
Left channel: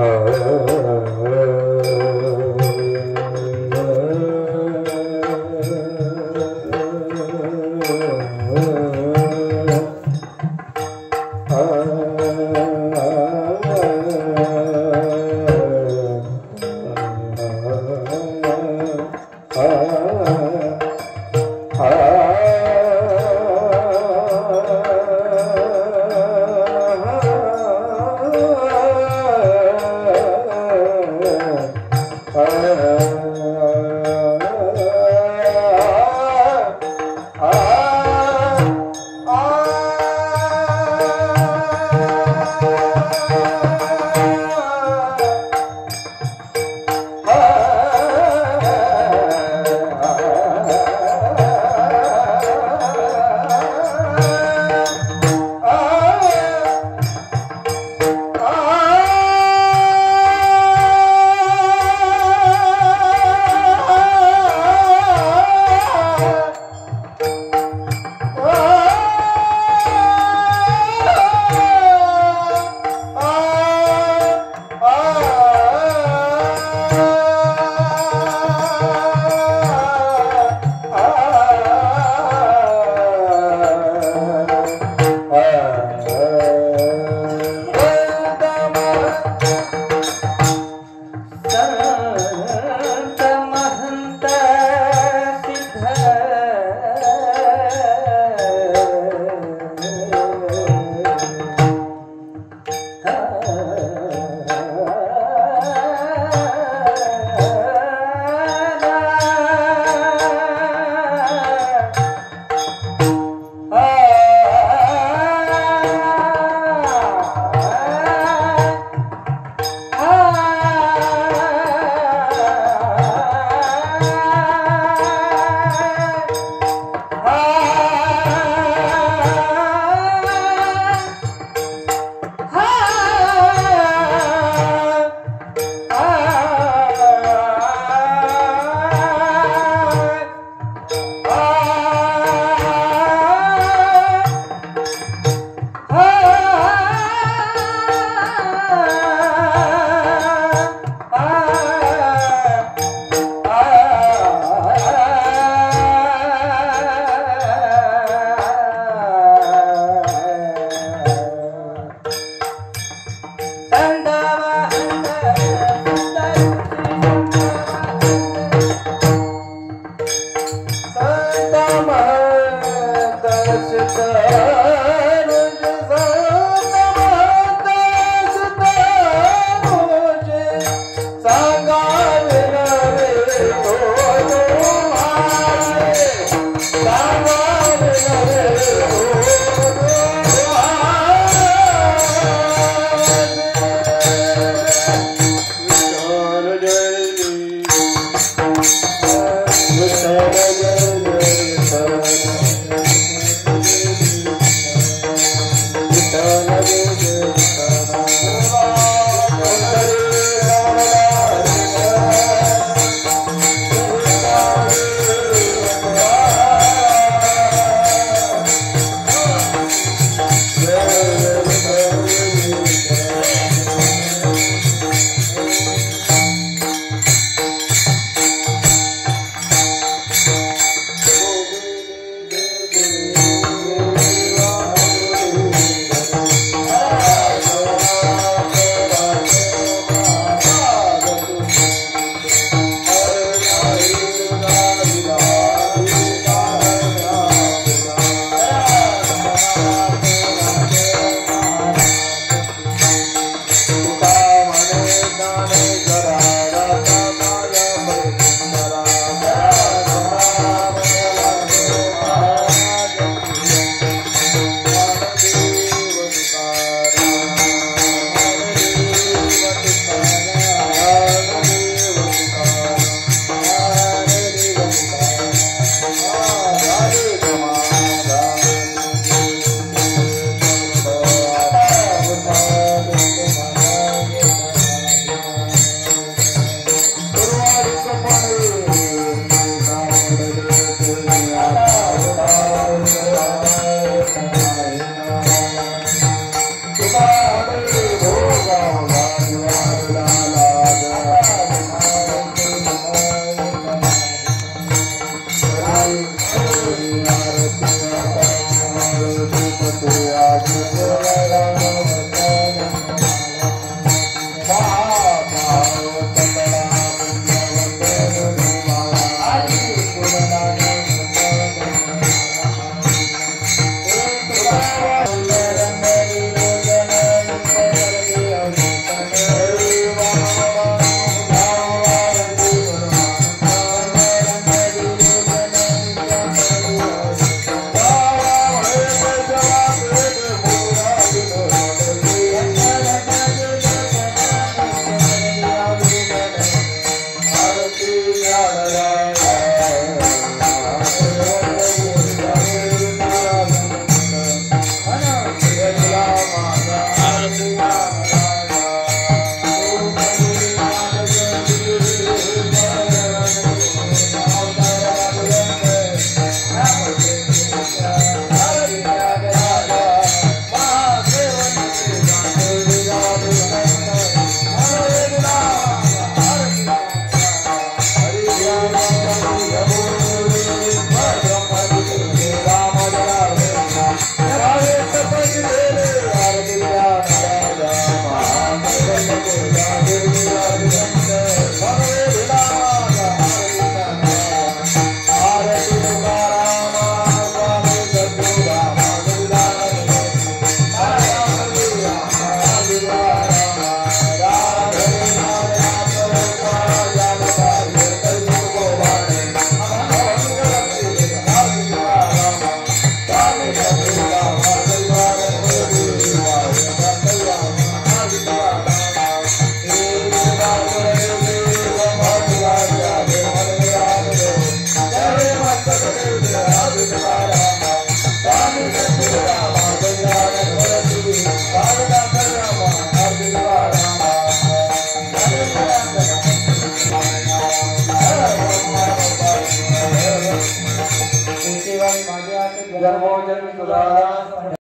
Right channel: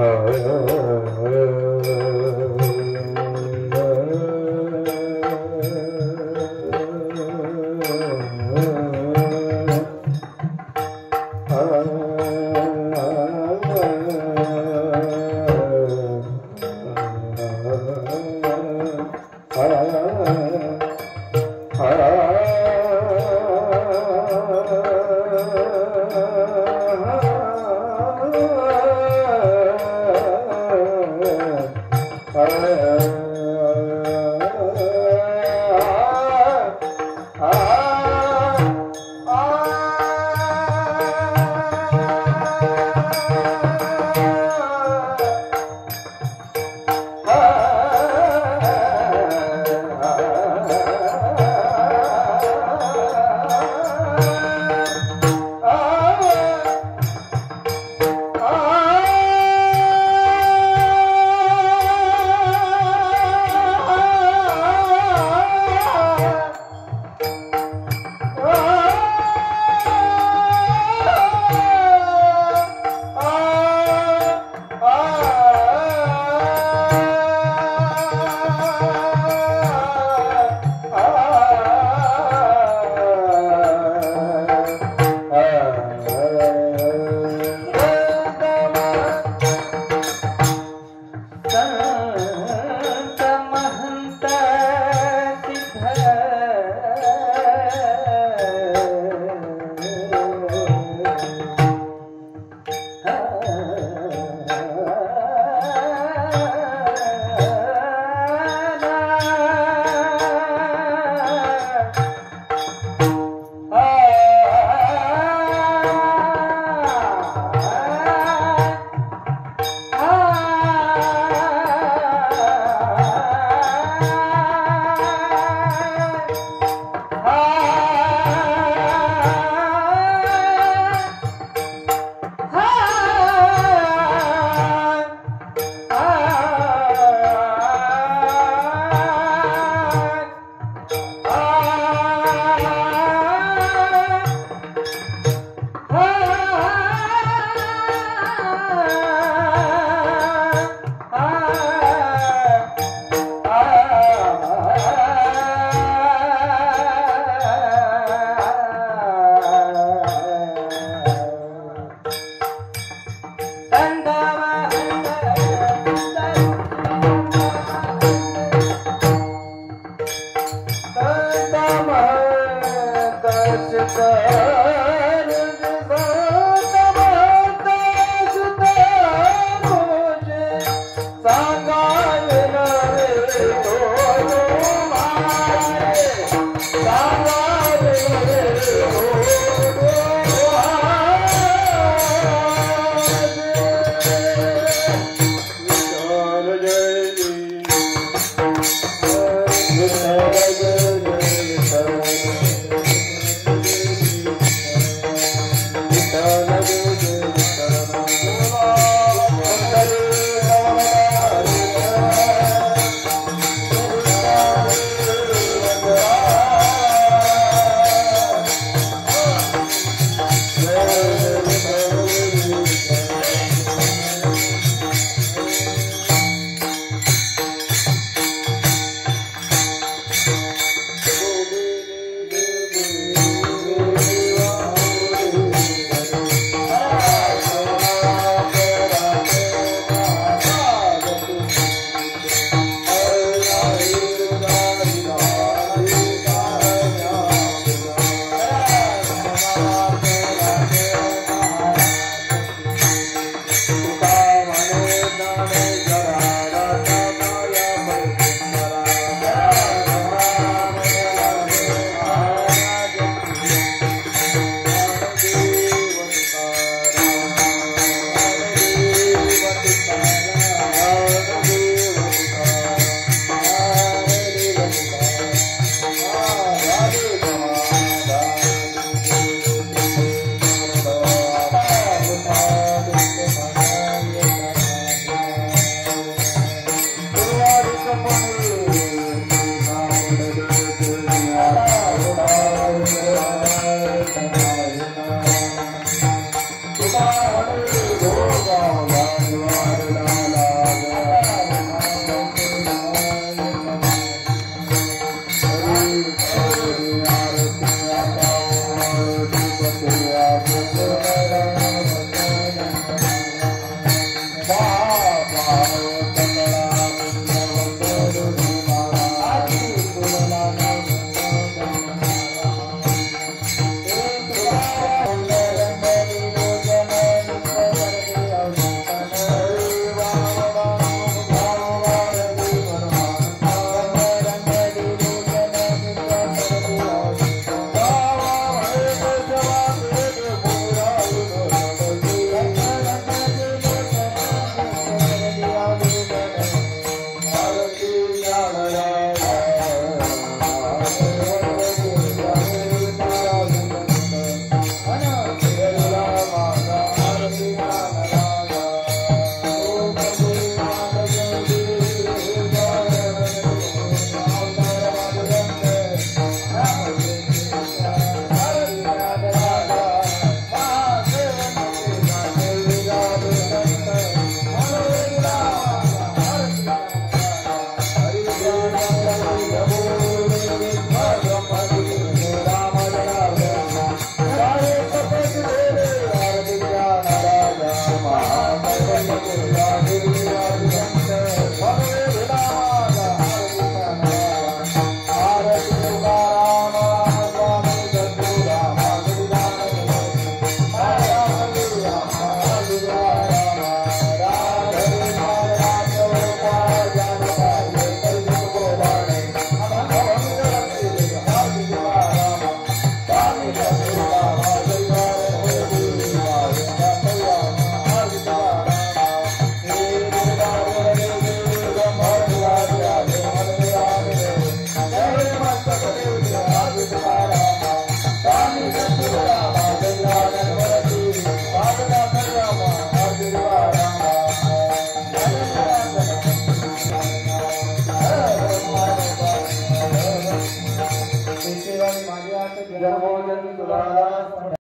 हा